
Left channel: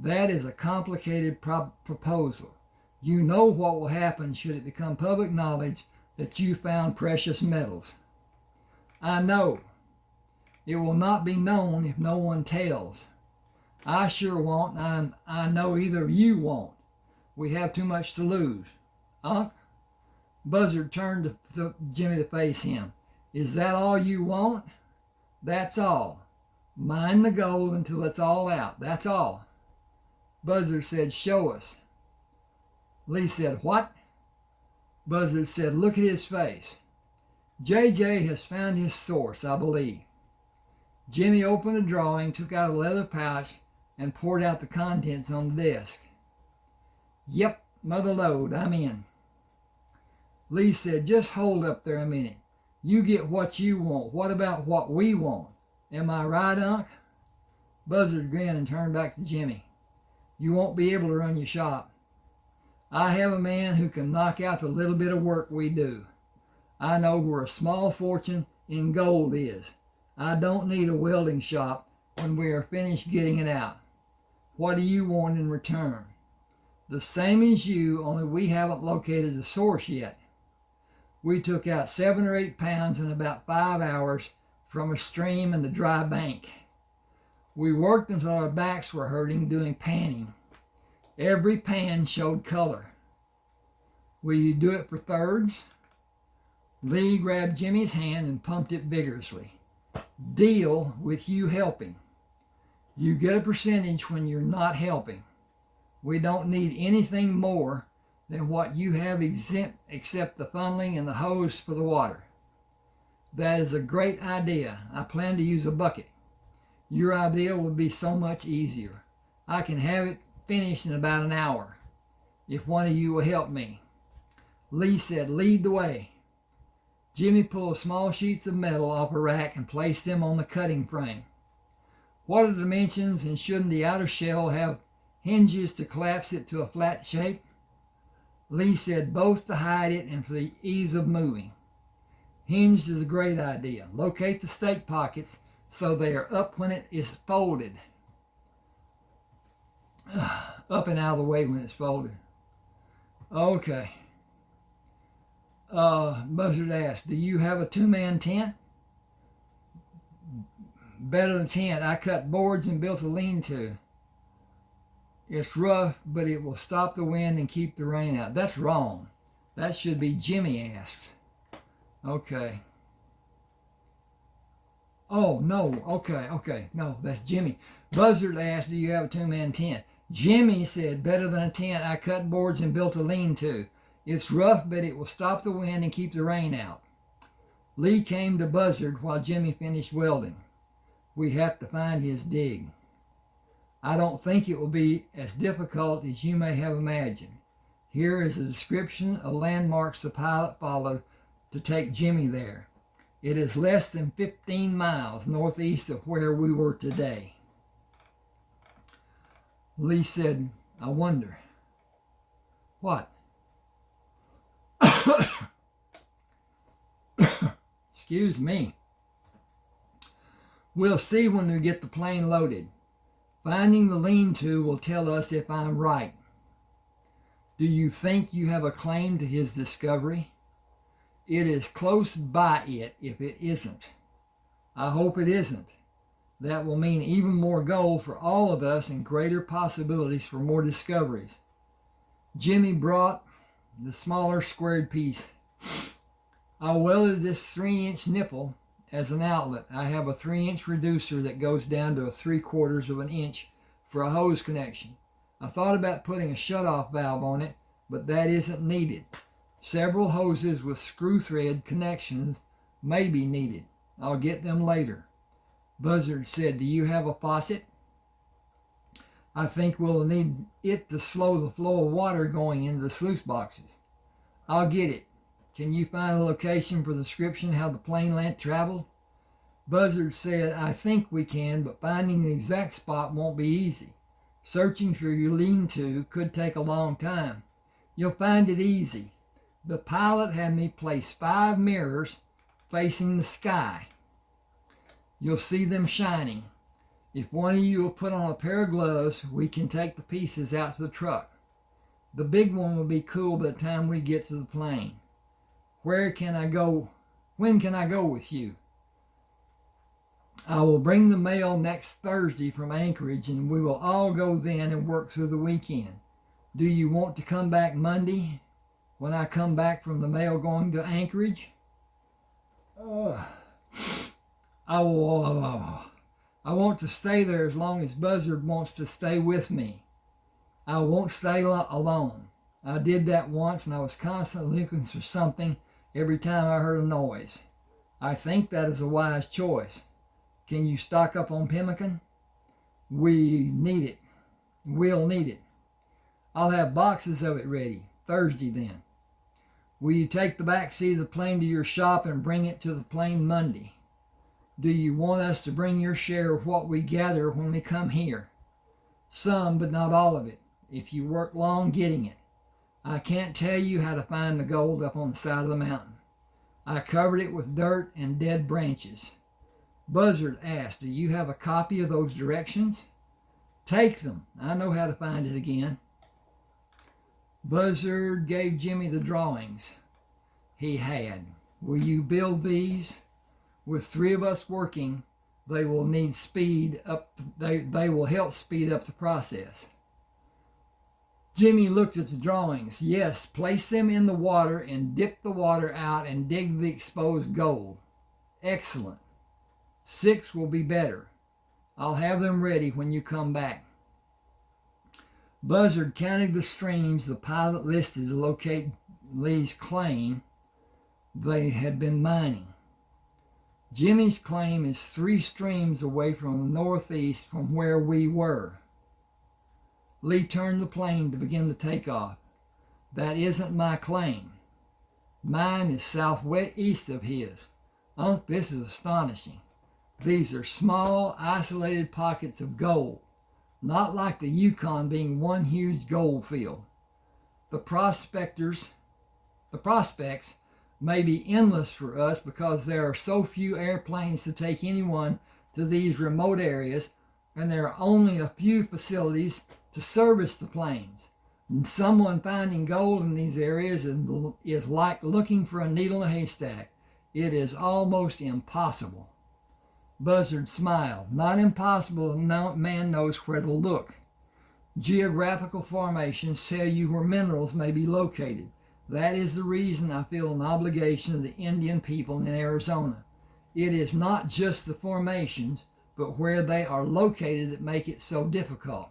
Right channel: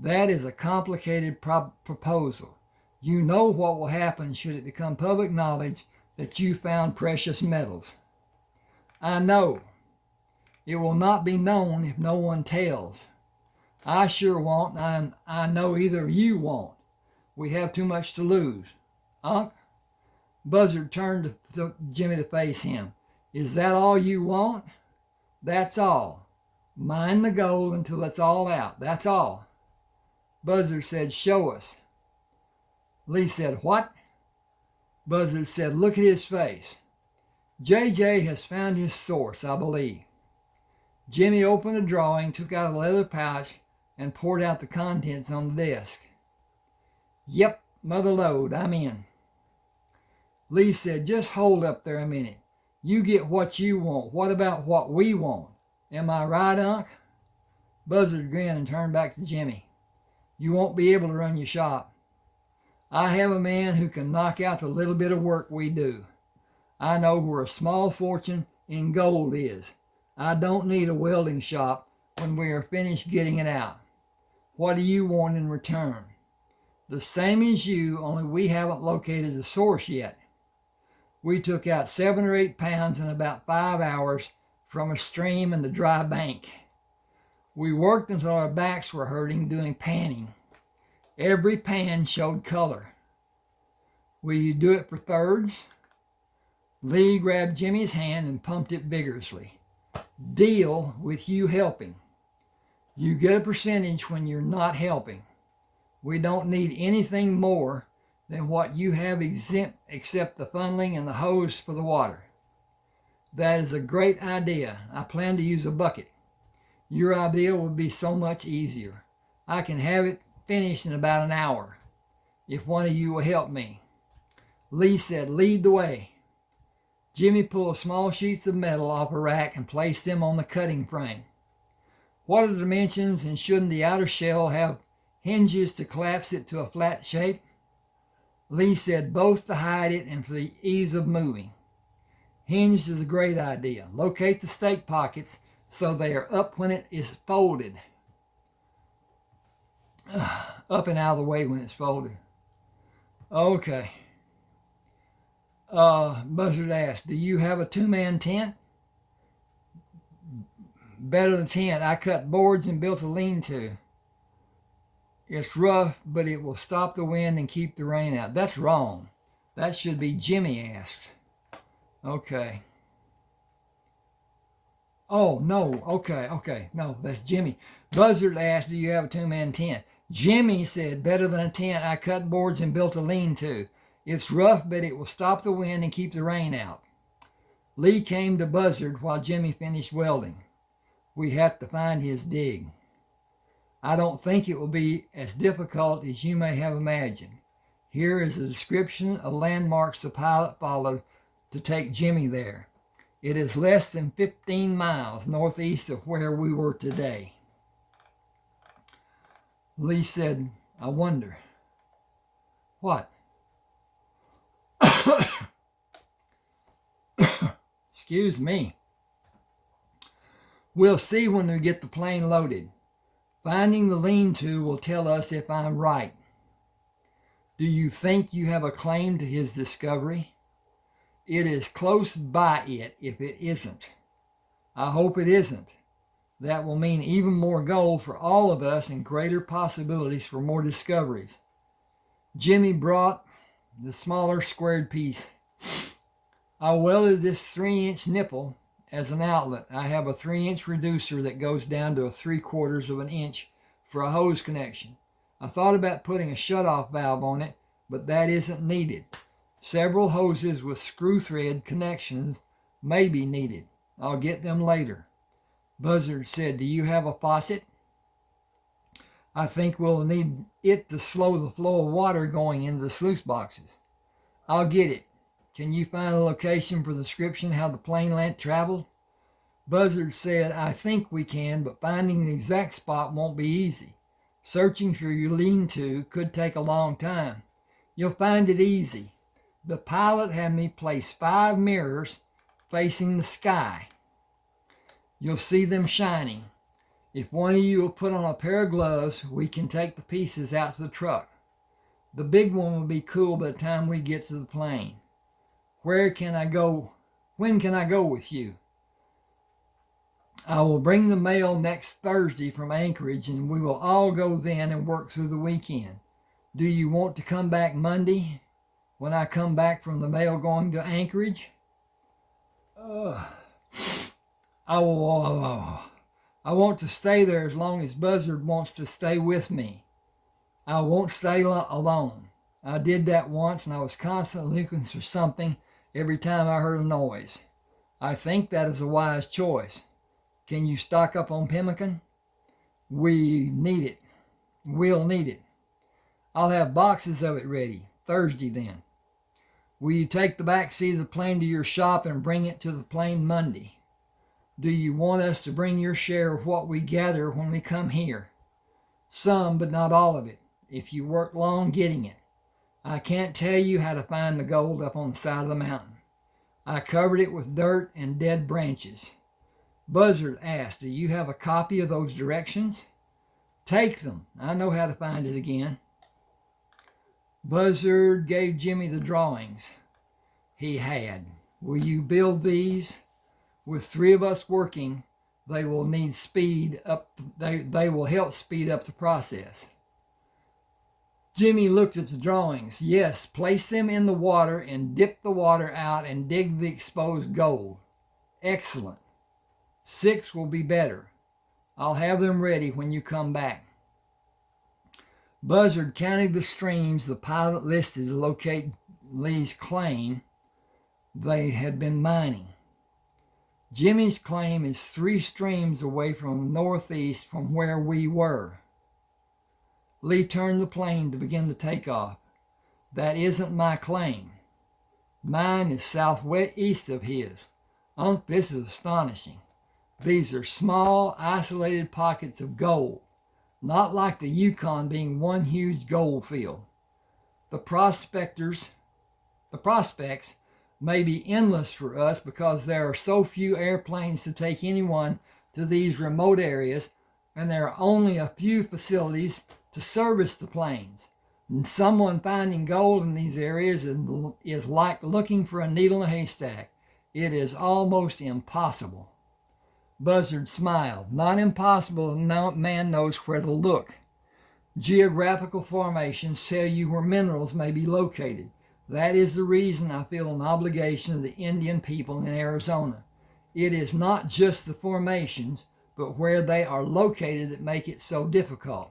That is a complicated proposal. You know what will happen should it become public knowledge that you found precious metals. I know. It will not be known if no one tells. I sure won't, and I know either of you won't. We have too much to lose. Unc? Buzzard turned to Jimmy to face him. Is that all you want? That's all. Mine the gold until it's all out. That's all. Buzzard said, show us. Lee said, what? Buzzard said, look at his face. JJ has found his source, I believe. Jimmy opened a drawing, took out a leather pouch, and poured out the contents on the desk. Yep, mother lode, I'm in. Lee said, just hold up there a minute. You get what you want. What about what we want? Am I right, Unc? Buzzard grinned and turned back to Jimmy. You won't be able to run your shop. I have a man who can knock out the little bit of work we do. I know where a small fortune in gold is. I don't need a welding shop when we are finished getting it out. What do you want in return? The same as you, only we haven't located the source yet. We took out 7 or 8 pounds in about 5 hours from a stream in the dry bank. We worked until our backs were hurting doing panning. Every pan showed color. Will you do it for thirds? Lee grabbed Jimmy's hand and pumped it vigorously. Deal with you helping. You get a percentage when you're not helping. We don't need anything more than what you have except the funneling and the hose for the water. That is a great idea. I plan to use a bucket. Your idea will be so much easier. I can have it finished in about an hour, if one of you will help me. Lee said, lead the way. Jimmy pulled small sheets of metal off a rack and placed them on the cutting frame. What are the dimensions, and shouldn't the outer shell have hinges to collapse it to a flat shape? Lee said both to hide it and for the ease of moving. Hinged is a great idea. Locate the stake pockets so they are up when it is folded. Up and out of the way when it's folded. Okay. Buzzard asked, do you have a 2-man tent? Better than tent. I cut boards and built a lean-to. It's rough, but it will stop the wind and keep the rain out. That's wrong. That should be Jimmy asked. Okay. Oh, no. Okay. No, that's Jimmy. Buzzard asked, do you have a 2-man tent? Jimmy said, better than a tent. I cut boards and built a lean-to. It's rough, but it will stop the wind and keep the rain out. Lee came to Buzzard while Jimmy finished welding. We have to find his dig. I don't think it will be as difficult as you may have imagined. Here is a description of landmarks the pilot followed to take Jimmy there. It is less than 15 miles northeast of where we were today. Lee said, I wonder. What? Excuse me. We'll see when we get the plane loaded. Finding the lean-to will tell us if I'm right. Do you think you have a claim to his discovery? It is close by it if it isn't. I hope it isn't. That will mean even more gold for all of us and greater possibilities for more discoveries. Jimmy brought the smaller squared piece. I welded this 3-inch nipple as an outlet. I have a 3-inch reducer that goes down to a 3/4 of an inch for a hose connection. I thought about putting a shutoff valve on it, but that isn't needed. Several hoses with screw thread connections may be needed. I'll get them later. Buzzard said, do you have a faucet? I think we'll need it to slow the flow of water going into the sluice boxes. I'll get it. Can you find a location for the description how the plane traveled? Buzzard said, I think we can, but finding the exact spot won't be easy. Searching for your lean-to could take a long time. You'll find it easy. The pilot had me place 5 mirrors facing the sky. You'll see them shining. If one of you will put on a pair of gloves, we can take the pieces out to the truck. The big one will be cool by the time we get to the plane. Where can I go? When can I go with you? I will bring the mail next Thursday from Anchorage, and we will all go then and work through the weekend. Do you want to come back Monday when I come back from the mail going to Anchorage? I want to stay there as long as Buzzard wants to stay with me. I won't stay alone. I did that once, and I was constantly looking for something every time I heard a noise. I think that is a wise choice. Can you stock up on pemmican? We need it. We'll need it. I'll have boxes of it ready. Thursday then. Will you take the back seat of the plane to your shop and bring it to the plane Monday? Do you want us to bring your share of what we gather when we come here? Some, but not all of it, if you work long getting it. I can't tell you how to find the gold up on the side of the mountain. I covered it with dirt and dead branches. Buzzard asked, do you have a copy of those directions? Take them. I know how to find it again. Buzzard gave Jimmy the drawings he had. Will you build these? With 3 of us working, they will need speed up. They will help speed up the process. Jimmy looked at the drawings. Yes, place them in the water and dip the water out and dig the exposed gold. Excellent. 6 will be better. I'll have them ready when you come back. Buzzard counted the streams the pilot listed to locate Lee's claim they had been mining. Jimmy's claim is 3 streams away from the northeast from where we were. Lee turned the plane to begin the takeoff. That isn't my claim. Mine is southwest of his. This is astonishing. These are small, isolated pockets of gold, not like the Yukon being one huge gold field. The prospects may be endless for us because there are so few airplanes to take anyone to these remote areas, and there are only a few facilities to service the planes. And someone finding gold in these areas is like looking for a needle in a haystack. It is almost impossible. Buzzard smiled. Not impossible if no man knows where to look. Geographical formations tell you where minerals may be located. That is the reason I feel an obligation to the Indian people in Arizona. It is not just the formations, but where they are located that make it so difficult.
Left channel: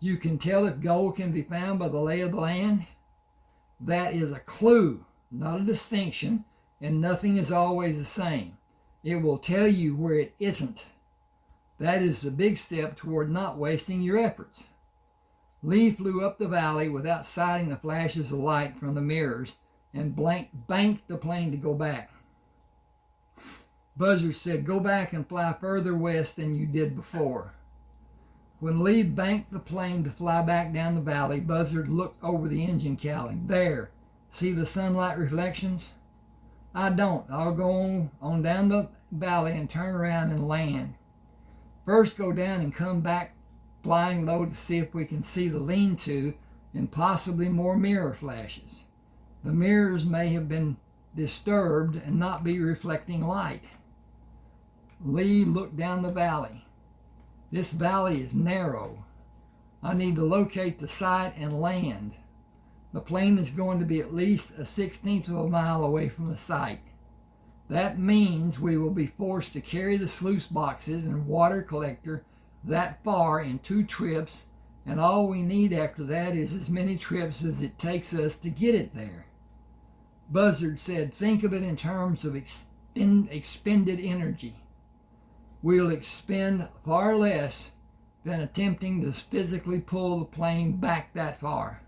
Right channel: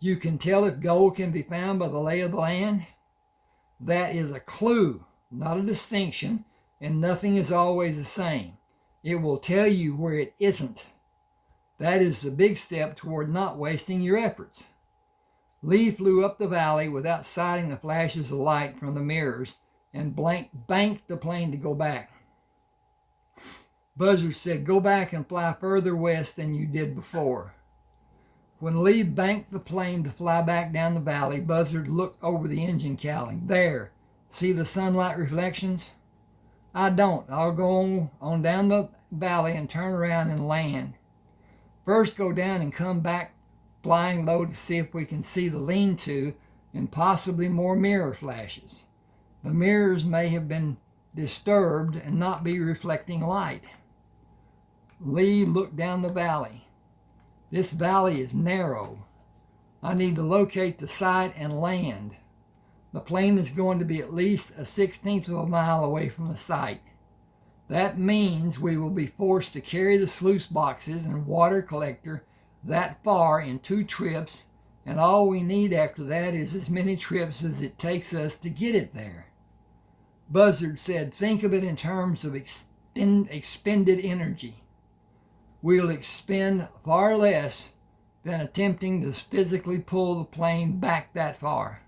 You can tell if gold can be found by the lay of the land. That is a clue, not a distinction, and nothing is always the same. It will tell you where it isn't. That is the big step toward not wasting your efforts. Lee flew up the valley without sighting the flashes of light from the mirrors and banked the plane to go back. Buzzard said, go back and fly further west than you did before. When Lee banked the plane to fly back down the valley, Buzzard looked over the engine cowling. There, see the sunlight reflections? I don't. I'll go on down the valley and turn around and land. First go down and come back flying low to see if we can see the lean-to and possibly more mirror flashes. The mirrors may have been disturbed and not be reflecting light. Lee looked down the valley. This valley is narrow. I need to locate the site and land. The plane is going to be at least a 1/16 of a mile away from the site. That means we will be forced to carry the sluice boxes and water collector that far in 2 trips, and all we need after that is as many trips as it takes us to get it there. Buzzard said, think of it in terms of expended energy. We'll expend far less than attempting to physically pull the plane back that far.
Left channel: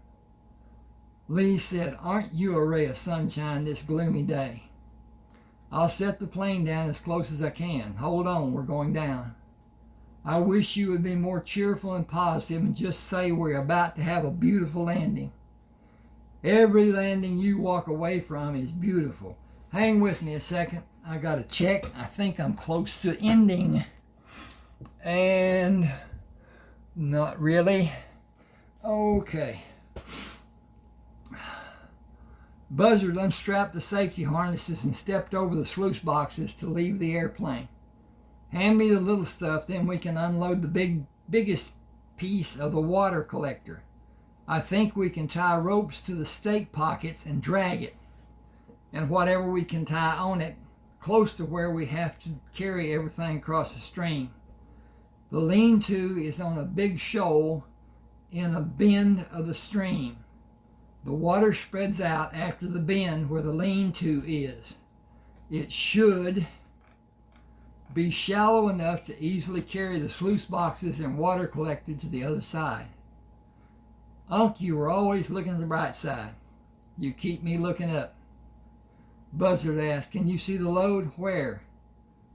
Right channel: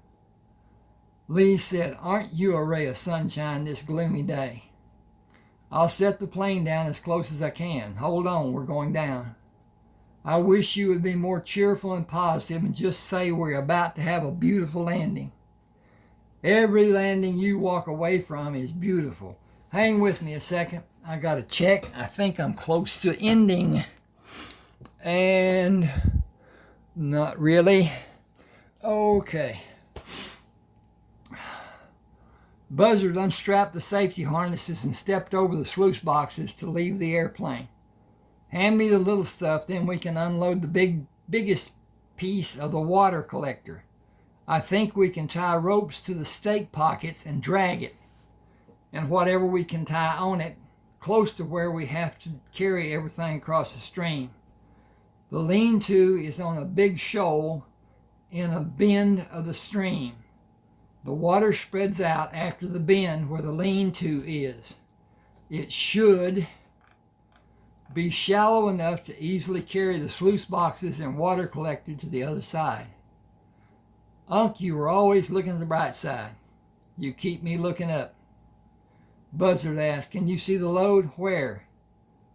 Lee said, aren't you a ray of sunshine this gloomy day? I'll set the plane down as close as I can. Hold on, we're going down. I wish you would be more cheerful and positive and just say we're about to have a beautiful landing. Every landing you walk away from is beautiful. Hang with me a second. I got to check. I think I'm close to ending. And not really. Okay. Buzzard unstrapped the safety harnesses and stepped over the sluice boxes to leave the airplane. Hand me the little stuff, then we can unload the biggest piece of the water collector. I think we can tie ropes to the stake pockets and drag it, and whatever we can tie on it, close to where we have to carry everything across the stream. The lean-to is on a big shoal in a bend of the stream. The water spreads out after the bend where the lean-to is. It should be shallow enough to easily carry the sluice boxes and water collector to the other side. Unc, you were always looking at the bright side. You keep me looking up. Buzzard asked, can you see the load? Where?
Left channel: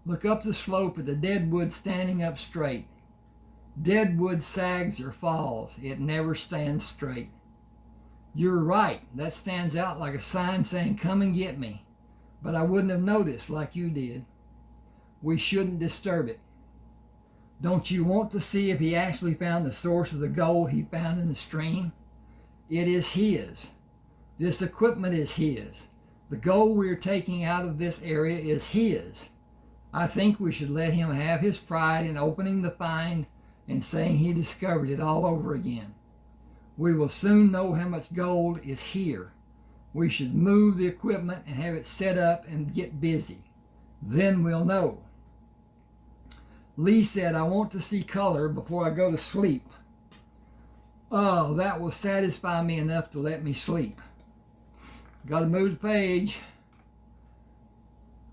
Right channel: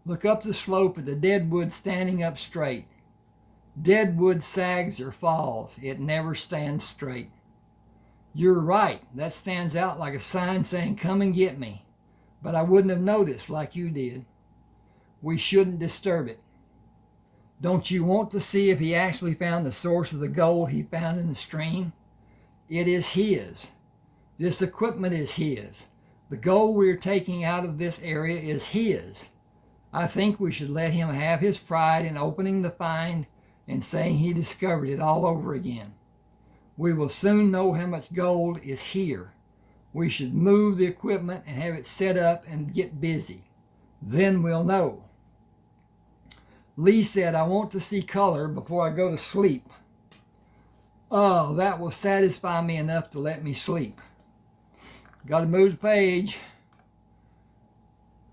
Look up the slope at the deadwood standing up straight. Deadwood sags or falls. It never stands straight. You're right. That stands out like a sign saying, come and get me. But I wouldn't have noticed like you did. We shouldn't disturb it. Don't you want to see if he actually found the source of the gold he found in the stream? It is his. This equipment is his. The gold we are taking out of this area is his. I think we should let him have his pride in opening the find and saying he discovered it all over again. We will soon know how much gold is here. We should move the equipment and have it set up and get busy. Then we'll know. Lee said, I want to see color before I go to sleep. Oh, that will satisfy me enough to let me sleep. Got to move the page.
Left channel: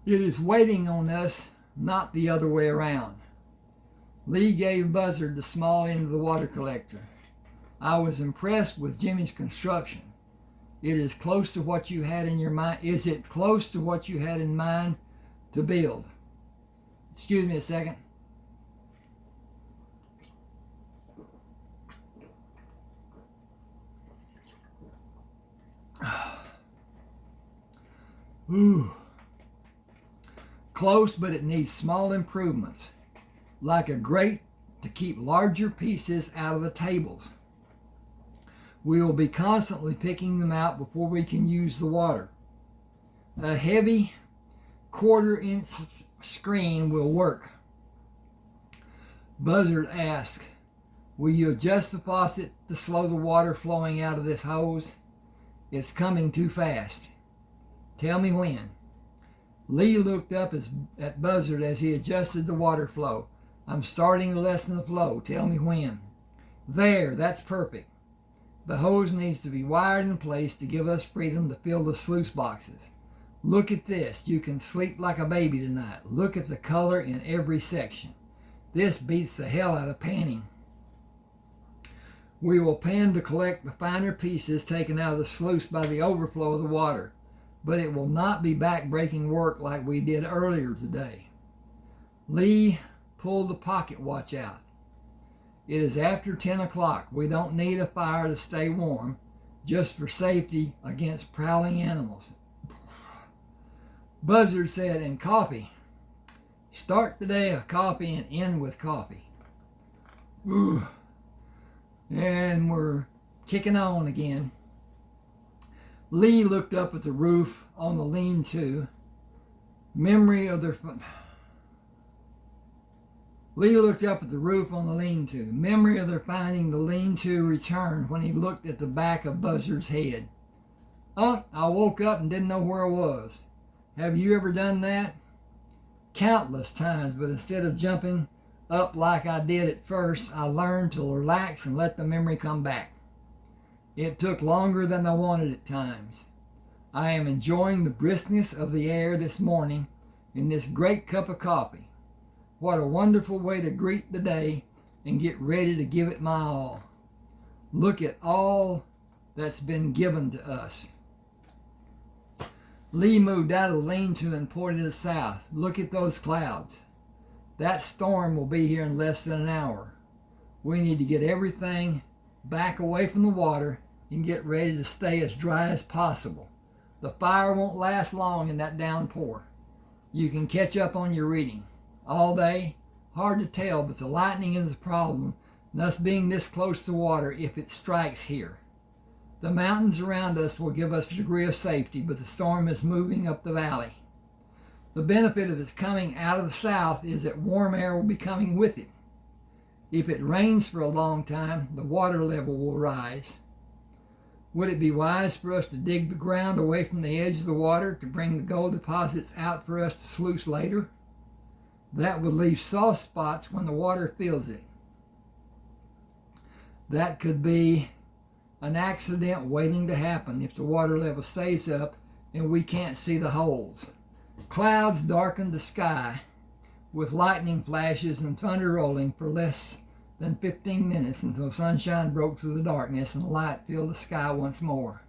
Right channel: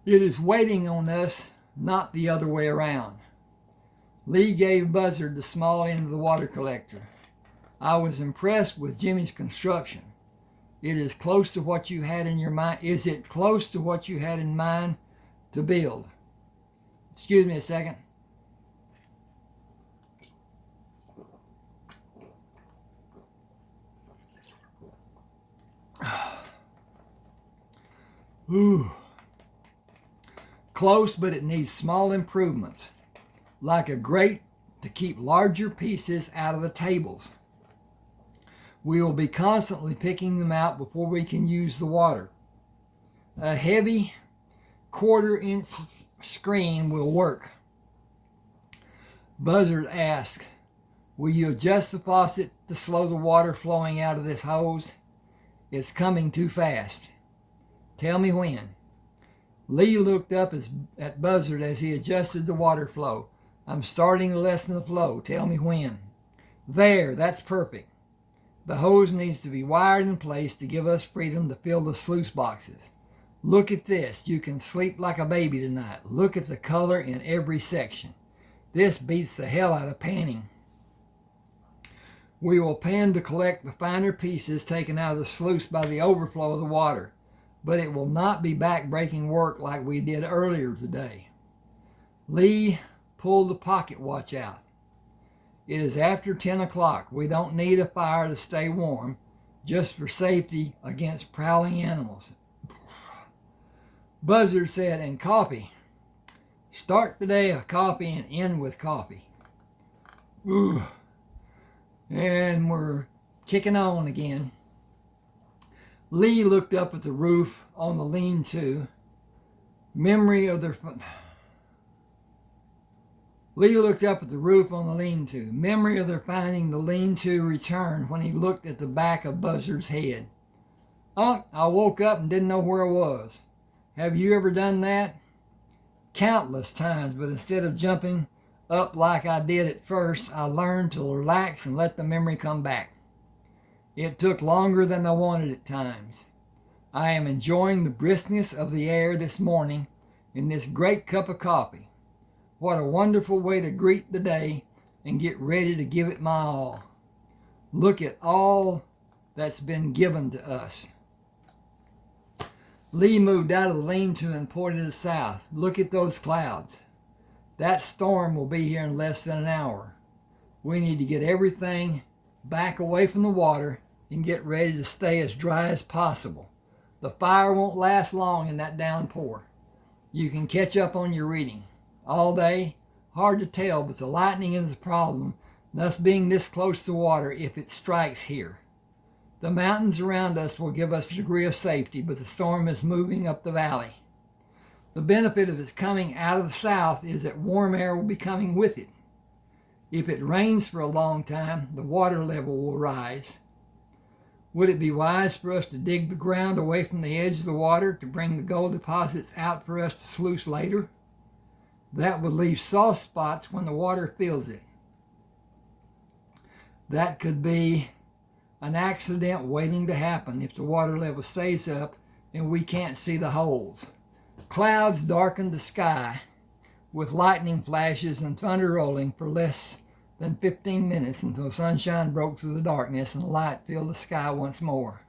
It is waiting on us, not the other way around. Lee gave Buzzard the small end of the water collector. I was impressed with Jimmy's construction. It is close to what you had in your mind. Is it close to what you had in mind to build? Excuse me a second. Ooh. Close, but it needs small improvements, like a grate to keep larger pieces out of the tables. We will be constantly picking them out before we can use the water. A heavy 1/4-inch screen will work. Buzzard asked, will you adjust the faucet to slow the water flowing out of this hose? It's coming too fast. Tell me when. Lee looked up at Buzzard as he adjusted the water flow. I'm starting to lessen the flow. Tell me when. There, that's perfect. The hose needs to be wired in place to give us freedom to fill the sluice boxes. Look at this. You can sleep like a baby tonight. Look at the color in every section. This beats the hell out of panning. We will pan to collect the finer pieces taken out of the sluice by the overflow of the water, but it will not be back-breaking work like we did earlier today. Lee pulled the pocket watch out. It is after 10 o'clock. We don't need a fire to stay warm, just for safety against prowling animals. Buzzard said, and coffee. Start the day with coffee and end with coffee. Ooh. And we're kicking on again. Lee looked up at the roof on the lean-to. Memory of their Lee looked up at the roof on the lean-to. Memory of their finding the lean-to returned when he looked at the back of Buzzard's head. Unc, I woke up and didn't know where I was. Have you ever done that? Countless times, but instead of jumping up like I did at first, I learned to relax and let the memory come back. It took longer than I wanted at times. I am enjoying the briskness of the air this morning in this great cup of coffee. What a wonderful way to greet the day and get ready to give it my all. Look at all that's been given to us. Lee moved out of the lean-to and pointed to the south. Look at those clouds. That storm will be here in less than an hour. We need to get everything back away from the water and get ready to stay as dry as possible. The fire won't last long in that downpour. You can catch up on your reading. All day, hard to tell, but the lightning is a problem, thus being this close to water if it strikes here. The mountains around us will give us a degree of safety, but the storm is moving up the valley. The benefit of its coming out of the south is that warm air will be coming with it. If it rains for a long time, the water level will rise. Would it be wise for us to dig the ground away from the edge of the water to bring the gold deposits out for us to sluice later? That would leave soft spots when the water fills it. That could be an accident waiting to happen if the water level stays up and we can't see the holes. Clouds darkened the sky with lightning flashes and thunder rolling for less than 15 minutes until sunshine broke through the darkness and light filled the sky once more.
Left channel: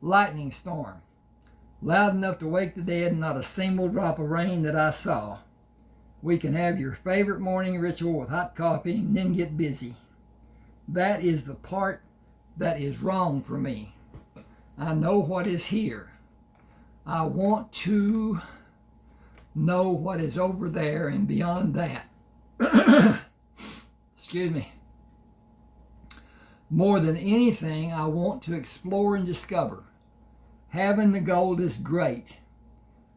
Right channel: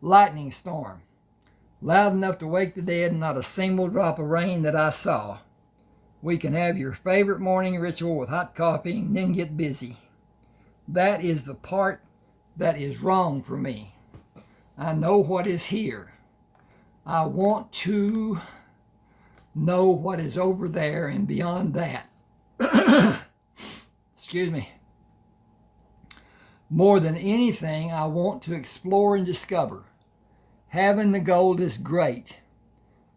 Lightning storm. Loud enough to wake the dead and not a single drop of rain that I saw. We can have your favorite morning ritual with hot coffee and then get busy. That is the part that is wrong for me. I know what is here. I want to know what is over there and beyond that. Excuse me. More than anything, I want to explore and discover. Having the gold is great.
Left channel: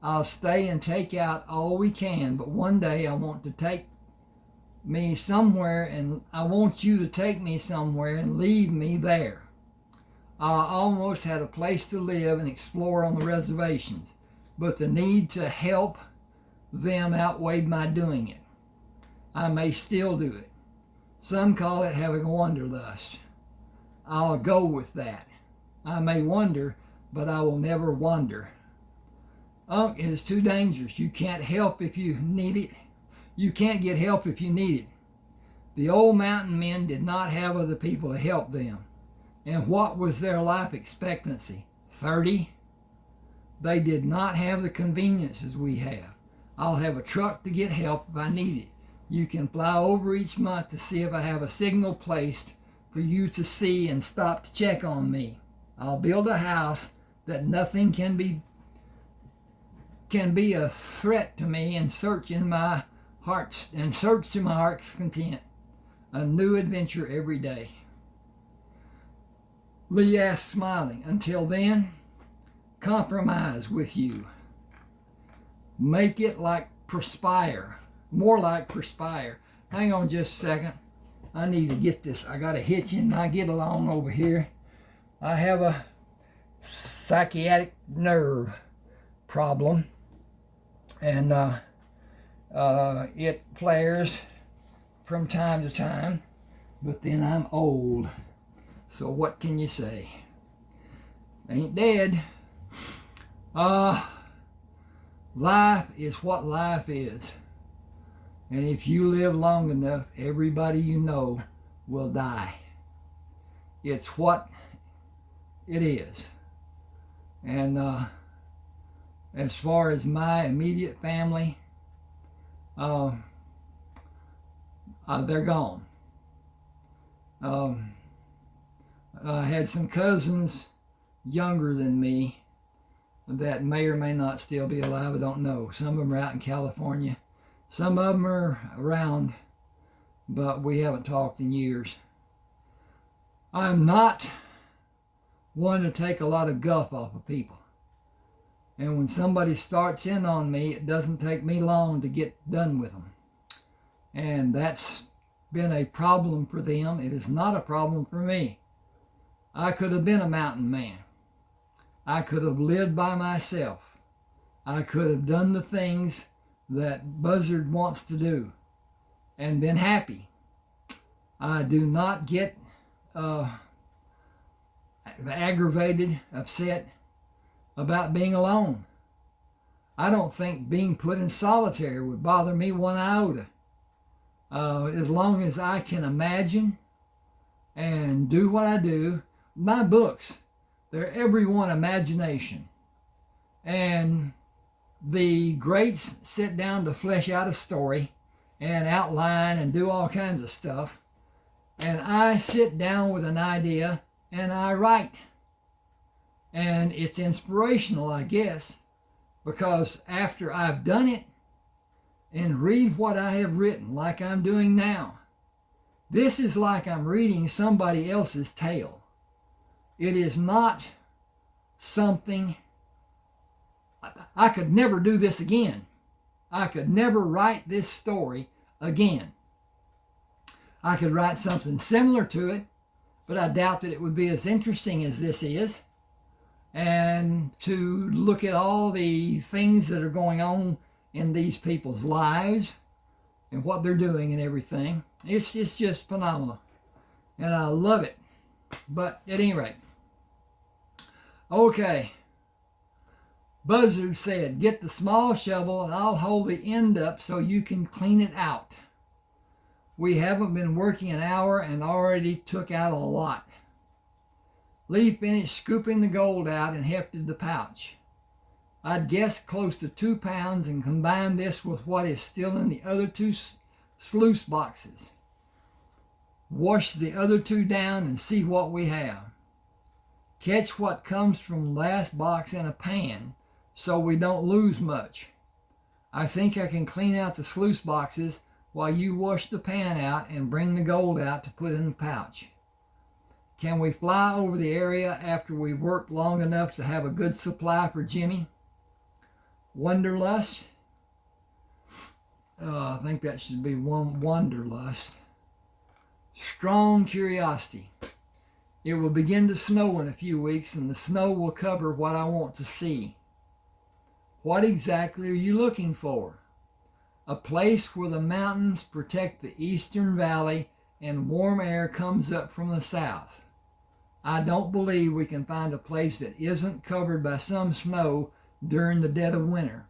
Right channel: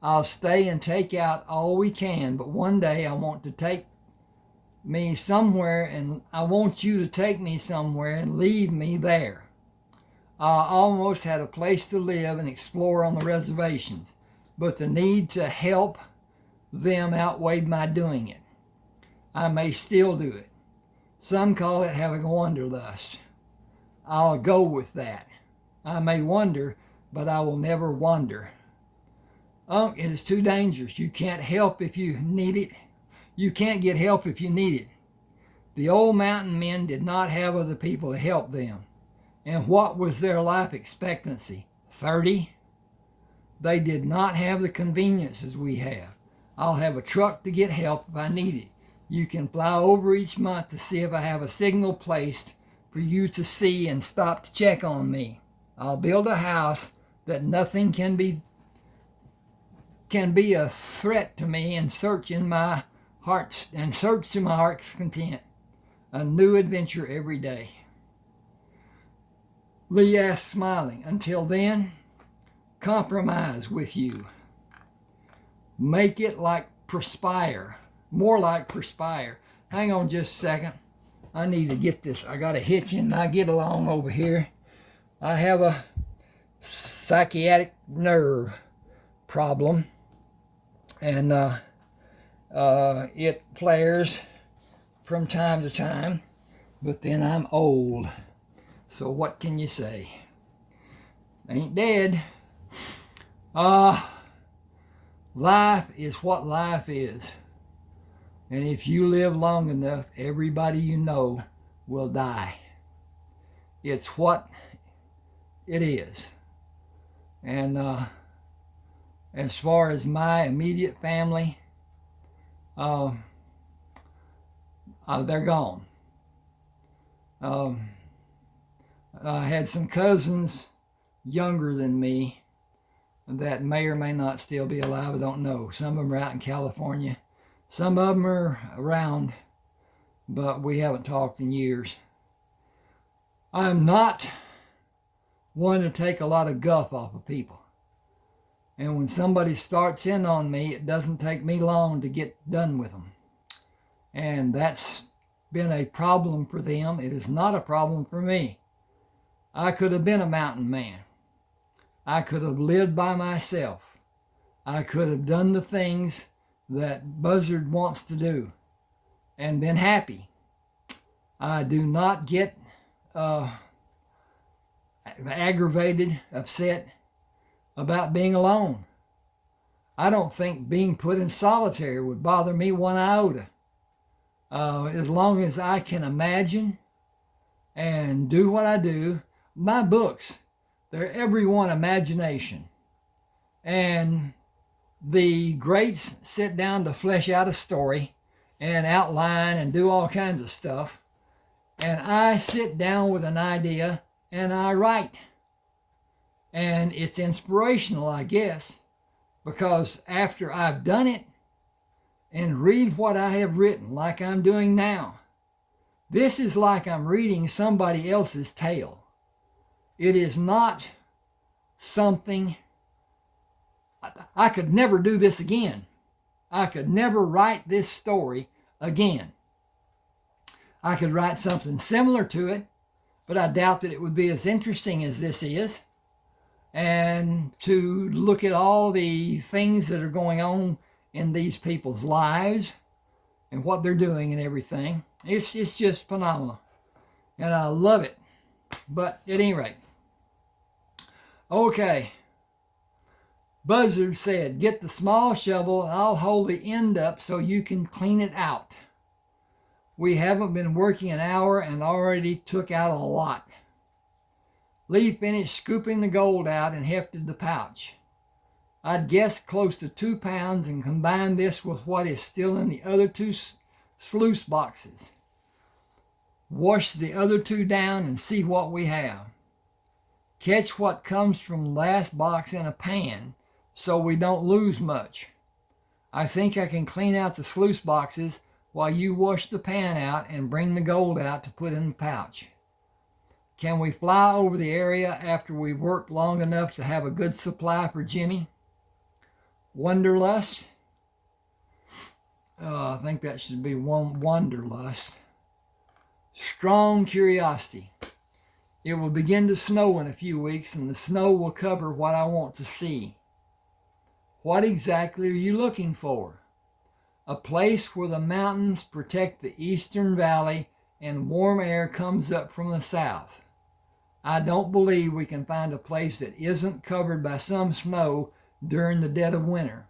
I'll stay and take out all we can, but one day I want to take me somewhere, and I want you to take me somewhere and leave me there. I almost had a place to live and explore on the reservations, but the need to help them outweighed my doing it. I may still do it. Some call it having a wanderlust. I'll go with that. I may wander, but I will never wander. Unc, it is too dangerous. You can't help if you need it. You can't get help if you need it. The old mountain men did not have other people to help them. And what was their life expectancy? 30? They did not have the conveniences we have. I'll have a truck to get help if I need it. You can fly over each month to see if I have a signal placed for you to see and stop to check on me. I'll build a house that nothing can be a threat to me and search to my heart's content. A new adventure every day. Lee asked, smiling. Until then, compromise with you. Make it like perspire. More like perspire. Hang on just a second. I need to get this. I got a hitch in my get along over here. I have a psychiatric nerve problem. And it flares from time to time. But then I'm old. So what can you say? Ain't dead. Life is what life is. And if you live long enough, everybody you know will die. It's what it is. And as far as my immediate family, they're gone. I had some cousins younger than me that may or may not still be alive. I don't know. Some of them are out in California. Some of them are around, but we haven't talked in years. I'm not one to take a lot of guff off of people. And when somebody starts in on me, it doesn't take me long to get done with them. And that's been a problem for them. It is not a problem for me. I could have been a mountain man. I could have lived by myself. I could have done the things that Buzzard wants to do and been happy. I do not get aggravated, upset about being alone. I don't think being put in solitary would bother me one iota. As long as I can imagine and do what I do. My books, they're every one imagination. And the greats sit down to flesh out a story and outline and do all kinds of stuff. And I sit down with an idea and I write. And it's inspirational, I guess, because after I've done it and read what I have written, like I'm doing now, this is like I'm reading somebody else's tale. It is not something, I could never do this again. I could never write this story again. I could write something similar to it, but I doubt that it would be as interesting as this is. And to look at all the things that are going on in these people's lives and what they're doing and everything, it's just phenomenal. And I love it. But at any rate, okay. Buzzard said, get the small shovel and I'll hold the end up so you can clean it out. We haven't been working an hour and already took out a lot. Lee finished scooping the gold out and hefted the pouch. I'd guess close to 2 pounds and combine this with what is still in the other 2 sluice boxes. Wash the other 2 down and see what we have. Catch what comes from the last box in a pan so we don't lose much. I think I can clean out the sluice boxes while you wash the pan out and bring the gold out to put in the pouch. Can we fly over the area after we've worked long enough to have a good supply for Jimmy? Wanderlust? I think that should be wanderlust. Strong curiosity. It will begin to snow in a few weeks, and the snow will cover what I want to see. What exactly are you looking for? A place where the mountains protect the eastern valley and warm air comes up from the south. I don't believe we can find a place that isn't covered by some snow during the dead of winter.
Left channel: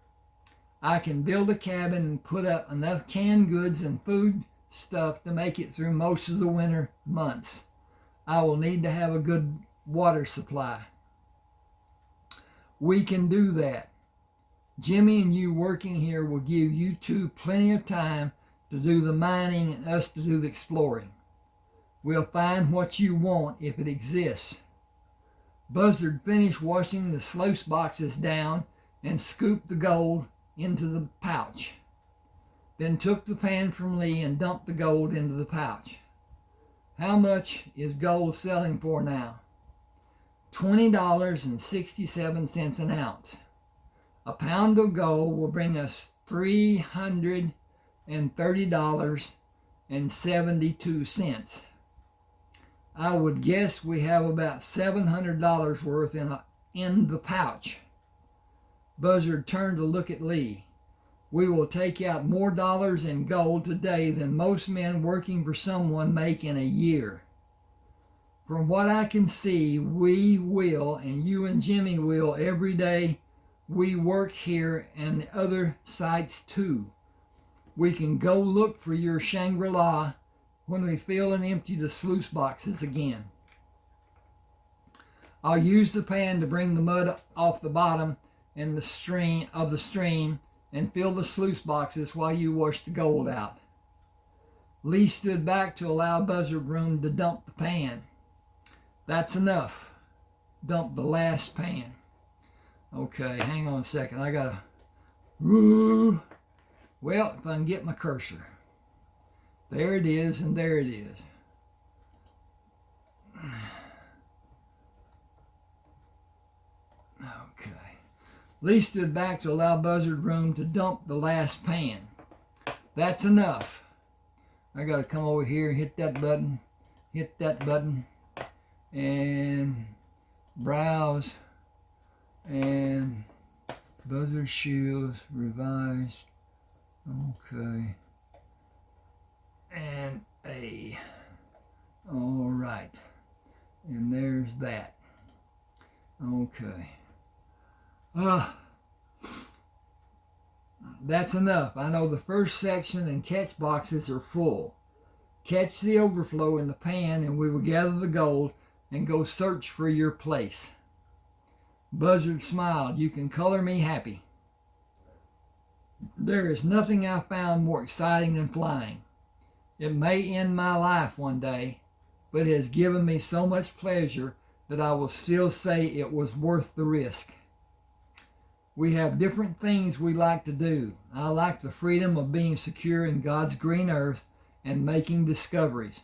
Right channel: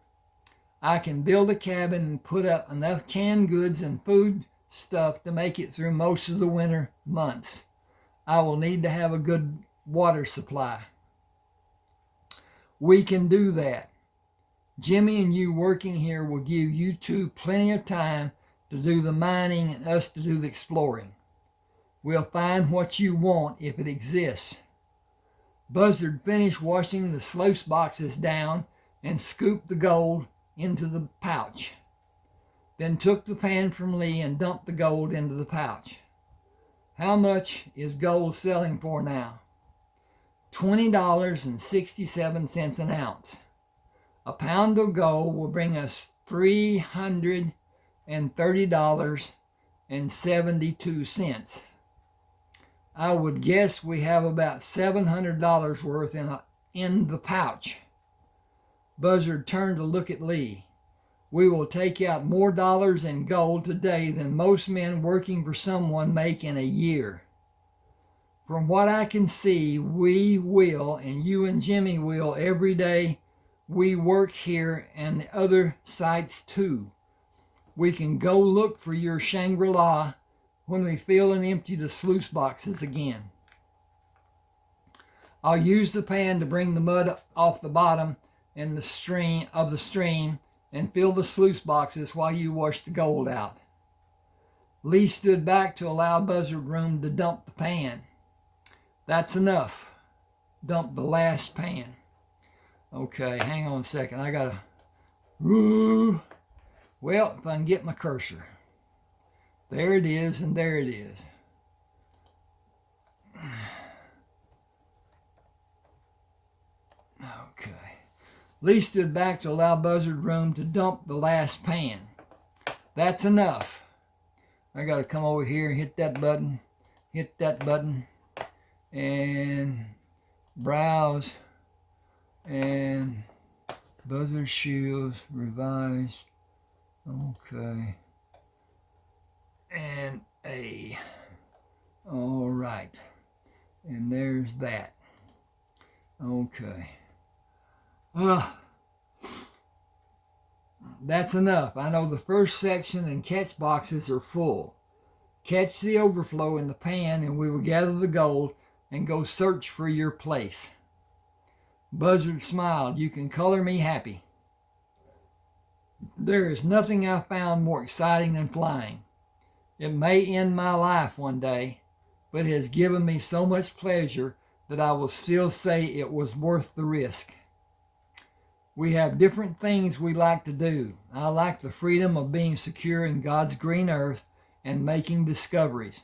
I can build a cabin and put up enough canned goods and food stuff to make it through most of the winter months. I will need to have a good water supply. We can do that. Jimmy and you working here will give you 2 plenty of time to do the mining and us to do the exploring. We'll find what you want if it exists. Buzzard finished washing the sluice boxes down and scooped the gold into the pouch. Then took the pan from Lee and dumped the gold into the pouch. How much is gold selling for now? $20.67 an ounce. A pound of gold will bring us $330.72. I would guess we have about $700 worth in the pouch. Buzzard turned to look at Lee. We will take out more dollars in gold today than most men working for someone make in a year. From what I can see, we will, and you and Jimmy will every day we work here and the other sites too. We can go look for your Shangri-La when we fill and empty the sluice boxes again. I'll use the pan to bring the mud off the bottom in the stream and fill the sluice boxes while you wash the gold out. Lee stood back to allow Buzzard room to dump the pan. That's enough. Dump the last pan. Okay, hang on a second. I gotta... Well, if I can get my cursor. There it is, and there it is. Okay. Lee stood back to allow Buzzard room to dump the last pan. That's enough. I got to come over here and hit that button, and browse, and Buzzard Shields revised. Okay. And A. All right. And there's that. Okay. That's enough. I know the first section and catch boxes are full. Catch the overflow in the pan, and we will gather the gold and go search for your place. Buzzard smiled. You can color me happy. There is nothing I found more exciting than flying. It may end my life one day, but it has given me so much pleasure that I will still say it was worth the risk. We have different things we like to do. I like the freedom of being secure in God's green earth and making discoveries.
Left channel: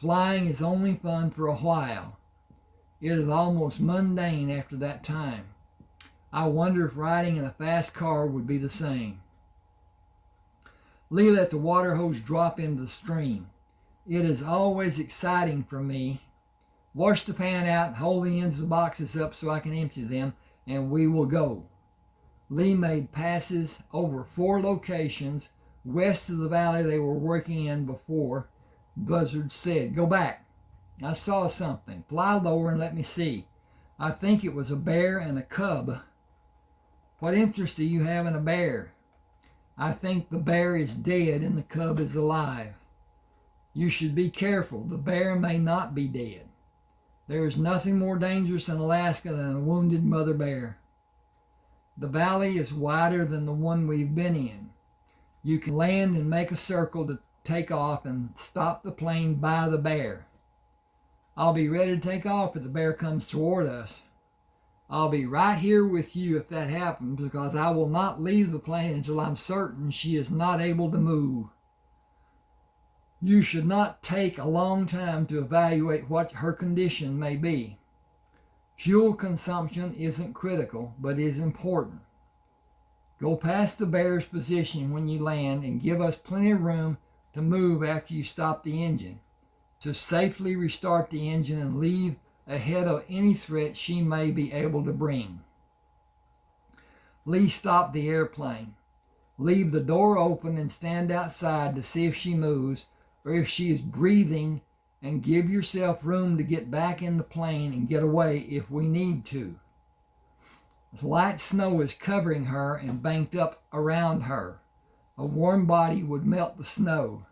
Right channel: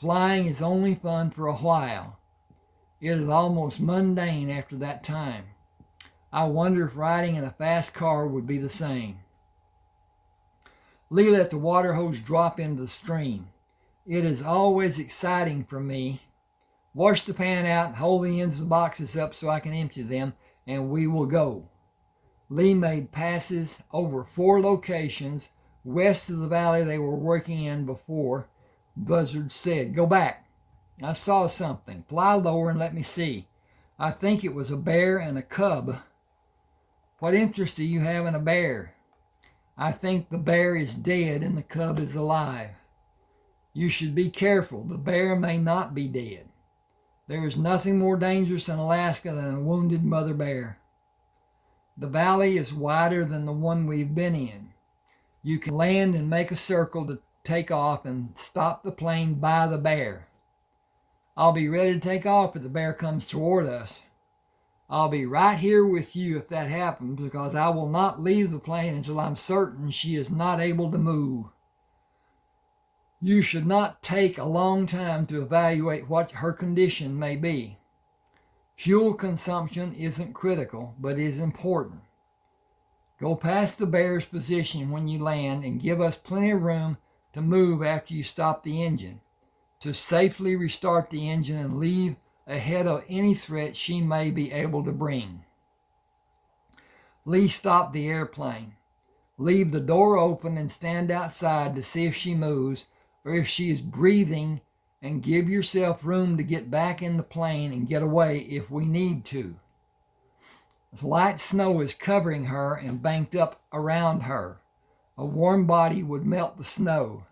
Flying is only fun for a while. It is almost mundane after that time. I wonder if riding in a fast car would be the same. Lee let the water hose drop into the stream. It is always exciting for me. Wash the pan out and hold the ends of the boxes up so I can empty them, and we will go. Lee made passes over 4 locations west of the valley they were working in before. Buzzard said, "Go back. I saw something. Fly lower and let me see. I think it was a bear and a cub." "What interest do you have in a bear?" "I think the bear is dead and the cub is alive." "You should be careful. The bear may not be dead. There is nothing more dangerous in Alaska than a wounded mother bear. The valley is wider than the one we've been in. You can land and make a circle to take off and stop the plane by the bear. I'll be ready to take off if the bear comes toward us. I'll be right here with you if that happens, because I will not leave the plane until I'm certain she is not able to move. You should not take a long time to evaluate what her condition may be. Fuel consumption isn't critical, but is important. Go past the bear's position when you land and give us plenty of room to move after you stop the engine, to safely restart the engine and leave ahead of any threat she may be able to bring." Lee stopped the airplane. Leave the door open and stand outside to see if she moves or if she is breathing, and give yourself room to get back in the plane and get away if we need to. Light snow is covering her and banked up around her. A warm body would melt the snow.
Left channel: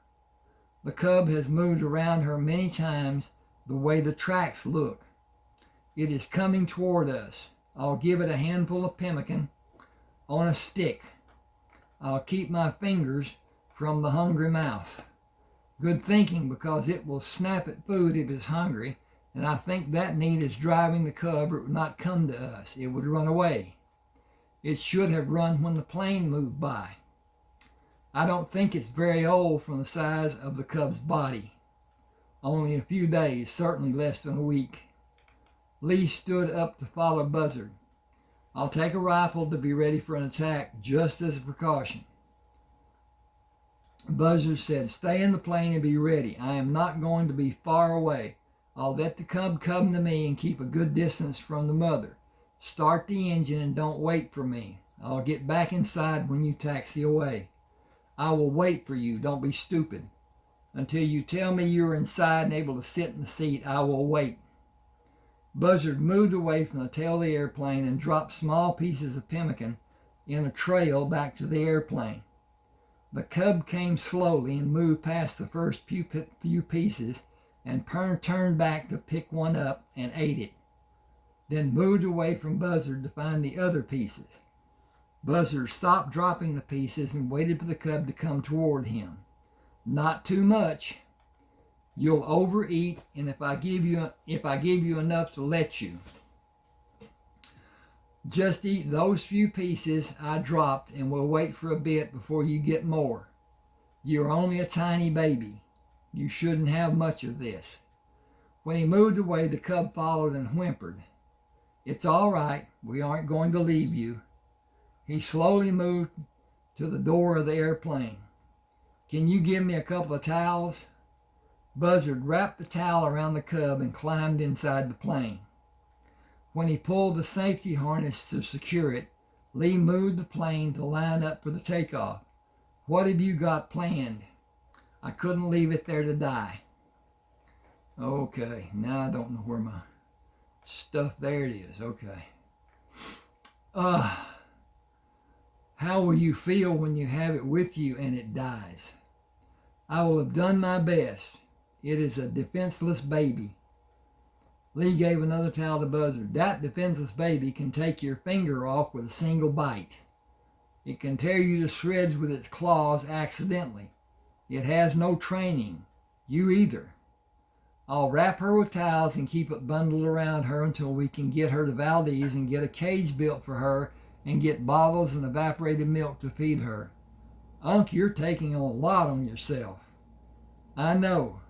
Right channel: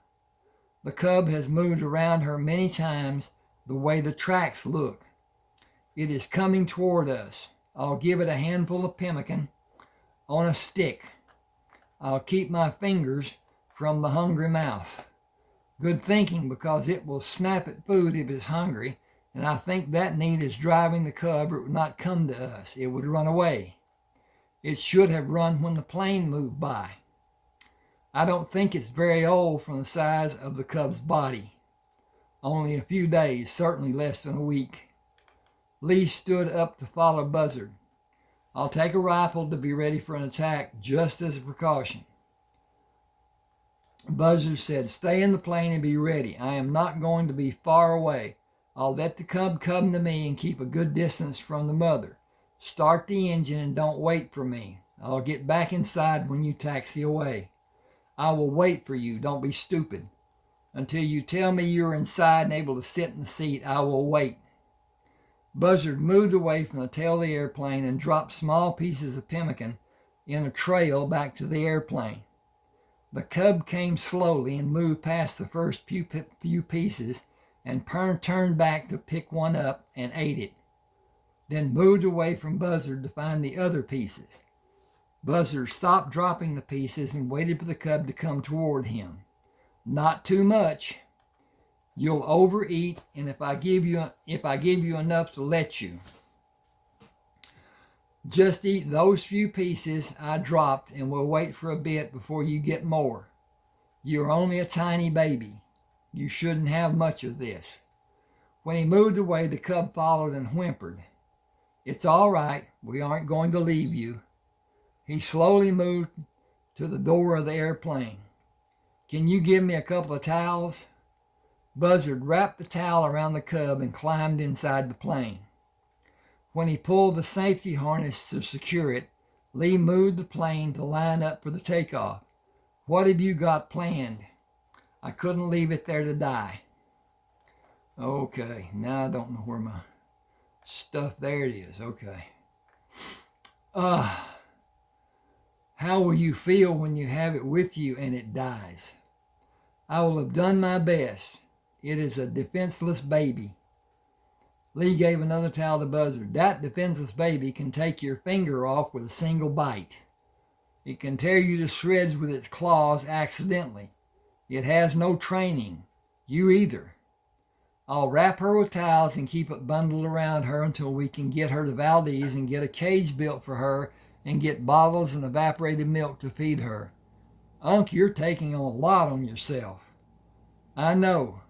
The cub has moved around her many times the way the tracks look. It is coming toward us. I'll give it a handful of pemmican on a stick. I'll keep my fingers from the hungry mouth. Good thinking, because it will snap at food if it's hungry, and I think that need is driving the cub, or it would not come to us. It would run away. It should have run when the plane moved by. I don't think it's very old from the size of the cub's body. Only a few days, certainly less than a week. Lee stood up to follow Buzzard. I'll take a rifle to be ready for an attack, just as a precaution. Buzzard said, "Stay in the plane and be ready. I am not going to be far away. I'll let the cub come to me and keep a good distance from the mother. Start the engine and don't wait for me. I'll get back inside when you taxi away. I will wait for you. Don't be stupid. Until you tell me you're inside and able to sit in the seat, I will wait." Buzzard moved away from the tail of the airplane and dropped small pieces of pemmican in a trail back to the airplane. The cub came slowly and moved past the first few pieces and turned back to pick one up and ate it, then moved away from Buzzard to find the other pieces. Buzzard stopped dropping the pieces and waited for the cub to come toward him. "Not too much. You'll overeat, and if I give you enough to let you. Just eat those few pieces I dropped, and we'll wait for a bit before you get more. You're only a tiny baby. You shouldn't have much of this." When he moved away, the cub followed and whimpered. "It's all right. We aren't going to leave you." He slowly moved to the door of the airplane. Can you give me a couple of towels? Buzzard wrapped the towel around the cub and climbed inside the plane. When he pulled the safety harness to secure it, Lee moved the plane to line up for the takeoff. What have you got planned? I couldn't leave it there to die. Okay, now I don't know where my stuff, there it is, okay. How will you feel when you have it with you and it dies? I will have done my best. It is a defenseless baby. Lee gave another towel to Buzzard. That defenseless baby can take your finger off with a single bite. It can tear you to shreds with its claws accidentally. It has no training. You either. I'll wrap her with towels and keep it bundled around her until we can get her to Valdez and get a cage built for her and get bottles and evaporated milk to feed her. Unc, you're taking a lot on yourself. I know.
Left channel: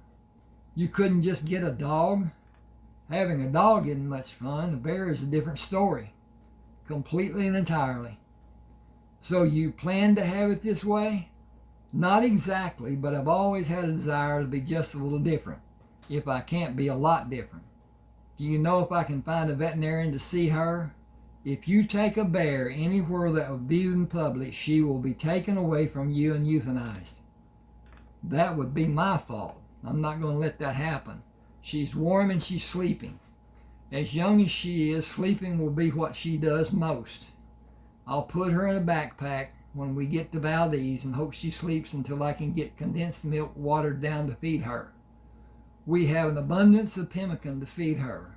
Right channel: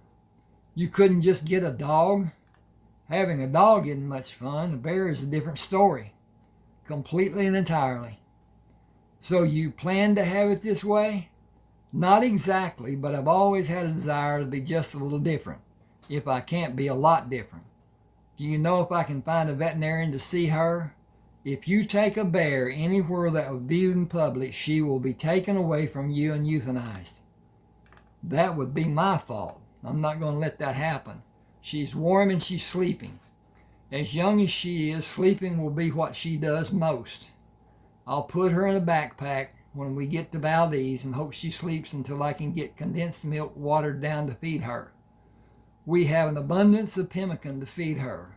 You couldn't just get a dog? Having a dog isn't much fun. A bear is a different story. Completely and entirely. So you plan to have it this way? Not exactly, but I've always had a desire to be just a little different, if I can't be a lot different. Do you know if I can find a veterinarian to see her? If you take a bear anywhere that will be in public, she will be taken away from you and euthanized. That would be my fault. I'm not going to let that happen. She's warm and she's sleeping. As young as she is, sleeping will be what she does most. I'll put her in a backpack when we get to Valdez and hope she sleeps until I can get condensed milk watered down to feed her. We have an abundance of pemmican to feed her,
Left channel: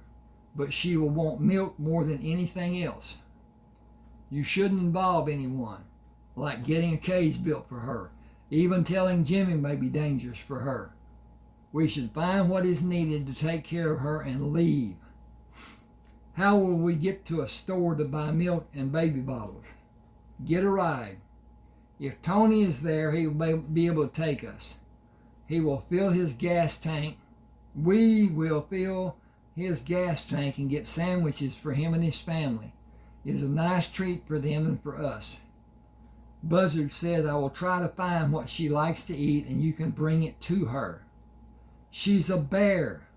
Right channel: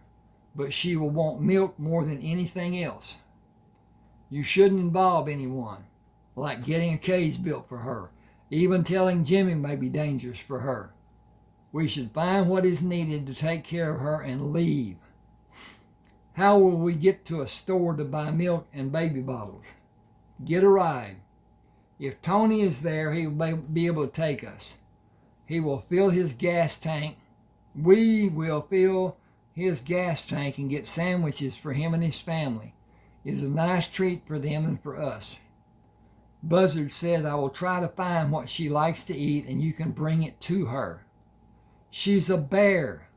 but she will want milk more than anything else. You shouldn't involve anyone, like getting a cage built for her. Even telling Jimmy may be dangerous for her. We should find what is needed to take care of her and leave. How will we get to a store to buy milk and baby bottles? Get a ride. If Tony is there, he will be able to take us. He will fill his gas tank. We will fill his gas tank and get sandwiches for him and his family. It is a nice treat for them and for us. Buzzard said, I will try to find what she likes to eat and you can bring it to her. She's a bear.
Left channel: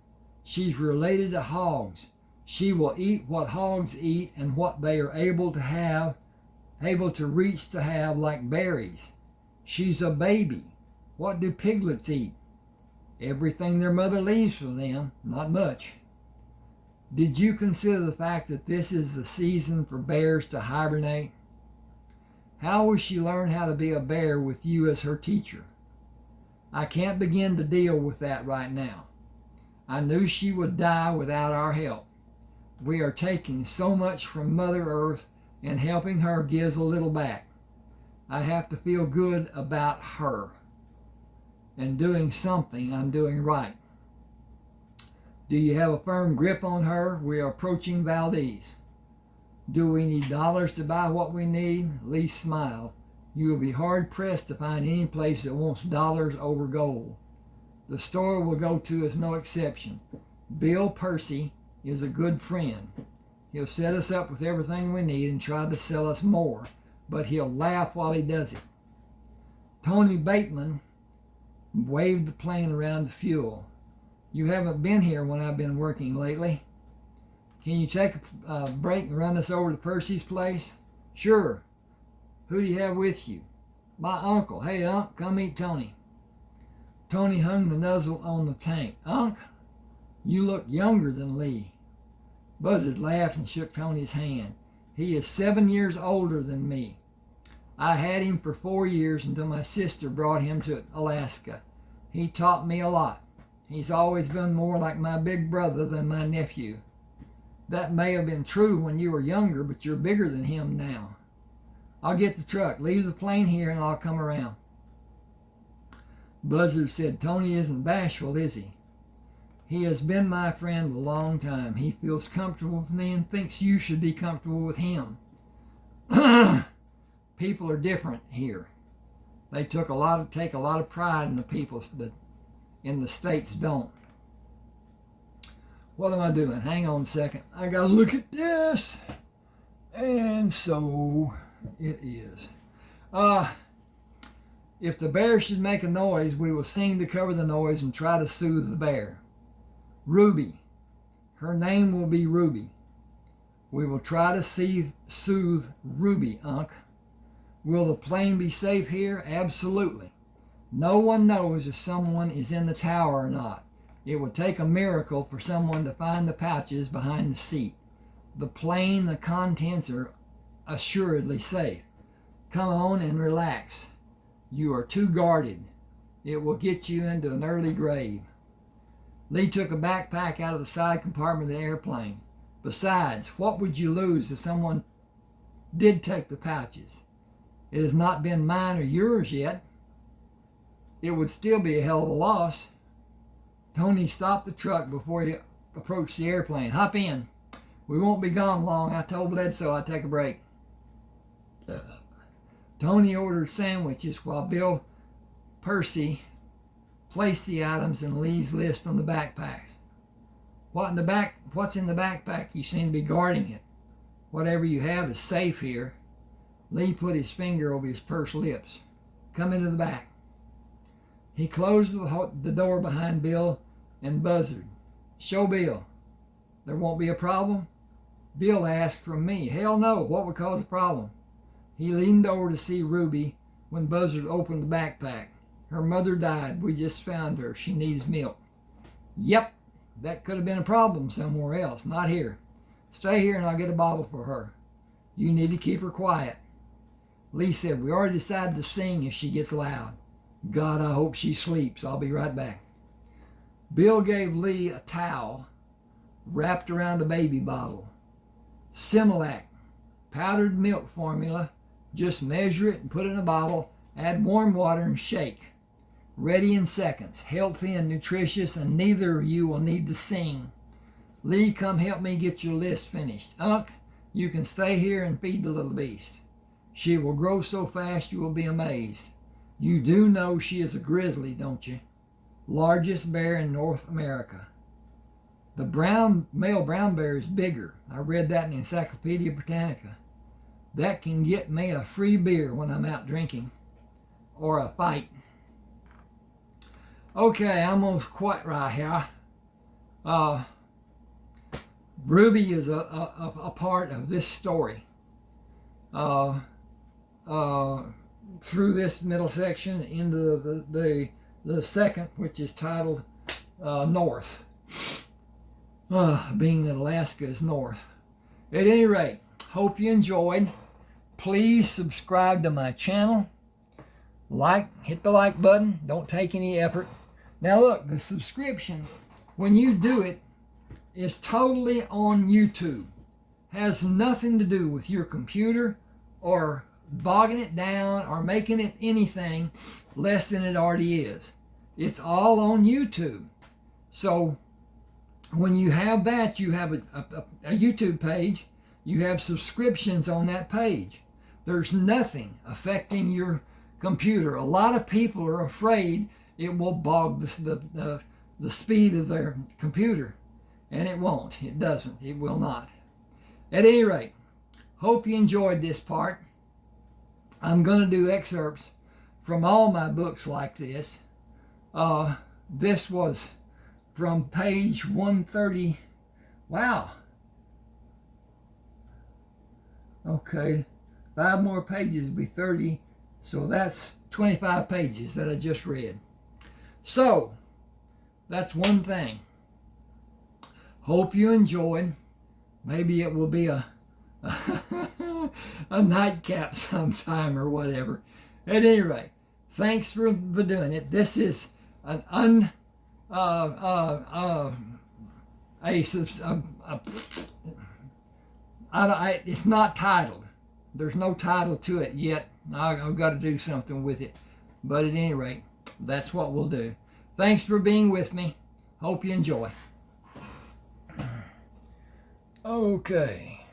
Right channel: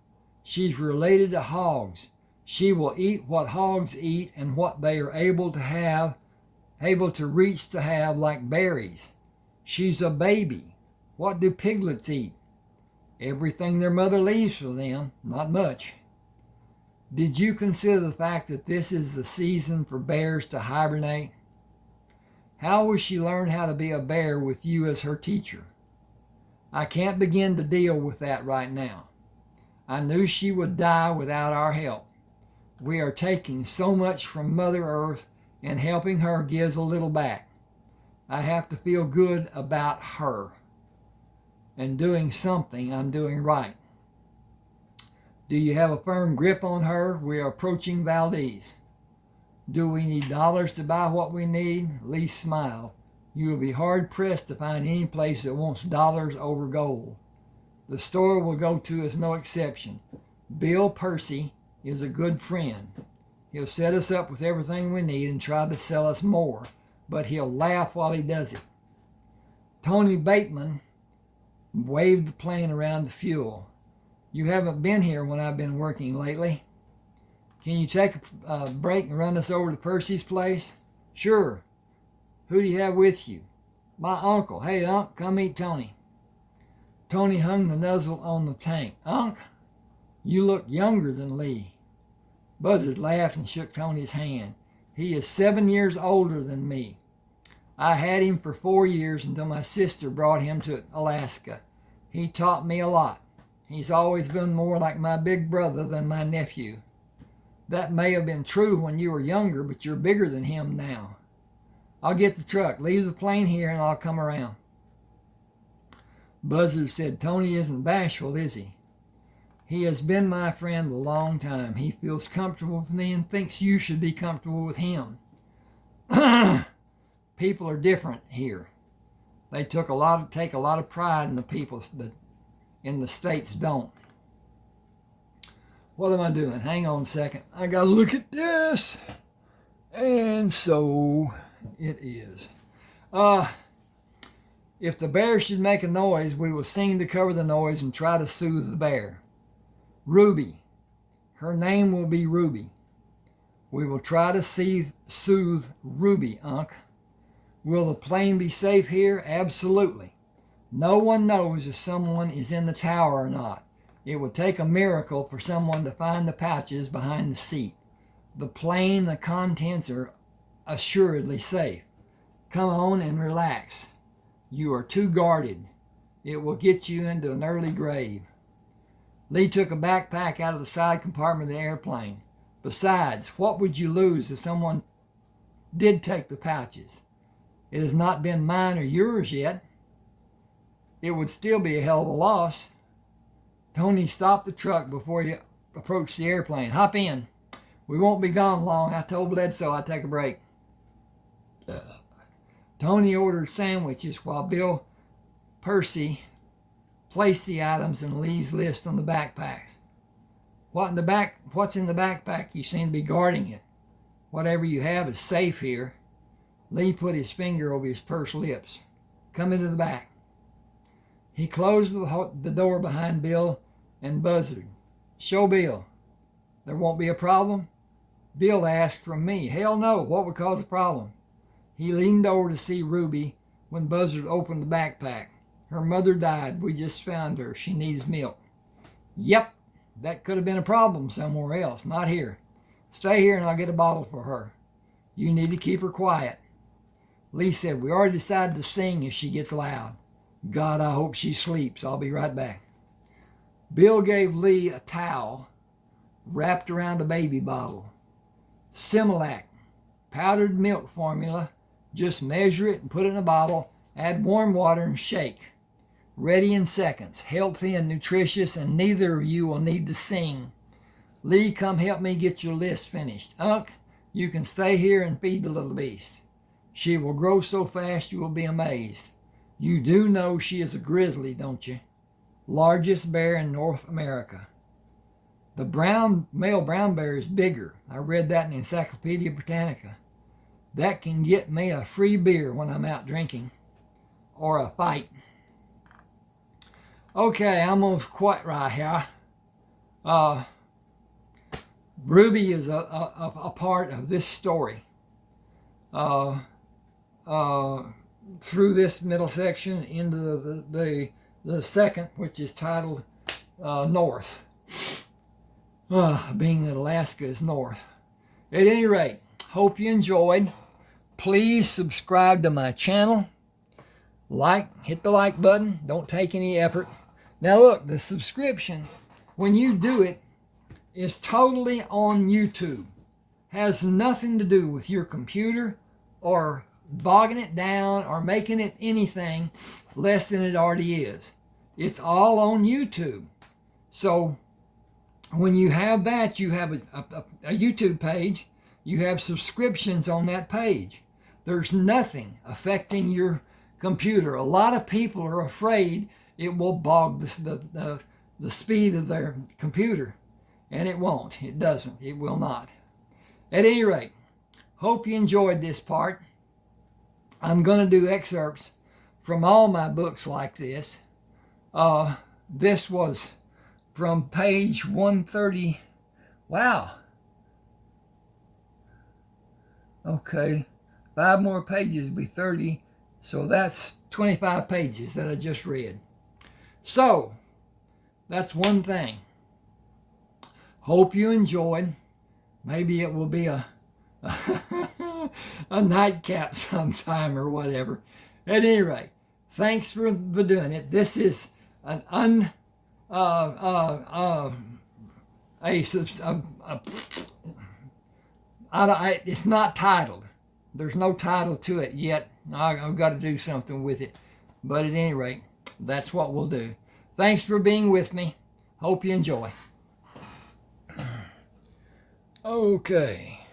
She's related to hogs. She will eat what hogs eat and what they are able to reach to have, like berries. She's a baby. What do piglets eat? Everything their mother leaves for them, not much. Did you consider the fact that this is the season for bears to hibernate? How will she learn how to be a bear with you as her teacher? I can't begin to deal with that right now. I knew she would die without our help. We are taking so much from Mother Earth, and helping her gives a little back. I have to feel good about her and doing something I'm doing right. Do you have a firm grip on her? We are approaching Valdez. Do we need dollars to buy what we need? Lee smiled. You will be hard-pressed to find any place that wants dollars over gold. The store we'll go to is no exception. Bill Percy is a good friend. He'll set us up with everything we need and try to sell us more, but he'll laugh while he does it. Tony Bateman waved the plane around the fuel. You haven't been here when I've been working lately. Can you take a break and run us over to Percy's place? Sure. Who do you have with you? My uncle. Hey, Unc, come meet Tony. Tony hung the nozzle on the tank. Unc, you look younger than Lee. Buzzard laughed and shook Tony's hand. He is 7 years older than me. I had him for 4 years until my sister brought him to Alaska. He taught me a lot. He's always been more like my big brother than my nephew. That may have been true when you were younger, but you're bigger than him now. I'll get the truck. Leave the plane here and I'll come around. Buzzard said, Tony isn't bashful, is he? He has been my friend a long time. He feels comfortable with me and thinks you should be comfortable with him. People are different here. They take a lot of pride in the people that in the States don't. What am I doing? Hang on a second. I gotta look at this. And so it is. If the bear should make a noise, we will sing to cover the noise and try to soothe the bear. Ruby. Her name will be Ruby. We will try to soothe Ruby, Unc. Will the plane be safe here? Absolutely. No one knows if someone is in the tower or not. It would take a miracle for someone to find the pouches behind the seat. The plane, the contents are assuredly safe. Come on and relax. You are too guarded. It will get you into an early grave. Lee took a backpack out of the side compartment of the airplane. Besides, what would you lose if someone did take the pouches? It has not been mine or yours yet. It would still be a hell of a loss. Tony stopped the truck before he approached the airplane. Hop in. We won't be gone long. I told Bledsoe I'd take a break. Tony ordered sandwiches while Bill Percy placed the items in Lee's list on the backpacks. What's in the backpack? You seem to be guarding it. Whatever you have is safe here. Lee put his finger over his pursed lips. Come into the back. He closed the door behind Bill and Buzzard. Show Bill. There won't be a problem? Bill asked from me. Hell no. What would cause a problem? He leaned over to see Ruby when Buzzard opened the backpack. Her mother died. We just found her. She needs milk. Yep, that could have been a problem somewhere else, not here. Stay here and I'll get a bottle for her. You need to keep her quiet. Lee said, we already decided to sing if she gets loud. God, I hope she sleeps. I'll be right back. Bill gave Lee a towel wrapped around a baby bottle. Similac, powdered milk formula. Just measure it and put it in a bottle. Add warm water and shake. Ready in seconds. Healthy and nutritious, and neither of you will need to sing. Lee, come help me get your list finished. Unc, you can stay here and feed the little beast. She will grow so fast you will be amazed. You do know she is a grizzly, don't you? Largest bear in North America. The male brown bear is bigger. I read that in the Encyclopedia Britannica. That can get me a free beer when I'm out drinking. Or a fight. Okay, I'm going to quit right here. Ruby is a part of this story. Through this middle section into the second, which is titled North. Being that Alaska is north. At any rate, hope you enjoyed. Please subscribe to my channel. Hit the like button. Don't take any effort. Now look, the subscription, when you do it, is totally on YouTube. Has nothing to do with your computer or bogging it down or making it anything less than it already is. It's all on YouTube. So when you have that, you have a YouTube page. You have subscriptions on that page. There's nothing affecting your computer. A lot of people are afraid it will bog the speed of their computer. And it won't. It doesn't. It will not. At any rate, hope you enjoyed this part. I'm going to do excerpts from all my books like this. This was from page 130. Wow. Okay. 5 more pages will be 30. So that's 25 pages that I just read. So, that's one thing. Hope you enjoyed. Maybe it will be a nightcap sometime or whatever. At any rate, thanks for doing it. This is an it's not titled. There's no title to it yet. I've got to do something with it. But at any rate, that's what we'll do. Thanks for being with me. Hope you enjoy. Okay.